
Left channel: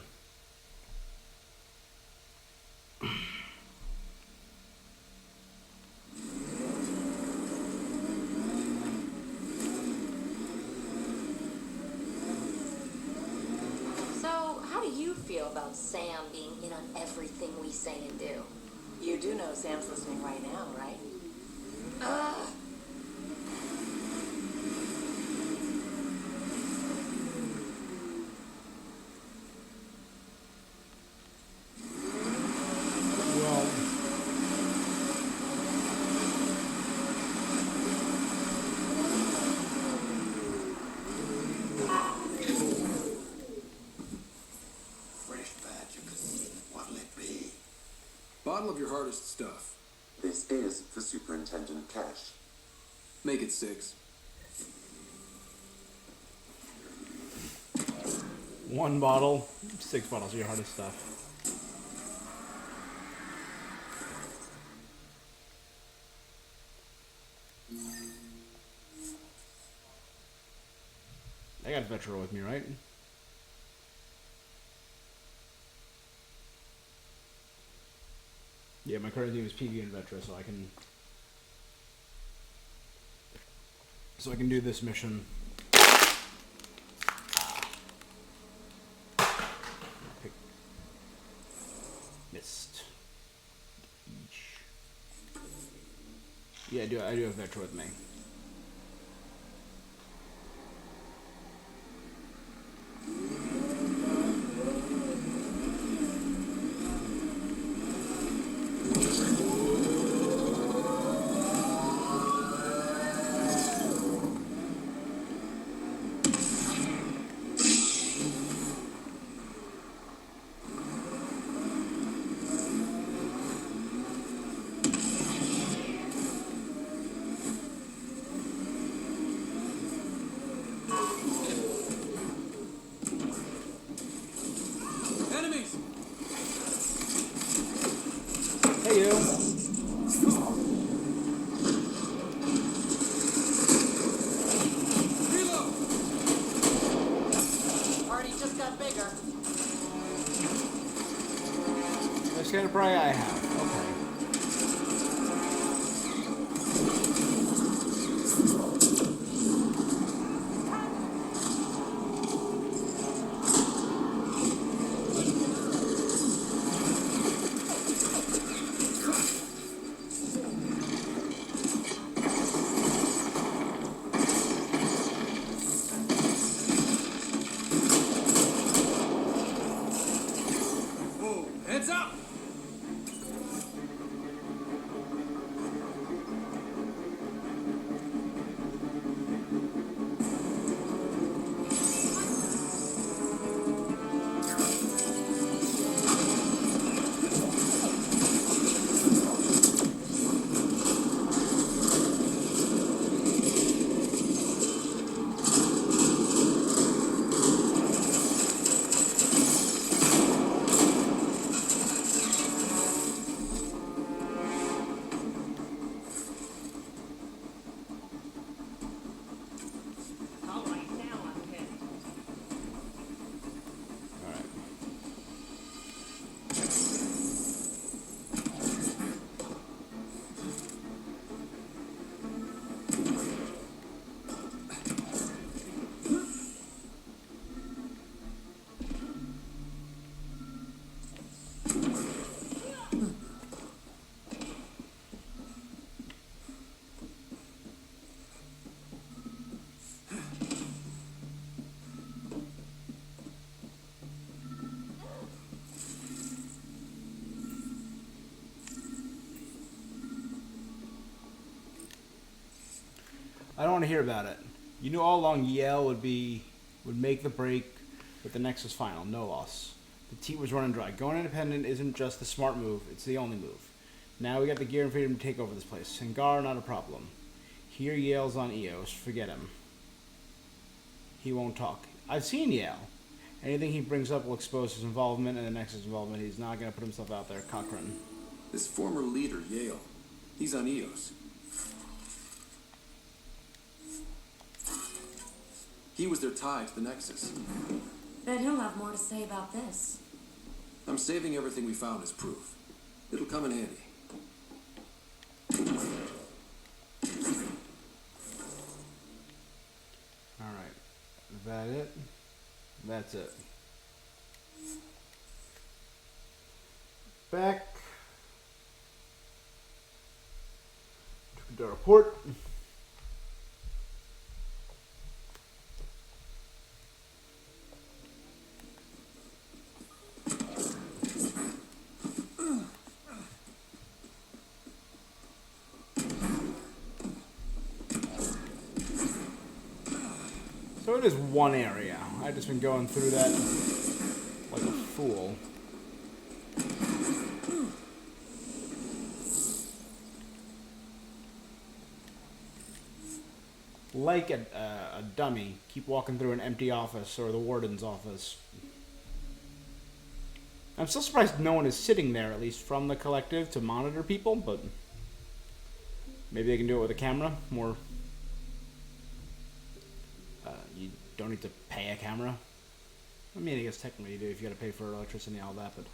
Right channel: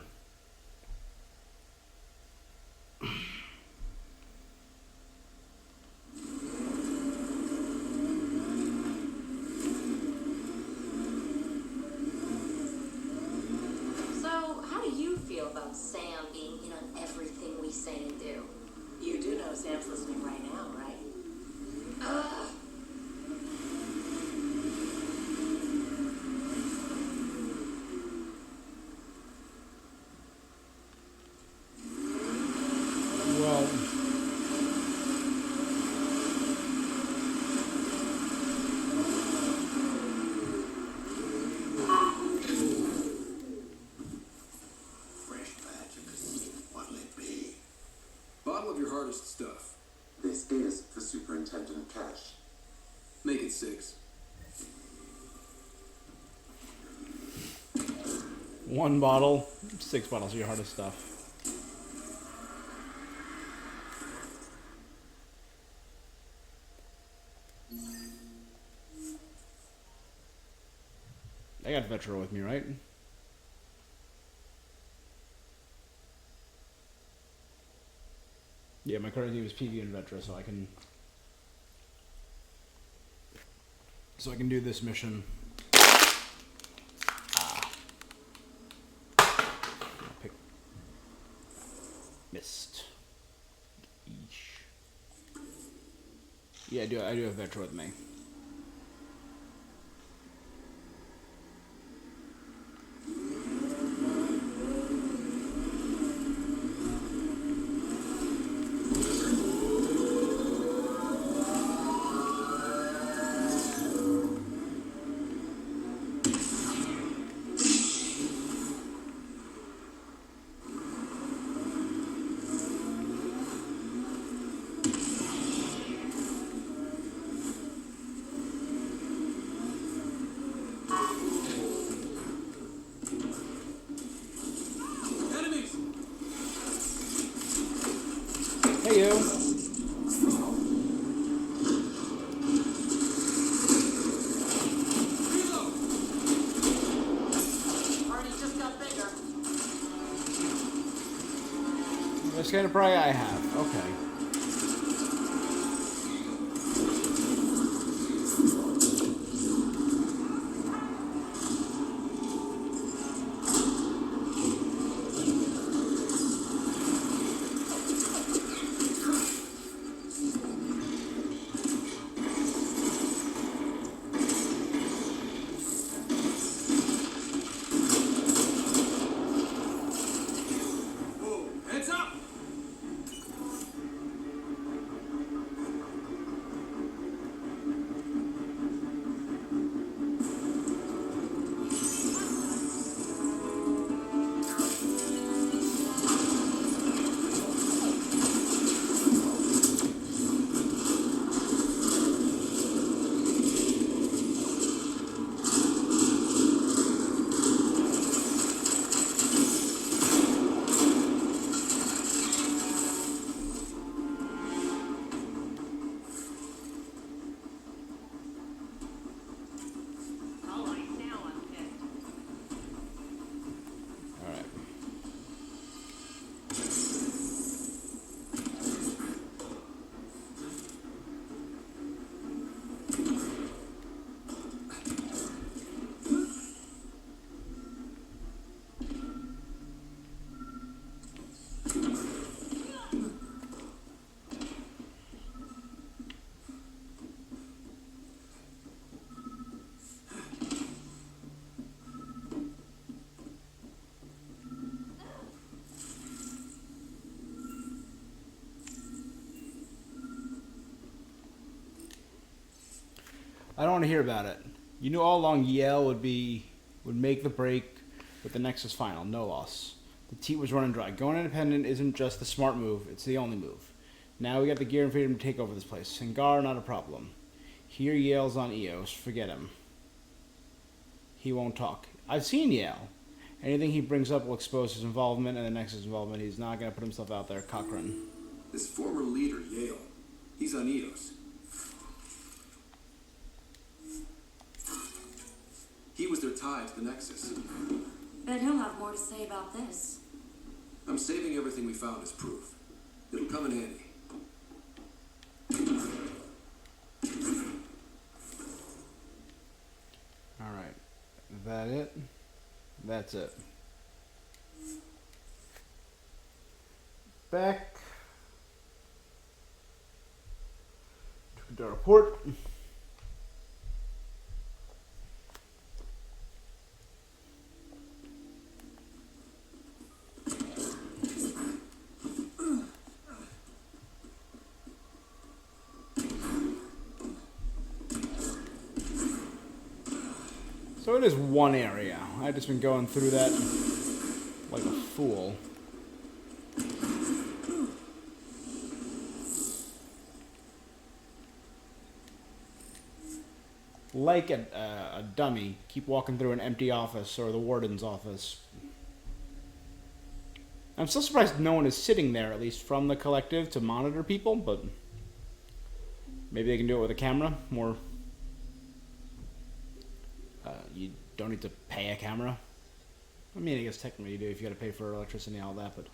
So, how do you feel about Sam being in on everything we say and do? You do know Sam's listening right now, right? is for Superintendent Cash. Make it 6. 1 bottle, 6 bottles of your hardest stuff. I got Vetro with me, right? Yeah, my current team is PV and Vetra, so I can do this mission. I'll pick Mist. Eesh. Yeah, I do have Vetra with me. Enemies! Hey, you. Reload! Party just got bigger. This kind of prey I have. Okay. Whoa, heads up! Alright. I don't want to hear about it. You knew all along Yale would make the break with the Nexus final. No loss. The teat was running dry. Going independent isn't just the smart move, it's the only move. Now we got the gear and freedom to take over this place. Singar, not a problem. Here Yale's on EOS. Forget him. He won't talk. I've seen Yale. Anything he brings up will expose his involvement and the Nexus involvement. He's not going to put himself out there. Cochrane. This former leader, Yale, he's on EOS. He was their tie to the Nexus. Bet he'll have more to say about this. I'm saving everything we found as proof. It'll come in handy. Alright. That it? That's it. Back to the report. So it is one area. I've just been going through that like a fool. like a dummy, keep walking through an empty office or the warden's office. I'm still surprised no one is sitting there, at least from the collective, to monitor people, but maybe they can do it with a camera. More, you don't need to pay a camera. I mean, I guess technically you do if you got to pay for electricity and all that, but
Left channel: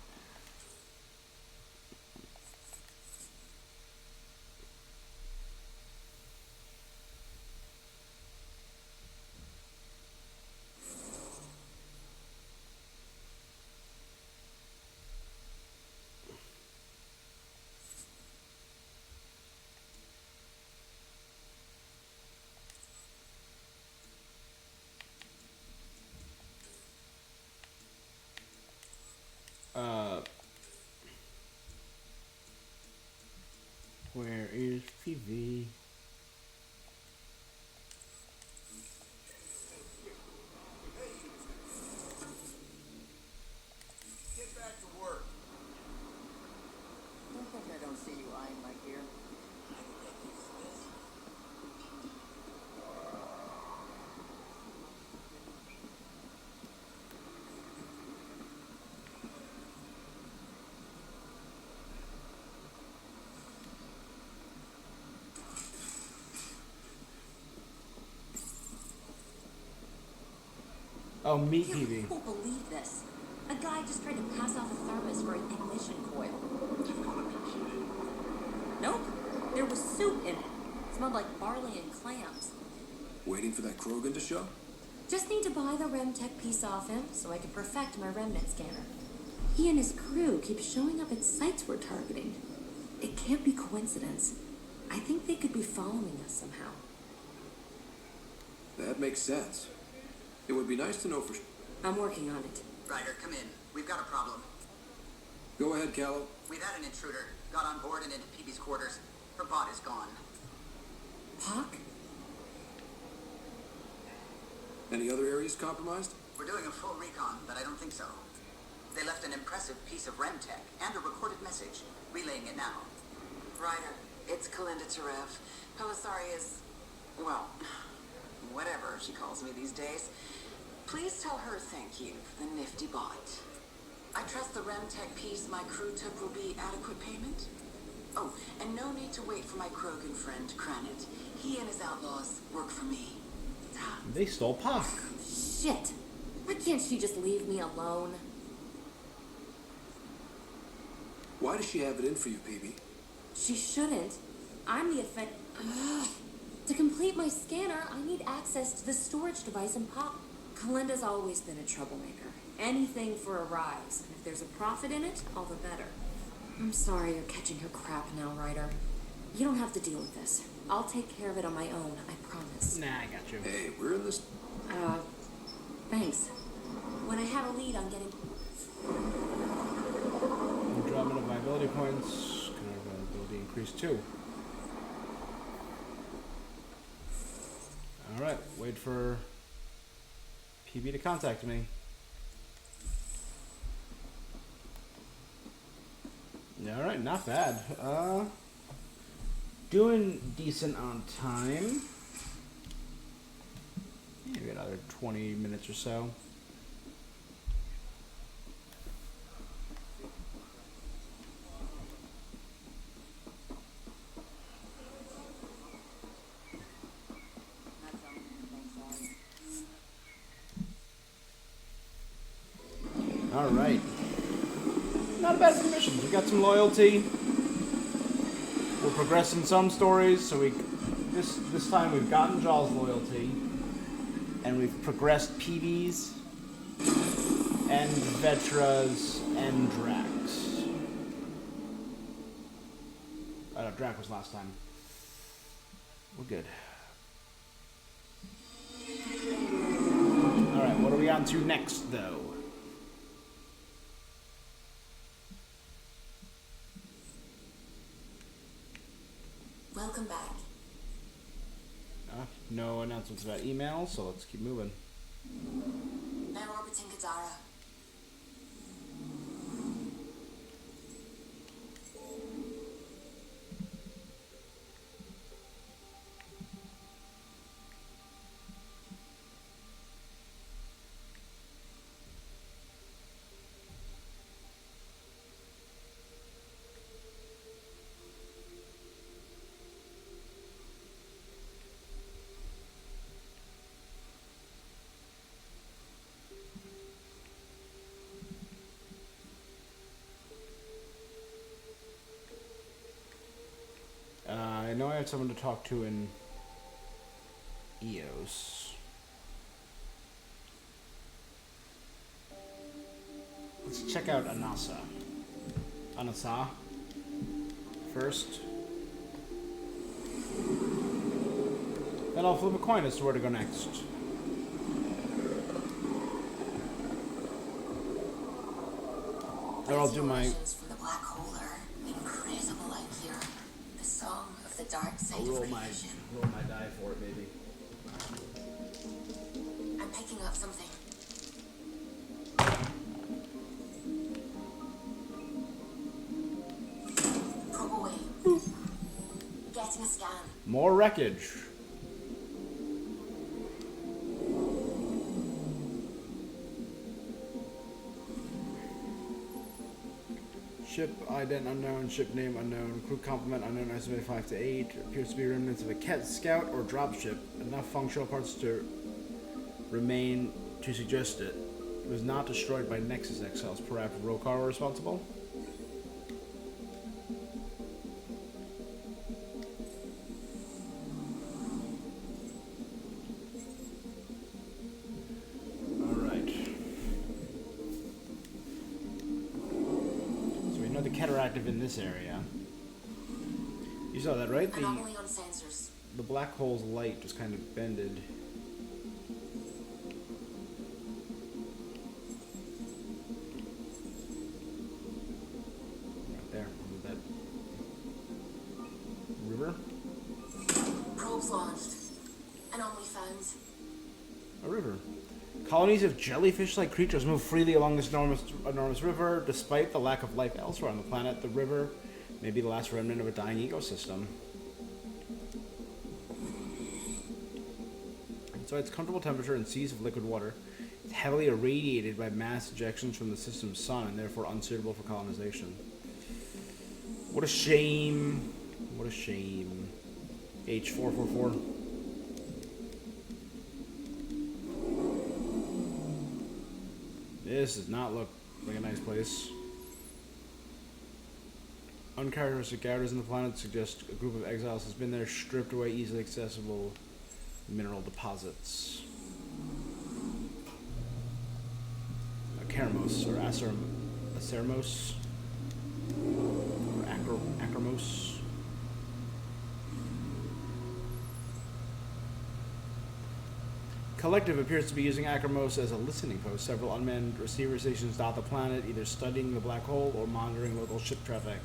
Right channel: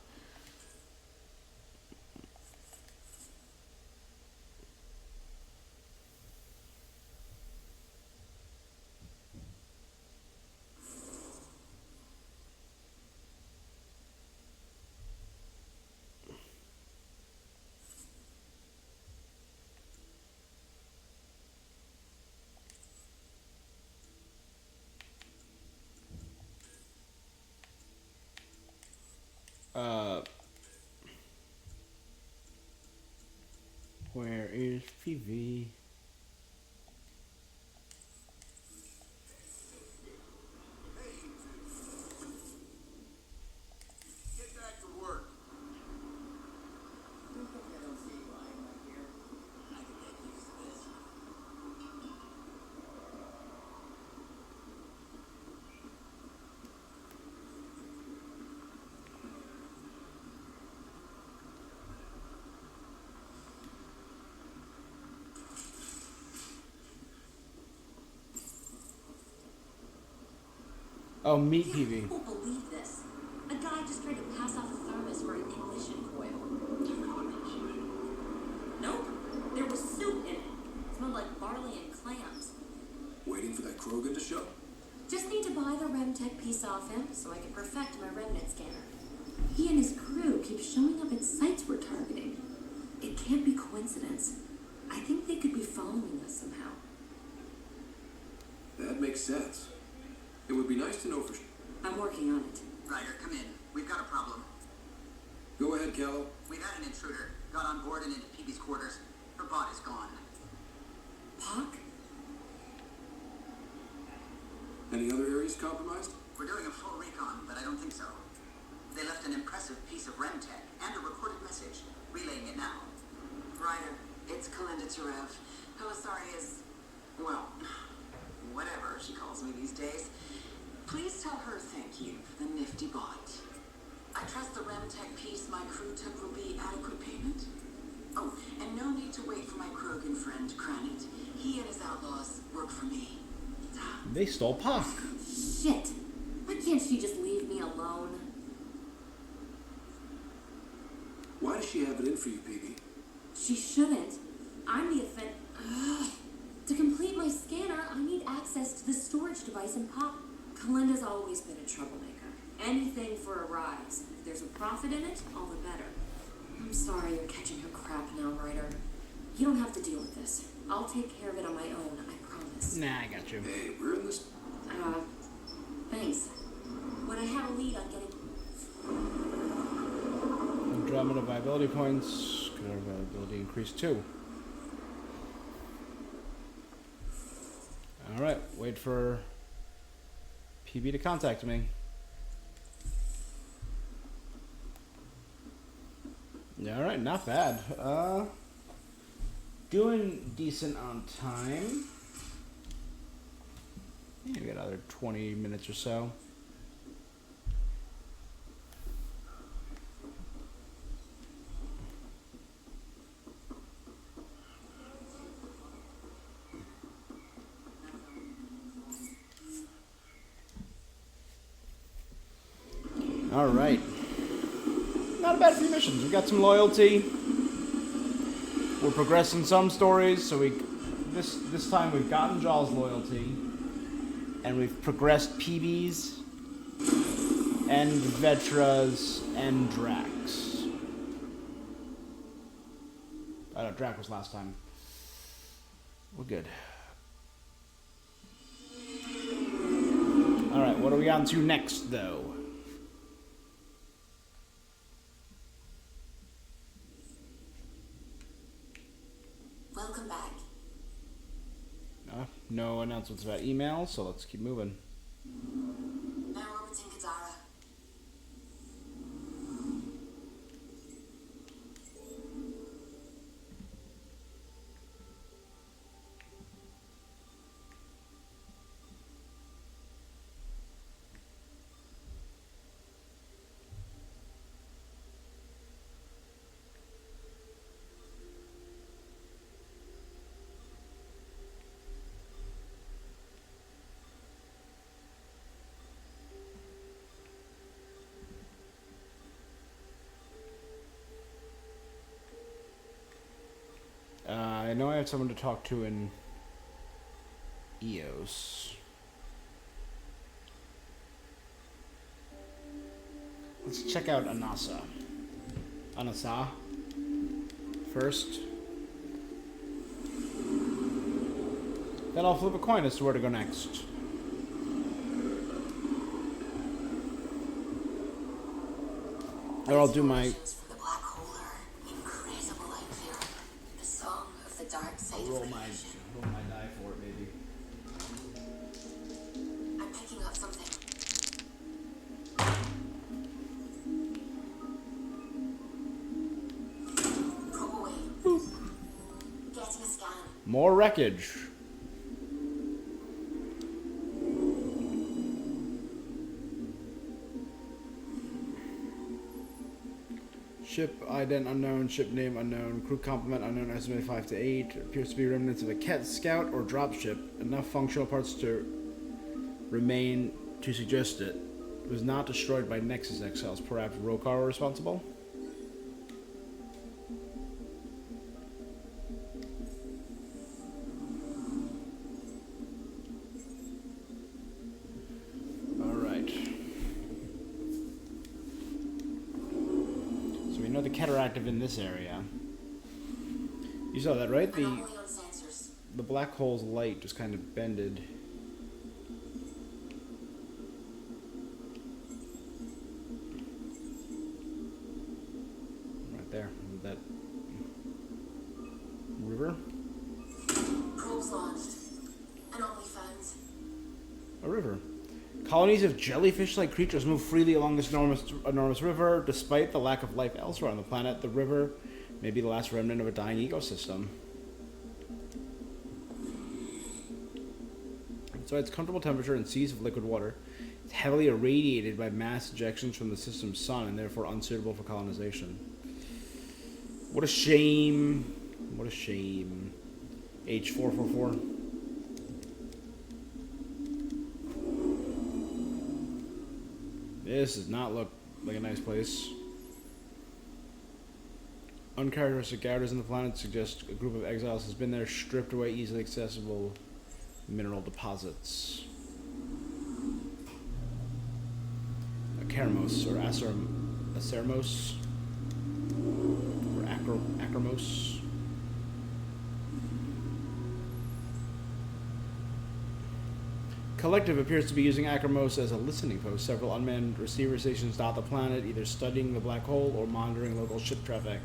where is PV? Get back to work. I don't see you eyeing my gear. Oh, meet PV. You won't believe this. A guy just tried to pass off a thermos for an ignition coil. Nope. There was soup in it. Smelled like barley and clams. Waiting for that Krogan to show? Just need to buy the RemTech piece off him so I can perfect my remnant scanner. He and his crew keep showing up at sites we're targeting. It can't be coincidence. I think they could be following us somehow. That makes sense. It would be nice to know for I'm working on it. Ryder, come in. We've got a problem. Go ahead, Callow. We've had an intruder. Got on board and into Peepee's quarters. Her bot is gone. Hawk? Any other areas compromised? We're doing a full recon, but I don't think so. They left an impressive piece of RemTech and a recorded message. Relaying it now. Ryder, it's Kalinda Tarev. Pelisari is, well, whatever she calls me these days. Please tell her thank you for the nifty bot. I trust the RemTech piece my crew took will be adequate payment. Oh, and no need to wait for my Krogan friend to crown it. He and his outlaws work for me. They stole Pac. Shit. Why can't she just leave me alone? Why does she have it in for you, PB? She shouldn't. I'm the offend. Ugh. To complete my scanner, I need access to the storage device and Pop. Kalinda's always been a troublemaker. Anything for a rise. If there's a profit in it, all the better. I'm sorry you're catching her crap now, Ryder. You don't have to deal with this. I'll take care of it on my own, I promise. Nah, I got you. Hey, we're in this. Thanks. When I have a lead on getting... Andromeda viability points. Could our viability increase too? Alright, wait for PB to contact me. Alright, not bad. Doing decent on time. Yeah, we got another 20 minutes or so. All right. Not a bad few missions. We got some loyalty. We're progressing some stories, so this time we've gotten Jaw's loyalty, and we've progressed PV's and Vetra's and Drax. Oh no, Drax was last time. We're good. All right, what are we on to next, though? Welcome back. No announcements about email, so let's keep moving. Now orbiting Kadara. I know I have someone to talk to in EOS. Let's check out Anasa first. Then I'll flip a coin as to where to go next. Or I'll do my... I'll roll my die for it, maybe. I'm picking up something. Go away. Getting a scan. More wreckage. Ship ident unknown, ship name unknown, crew complement unknown, estimated 5 to 8. Appears to be remnants of a cat scout or dropship. Enough functional parts to remain to suggest it was not destroyed by Nexus exiles. Perhaps Rokar were responsible? We know the cataractive in this area. You saw that, right? The black hole's light just kind of bended. Right there. That river? Probes launched. Anomaly found. A river. Colonies of jellyfish-like creatures move freely along this enormous river. Despite the lack of life elsewhere on the planet, the river may be the last remnant of a dying ecosystem. So its comfortable temperature and seas of liquid water, it's heavily irradiated by mass ejections from the system's sun and therefore unsuitable for colonization. What a shame. What a shame. H444. This does not look like a nice place. Uncharacteristic gouges in the planet suggest a group of exiles has been there, stripped away easily accessible mineral deposits. Acermos, or Acermos, or Acromos. Collective appears to be using Acromos as a listening post. Several unmanned receiver stations dot the planet, either studying the black hole or monitoring local ship traffic.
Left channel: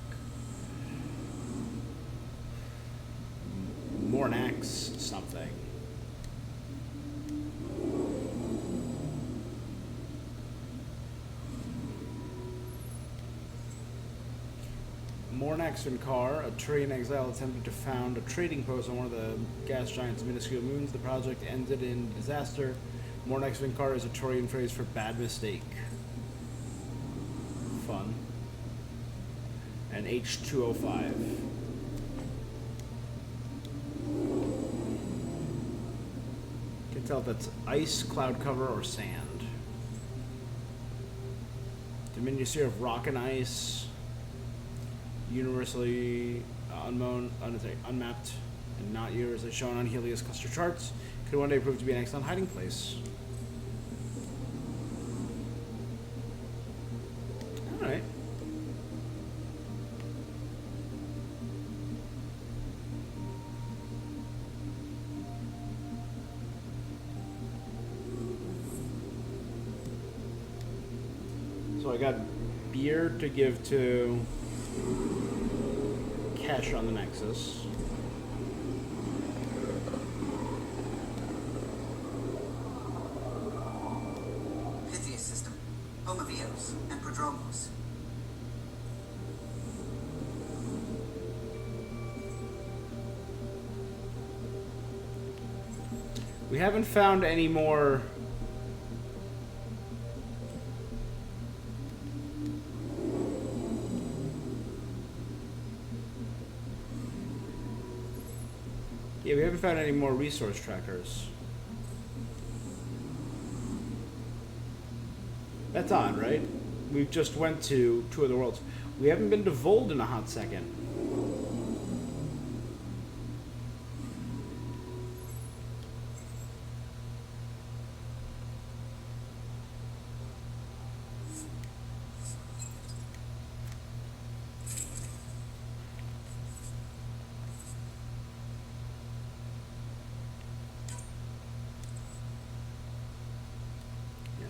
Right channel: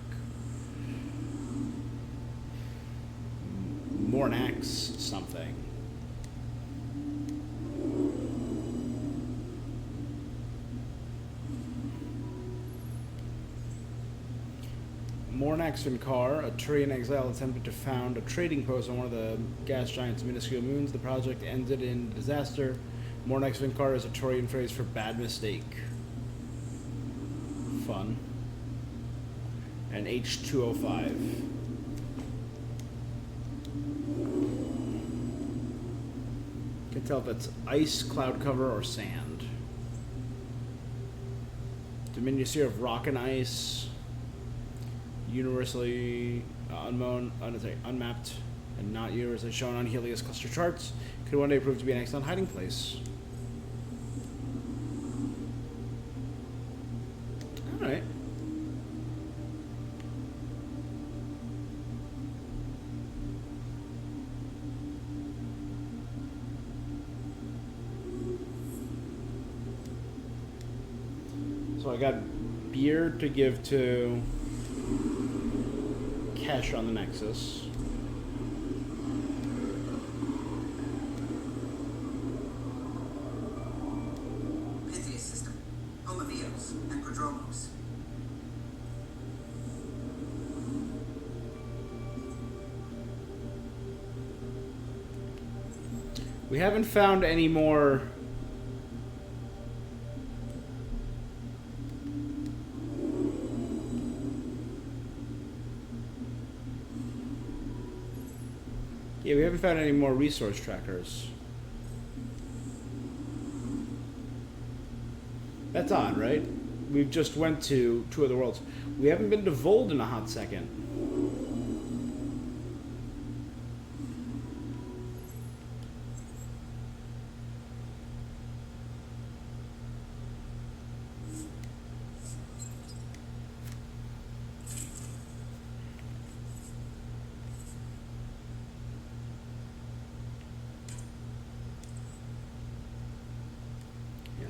Mornax something. Mornax Vinkar, a Turian exile, attempted to found a trading post on one of the gas giant's minuscule moons. The project ended in disaster. Mornax Vinkar is a Turian phrase for bad mistake. Fun. And H205. Can't tell if that's ice, cloud cover, or sand. Diminutive of rock and ice. Universally unmapped and not universally shown on Helios cluster charts, could one day prove to be an excellent hiding place. Alright. So I got beer to give to Cash on the Nexus. Pythias system, home of Eos and Prodromos. We haven't found any more Yeah, we haven't found any more resource trackers. That's odd, right? We just went to two of the worlds. We haven't been to Vold in a hot second.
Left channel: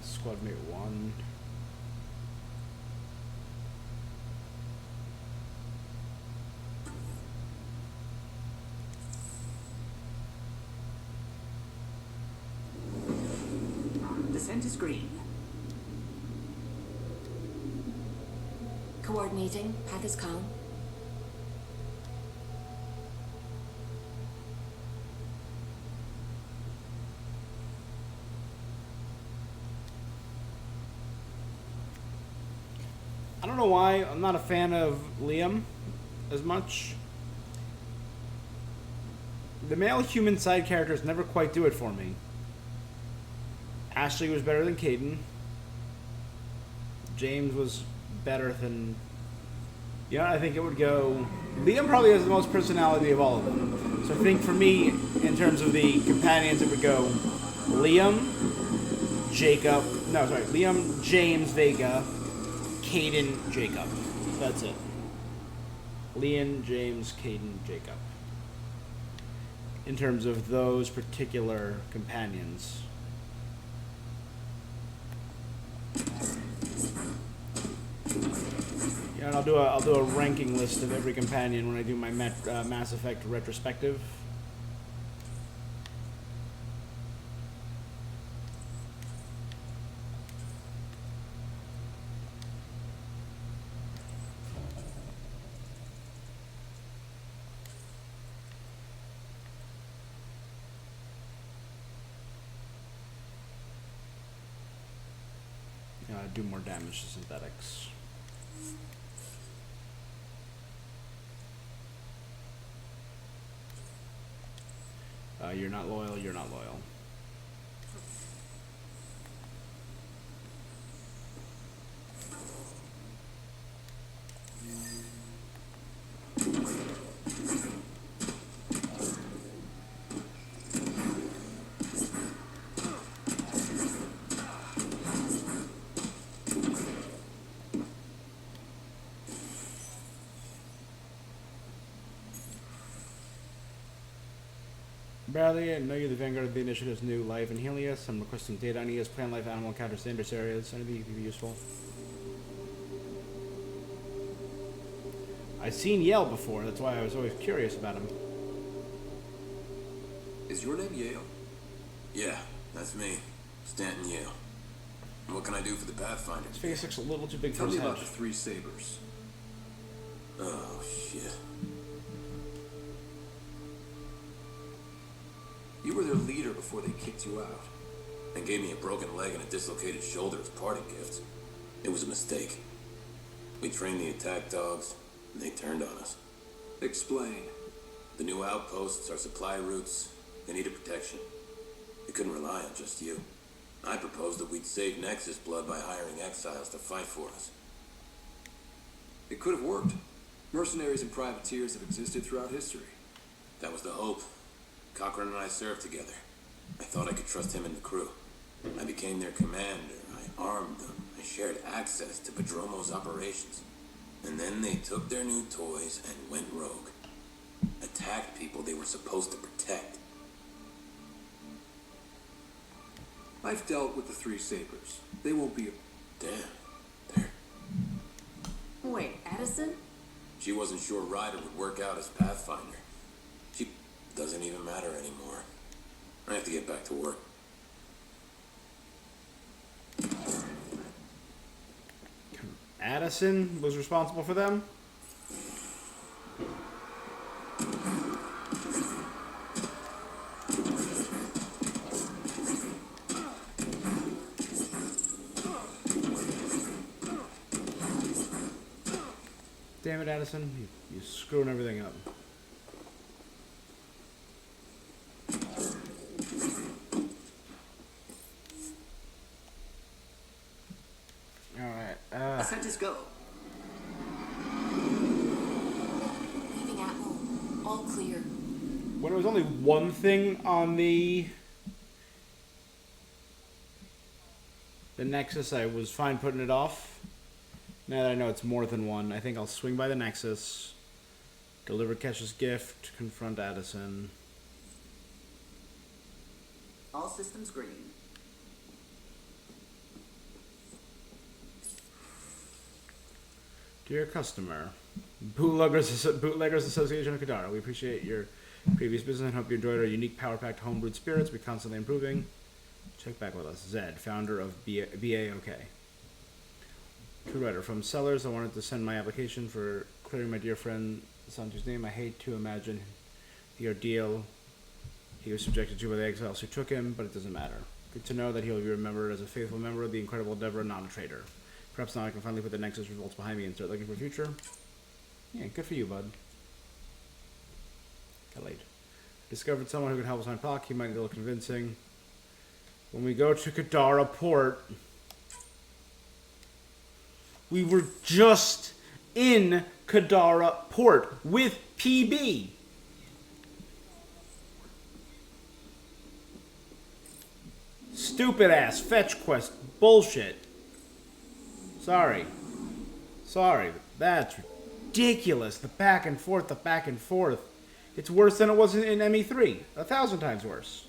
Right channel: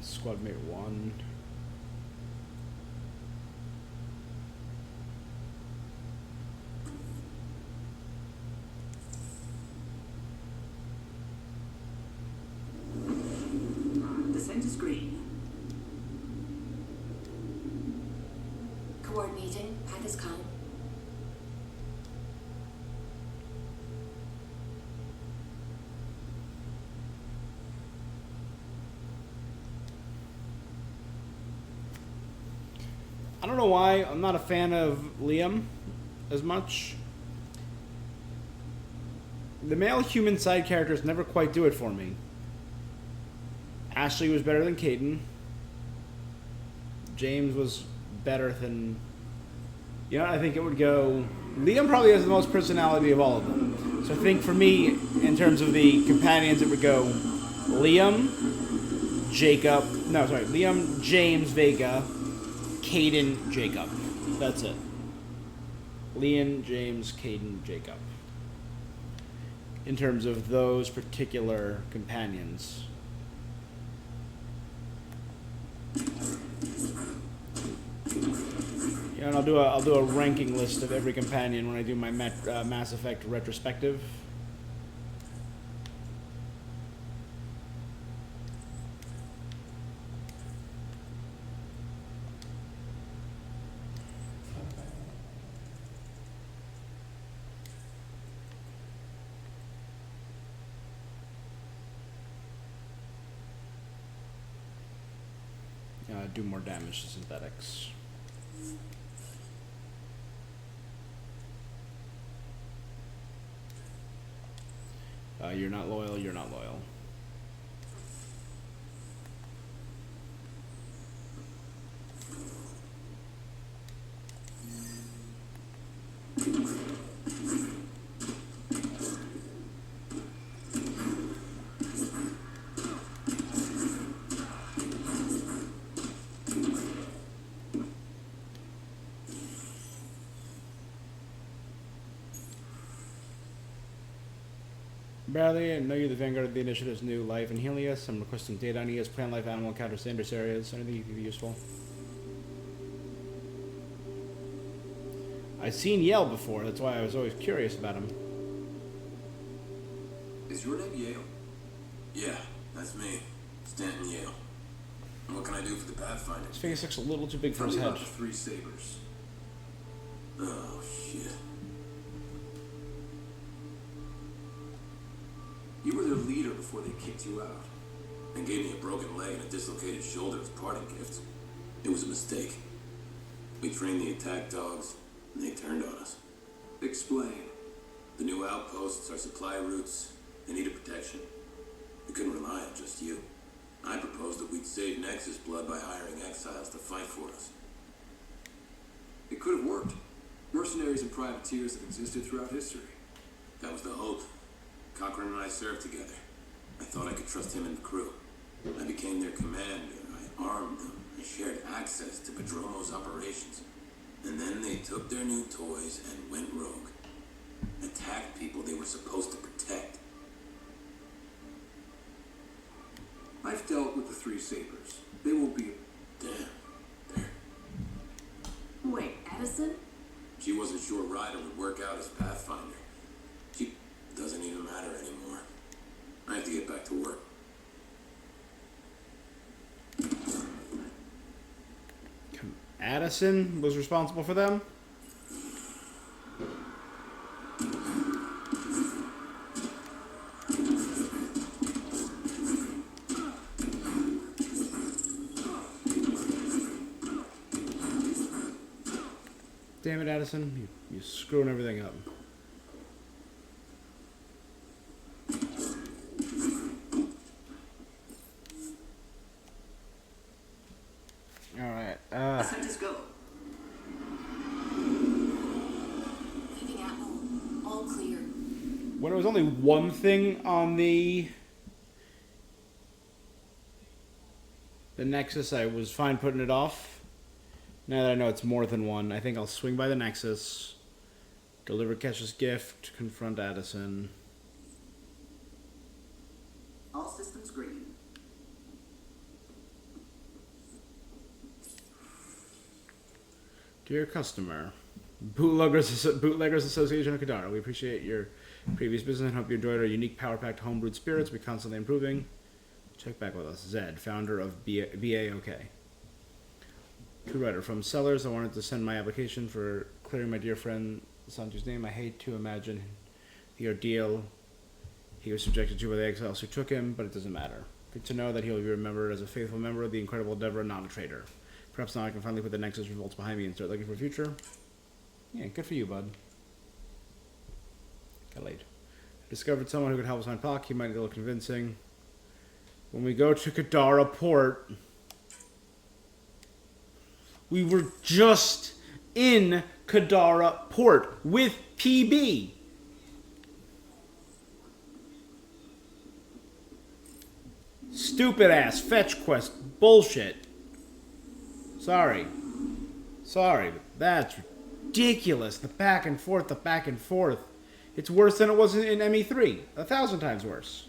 Squad mate 1. The center screen. Coordinating. Path is calm. I don't know why I'm not a fan of Liam as much. The male human side characters never quite do it for me. Ashley was better than Caden. James was better than... You know, I think it would go... Liam probably has the most personality of all of them. So I think for me, in terms of the companions, it would go Liam, Jacob... No, sorry. Liam, James, Vega, Caden, Jacob. That's it. Liam, James, Caden, Jacob. In terms of those particular companions. Yeah, and I'll do a ranking list of every companion when I do my Mass Effect retrospective. Do more damage to synthetics. You're not loyal, you're not loyal. Barely, I know you're the vanguard of the initiative's new life in Helios. I'm requesting data on ES plant life, animal encounters, dangerous areas. Anything you think would be useful? I've seen Yale before, that's why I was always curious about him. Is your name Yale? Yeah, that's me. Stanton Yale. What can I do for the Pathfinder? His face looks a little too big for his head. Three sabers. Oh, shit. You were their leader before they kicked you out. And gave me a broken leg and a dislocated shoulder as parting gifts. It was a mistake. We trained the attack dogs, and they turned on us. Explain. The new outposts, our supply routes, they needed protection. We couldn't rely on just you. I proposed that we'd save Nexus blood by hiring exiles to fight for us. It could have worked. Mercenaries and privateers have existed throughout history. That was the hope. Cochran and I served together. I thought I could trust him and the crew. I became their commander. I armed them. I shared access to Padromo's operations. And then they took their new toys and went rogue. Attacked people they were supposed to protect. I've dealt with the three sabers. They won't be... Damn. There. Wait, Addison? She wasn't sure Ryder would work out as Pathfinder. She doesn't even matter anymore. I have to get back to work. Addison was responsible for them? Damn it, Addison. You're screwing everything up. Alright, Set us go. Leaving Atwell. All clear. when it was only one thing on the Nexus, I was fine putting it off. Now that I know it's more than one, I think I'll swing by the Nexus, deliver Kesha's gift, confront Addison. All systems green. Dear customer, Bootleggers Association of Kadara, we appreciate your previous business and hope you enjoyed our unique power-packed homebrewed spirits. We constantly improving. Check back with us. Zed, founder of BAOK. To writer from Sellers, I wanted to send my application for clearing my dear friend Santu's name. I hate to imagine the ordeal he was subjected to by the exiles who took him, but it doesn't matter. Good to know that he will be remembered as a faithful member of the incredible endeavor and not a traitor. Perhaps now I can finally put the Nexus results behind me and start looking for a future. Yeah, good for you, bud. Got laid. I discovered someone who could help us find Pac. He might need a little convincing. When we go to Kadara Port, we were just in Kadara Port with PB. Stupid ass fetch quest bullshit. Sorry. That's ridiculous. The back and forth. It's worse than it was in ME3. 1,000 times worse.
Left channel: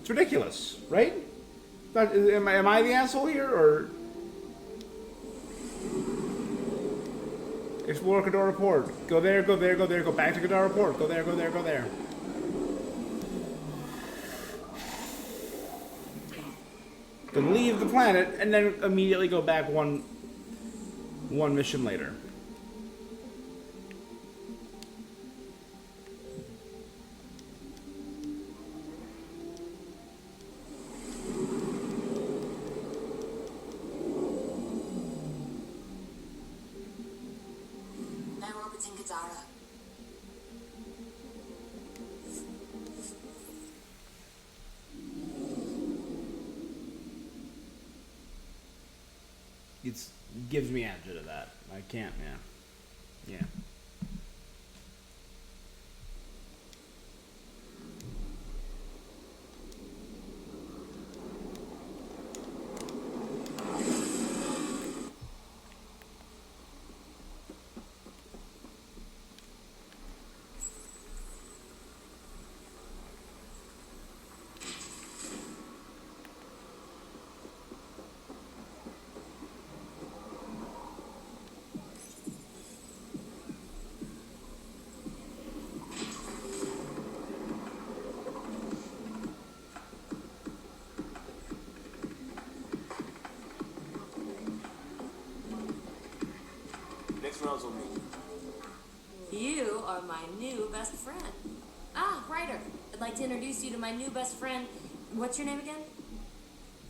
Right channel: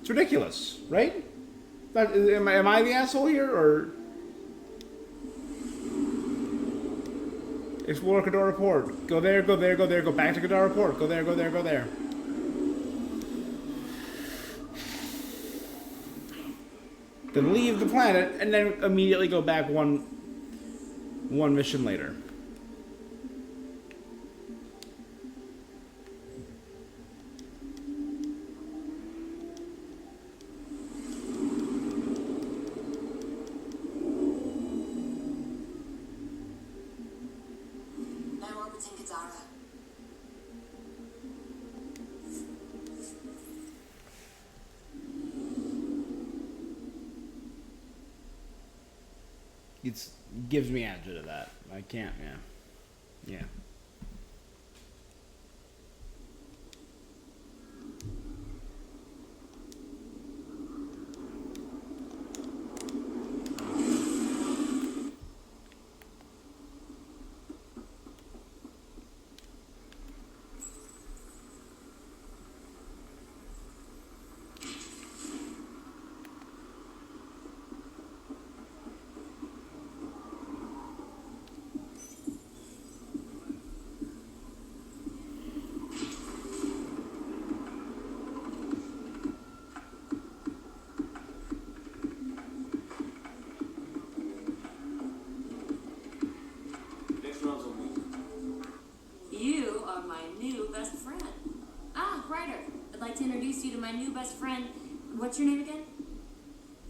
It's ridiculous, right? Am I the asshole here, or... Explore Kadara Port. Go there. Go back to Kadara Port. Go there. Then leave the planet, and then immediately go back one mission later. Now orbiting Kadara. It gives me agita that. I can't, yeah. Next round's on me. You are my new best friend. Ah, Ryder. I'd like to introduce you to my new best friend. What's your name again?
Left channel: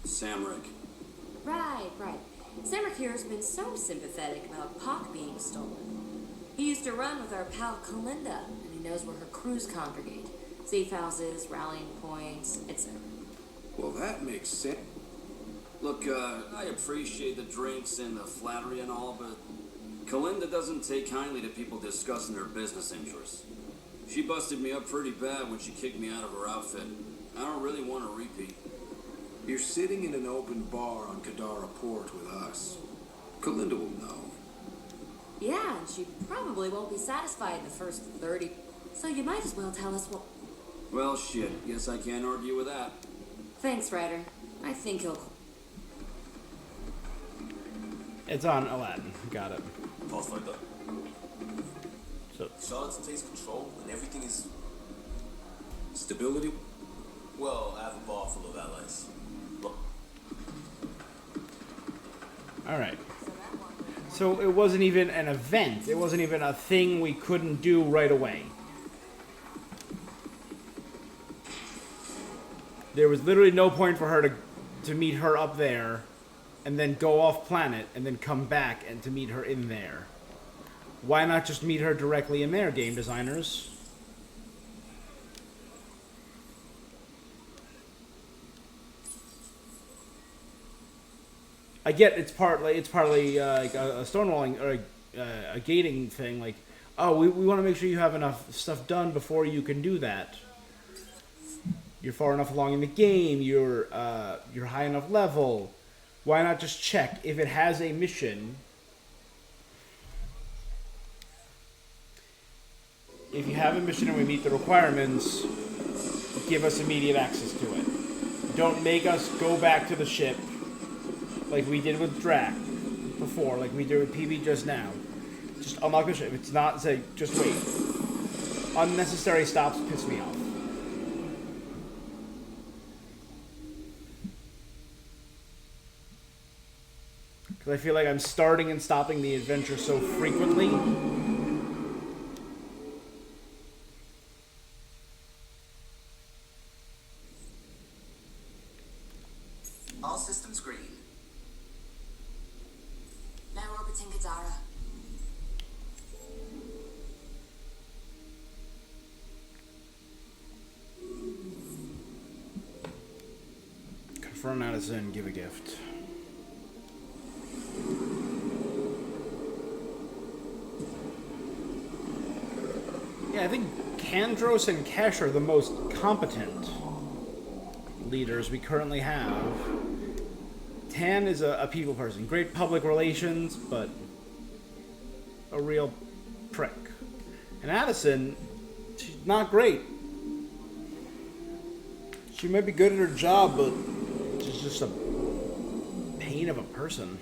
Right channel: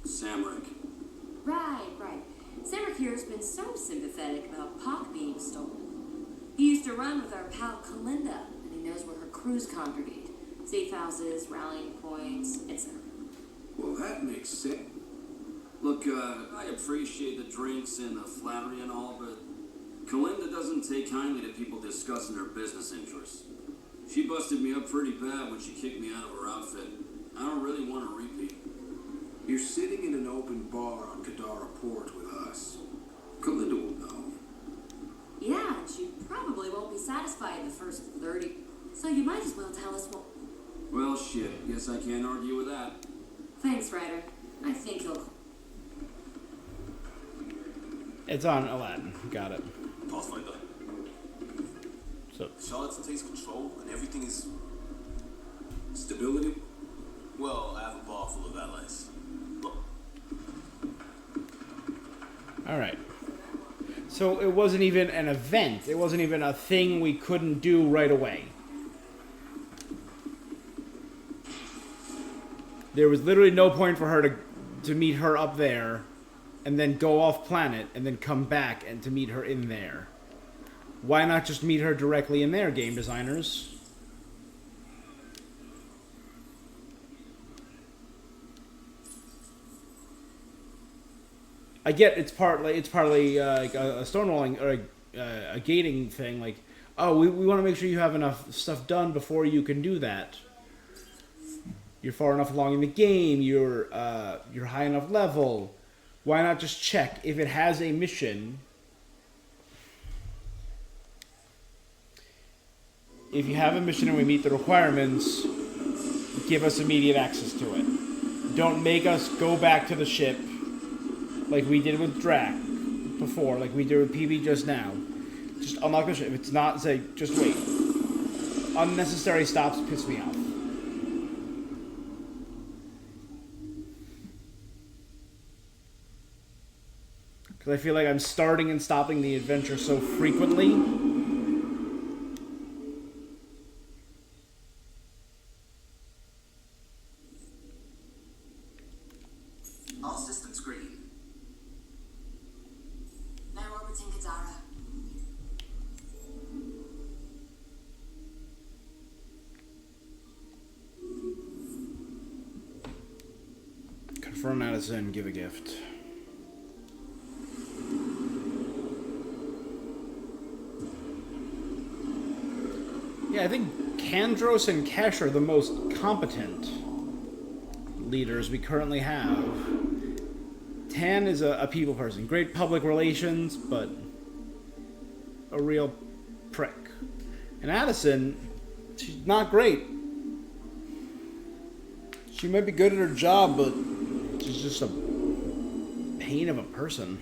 Samrick. Right. Cedric here has been so sympathetic about Pac being stolen. He used to run with our pal Kalinda, and he knows where her crews congregate. Safe houses, rallying points, etc. Well, that makes sense. Look, I appreciate the drinks and the flattery and all, but Kalinda doesn't take kindly to people discussing her business interests. She busted me up pretty bad when she kicked me out of her outfit. I don't really want to repeat. You're sitting in an open bar on Kadara Port with us. Kalinda will know. Yeah, and she probably won't be satisfied in the first 30. So you might as well tell us what... Well, shit. Guess I can't argue with that. Thanks, Ryder. I think he'll... It's on Aladdin. Got it. Pathfinder. So, Charlatan takes control and everything is... Stability? Well, I have a bar full of allies. Look. alright. So it wasn't even an event. It wasn't even a thing we couldn't do right away. There was literally no point for her to meet her up there and then go off planet and then come back and to meet her in there. Why not just meet her directly in there, game designers? I get it's partly like a stonewalling or a gating thing. Like, oh, we want to make sure you have enough stuff done before you can do that. You're far enough along in the game. You're high enough level. Why not just check if it has a mission? If you have a mission and we meet the requirements, give us immediate access to it. Don't make us go back to the ship like we did with Drac. before, like we did with PB just now. Just unlock the ship. If it's not, say, just wait. Unnecessary stops piss me off. Because I feel like I'm starting and stopping the adventure so frequently. All systems green. Now orbiting Kadara. Confirm Addison, give a gift. Yeah, I think Kandros and Kesh are the most competent leaders we currently have. Tan is a people person. Great public relations, but a real prick. And Addison, she's not great. She might be good at her job, but she's just a pain of a person.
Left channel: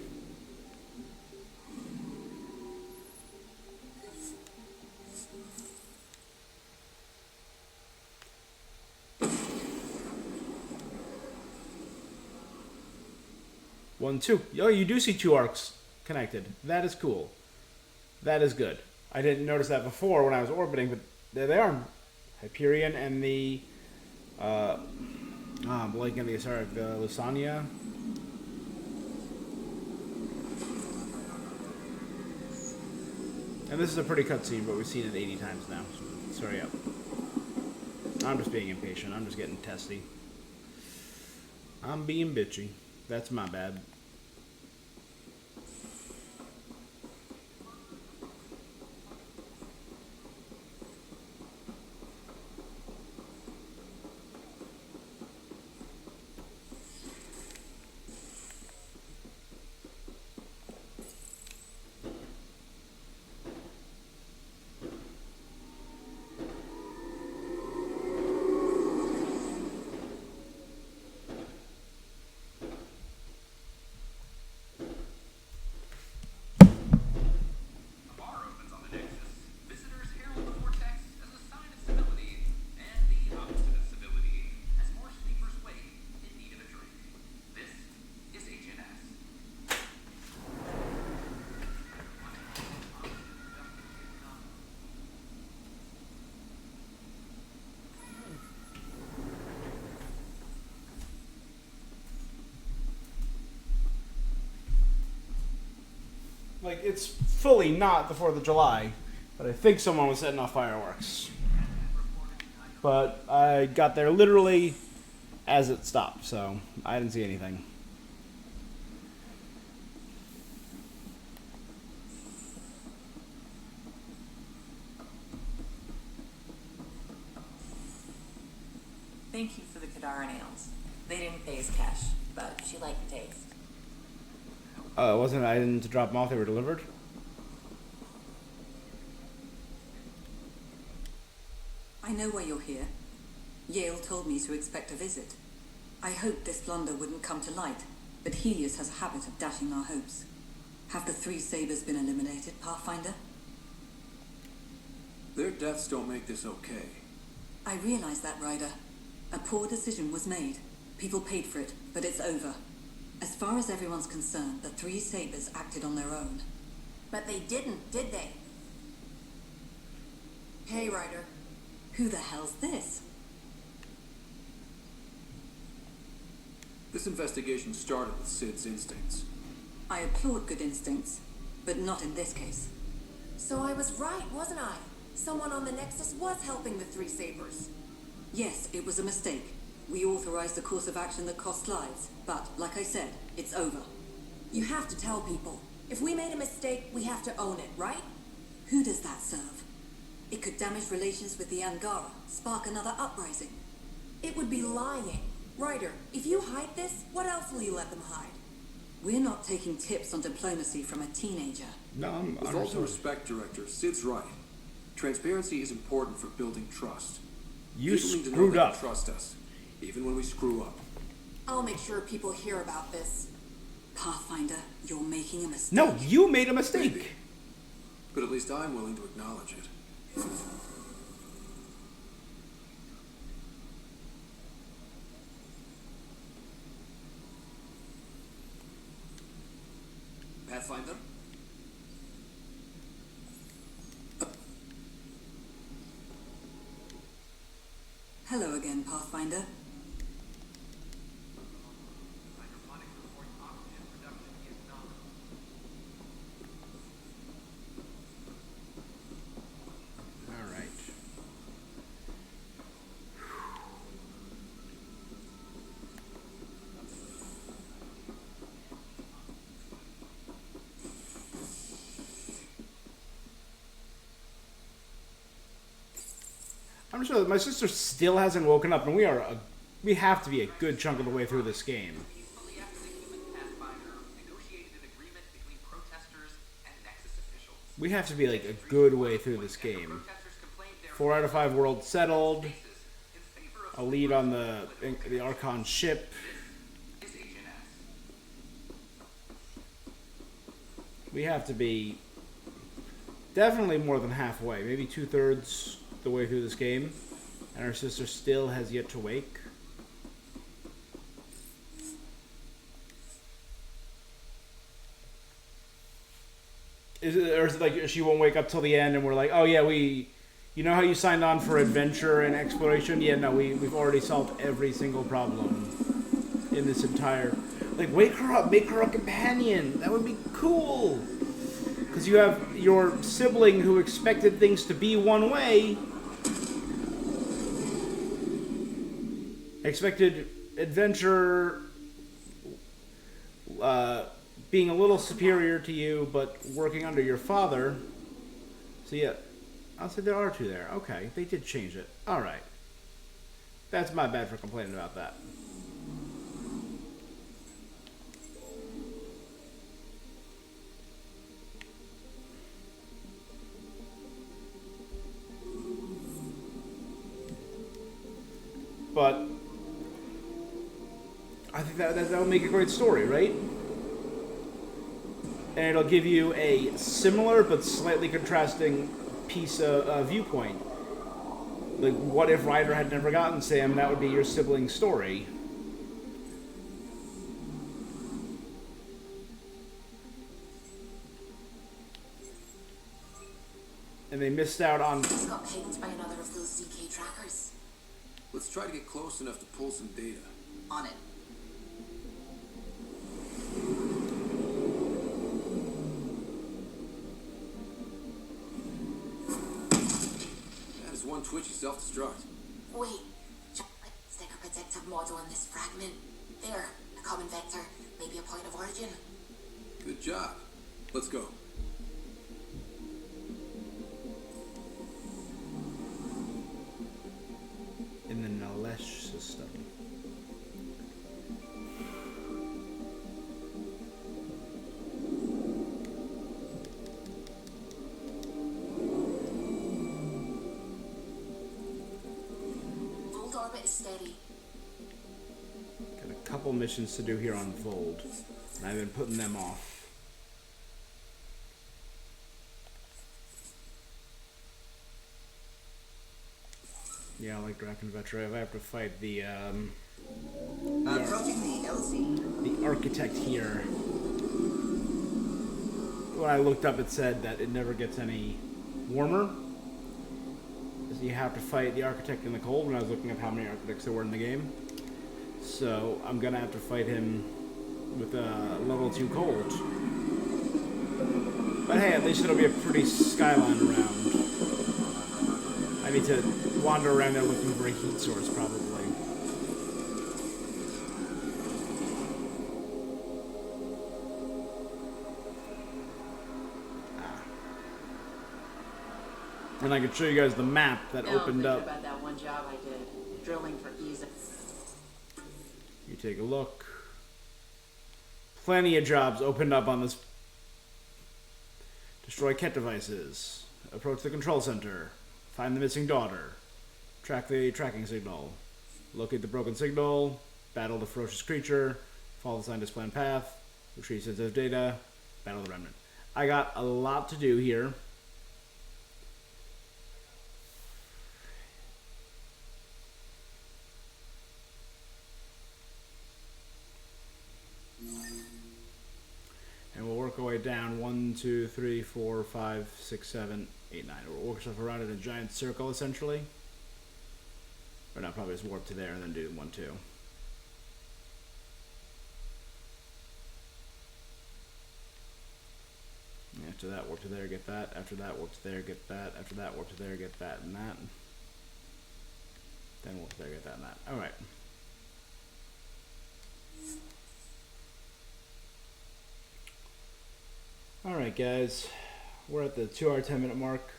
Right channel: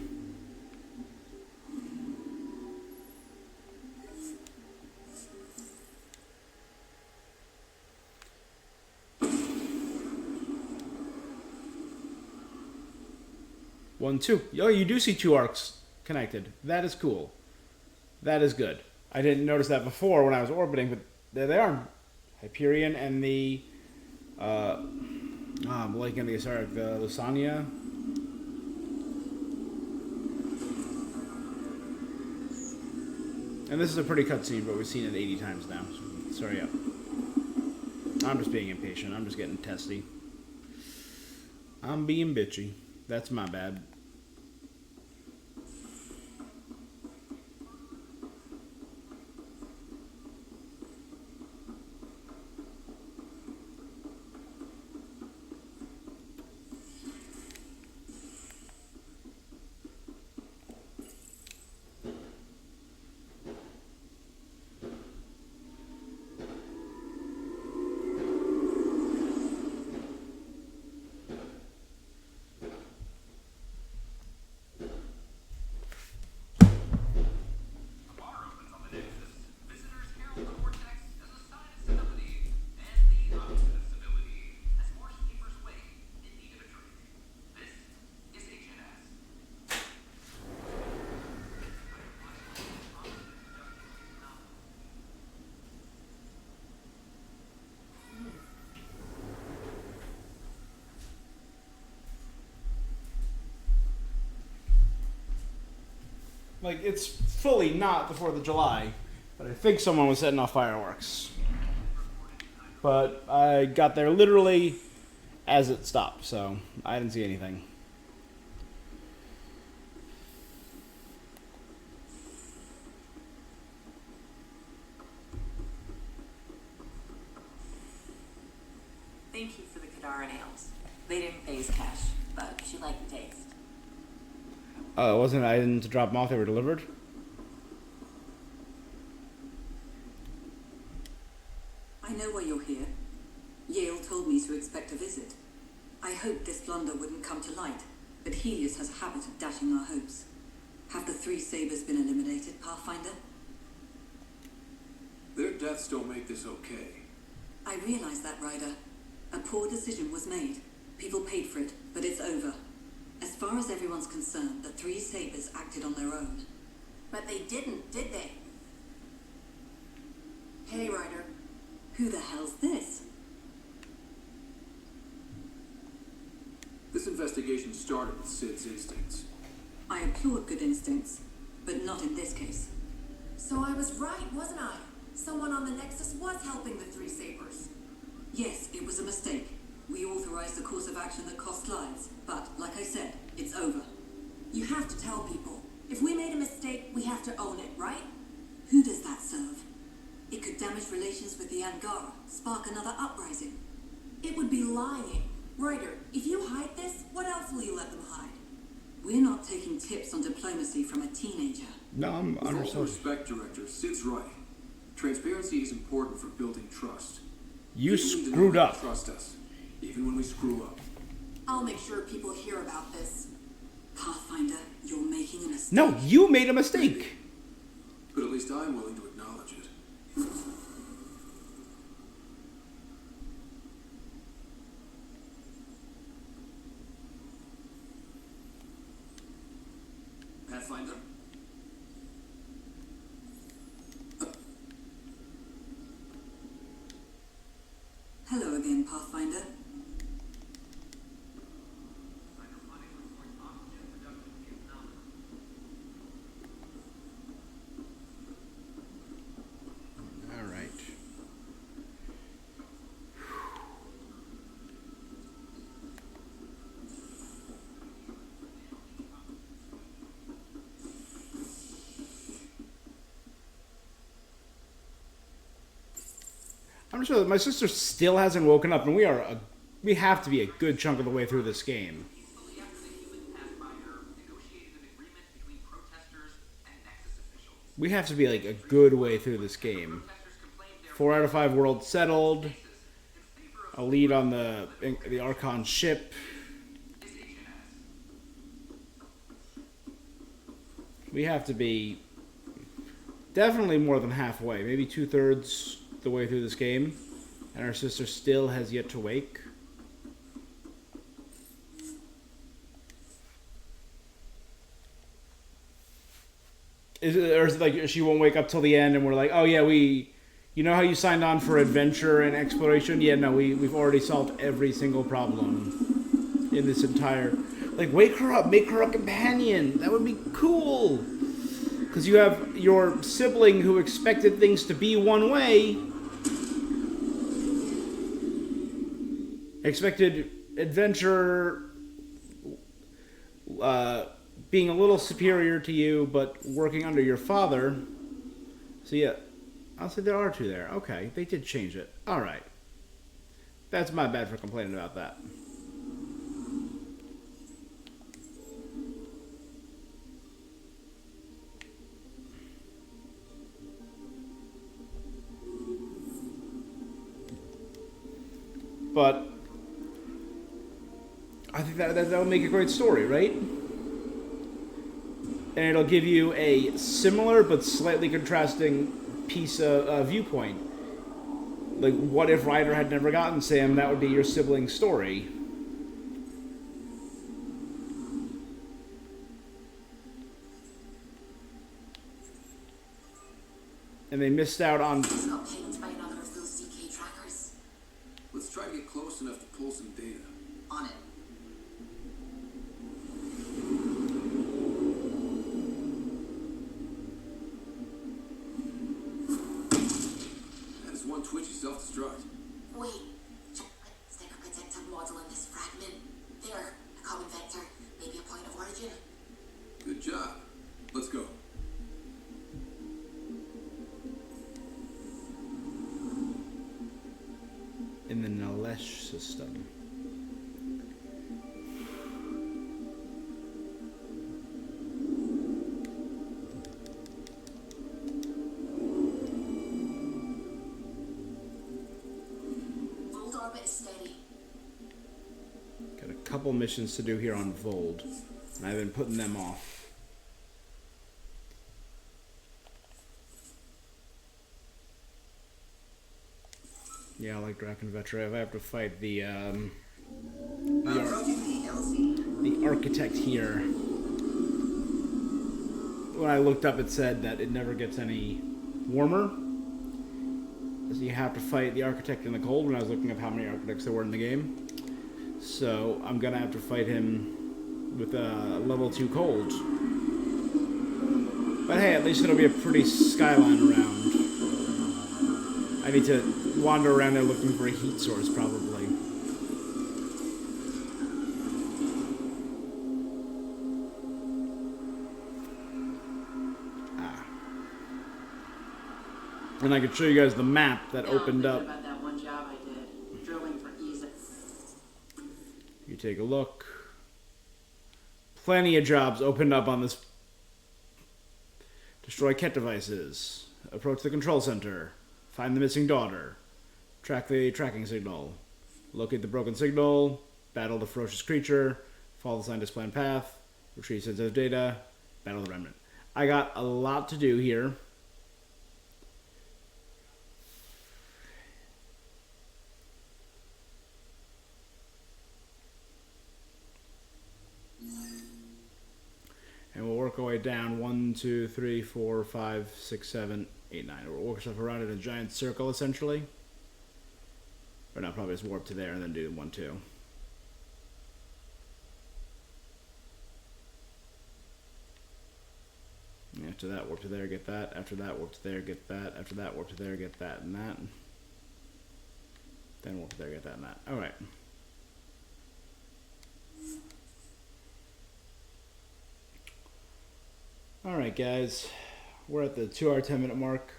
One, two. Oh, you do see two arcs connected. That is cool. That is good. I didn't notice that before when I was orbiting, but there they are. Hyperion and the... I'm blanking on the Lusania. And this is a pretty cutscene, but we've seen it 80 times now. So sorry up. I'm just being impatient. I'm just getting testy. I'm being bitchy. That's my bad. Like, it's fully not the 4th of July, but I think someone was setting off fireworks. But I got there literally as it stopped, so I didn't see anything. Thank you for the Kadara nails. They didn't phase Cash, but she liked the taste. Oh, it wasn't I didn't drop them off, they were delivered? I know why you're here. Yale told me to expect a visit. I hoped this blunder wouldn't come to light, but Helios has a habit of dashing our hopes. Have the three Sabers been eliminated, Pathfinder? Their deaths don't make this okay. I realize that, Ryder. A poor decision was made. People paid for it, but it's over. As far as everyone's concerned, the three Sabers acted on their own. But they didn't, did they? Hey, Ryder. Who the hell's this? This investigation started with Sid's instincts. I applaud good instincts, but not in this case. So I was right, wasn't I? Someone on the Nexus was helping the three Sabers. Yes, it was a mistake. We authorized a course of action that cost lives, but, like I said, it's over. You have to tell people. If we made a mistake, we have to own it, right? Who does that serve? It could damage relations with the Angara, spark another uprising. It would be lying. Ryder, if you hide this, what else will you let them hide? We're not taking tips on diplomacy from a teenager. No, I'm With all due understanding. respect, Director, Sid's right. Transparency is important for building trust. You People need to know screwed they can up. Trust us, even when we screw up. I'll make sure people hear about this. Pathfinder, you're making a mistake. No, you made a mistake. But at least I'm willing to acknowledge it. Pathfinder? Hello again, Pathfinder. All right. I'm sure that my sister still hasn't woken up, and we have to be a good chunk of the way through this game. We have to be like a good way through this game. 4 out of 5 worlds settled. A lead on the Archon ship. We have to be definitely more than halfway, maybe 2/3 the way through this game, and our sister still has yet to wake. Or is it like she won't wake up till the end and we're like, oh yeah, you know how you signed on for adventure and exploration? Yeah, no, we've already solved every single problem in this entire... Like, wake her up, make her a companion. That would be cool. Because you have your sibling who expected things to be one way. Expected adventure being a little superior to you, but working under your father. So yeah, I'll say there are 2 there. Okay, they did change it. Alright. That's my bad for complaining about that. But I think that'll make a great story, right? And it'll give you a similar but slightly contrasting piece of viewpoint. Like, what if Ryder had never gotten Sam? That would be your sibling's story. And they missed out on... Got pinged by another of those ZK trackers. Let's try to get close enough to pull some data. On it. That is one twitchy self-destruct. Wait, stick a protective model on this fragment. There, a common vector, maybe a point of origin. Good job. Let's go. in the Nalesh system. Volt orbit is steady. Got a couple missions to do here on Vold, and I've been putting them off. Yeah, like Draken Vetra, if I have to fight the architect here. When I looked up, it said that it never gets any warmer. So you have to fight the architect in the cold when I was looking up how many architects there were in the game. So I'm gonna have to fight him with a level 2 cold. But hey, at least it'll be a pretty skyline around. I need to wander around there looking for a heat source, probably. And I could show you guys the map that opened up. About that one job I did, drilling for Giza. You take a look. Plenty of jobs opened up on this. Destroy Ket devices. Approach the control center. Find the missing daughter. Track the tracking signal. Locate the broken signal. Battle the ferocious creature. Follow the scientist's planned path. retrieve sensitive data, battle the remnant. I got a lot to do here. And we'll work our way down 1, 2, 3, 4, 5, 6, 7, 8, 9. We'll work ourselves around in a giant circle essentially. Or not, probably just warp to there and then do 1, 2. After that, warp to there, get that. After that, warp to there, get that. After that, warp to there, get that and that. Then warp to there, get that and that. Alright. Alright, guys. We're at the 2 hour, 10 minute mark.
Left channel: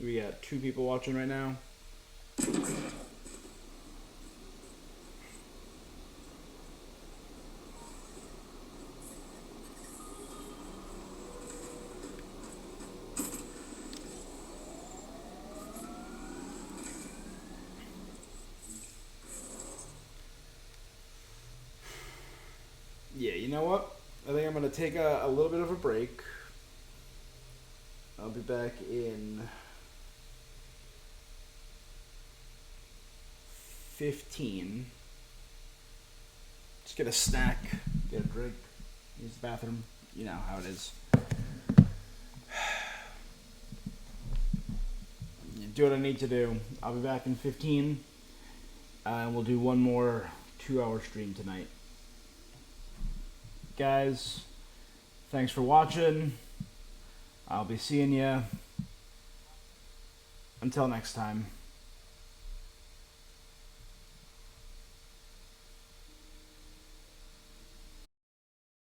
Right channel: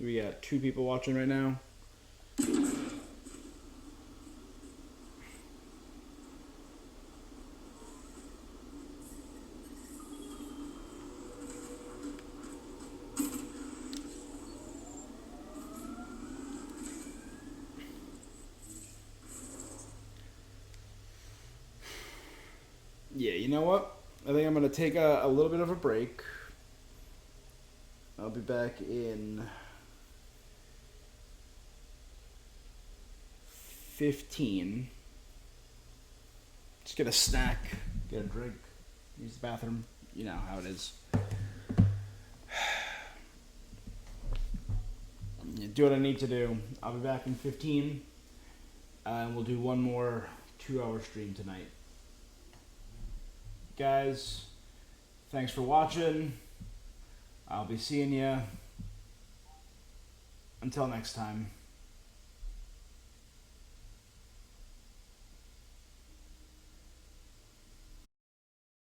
We got 2 people watching right now. Yeah, you know what? I think I'm going to take a little bit of a break. I'll be back in 15. Just get a snack, get a drink, use the bathroom. You know how it is. Do what I need to do. I'll be back in 15. And we'll do one more 2 hour stream tonight. Guys, thanks for watching. I'll be seeing you. Until next time.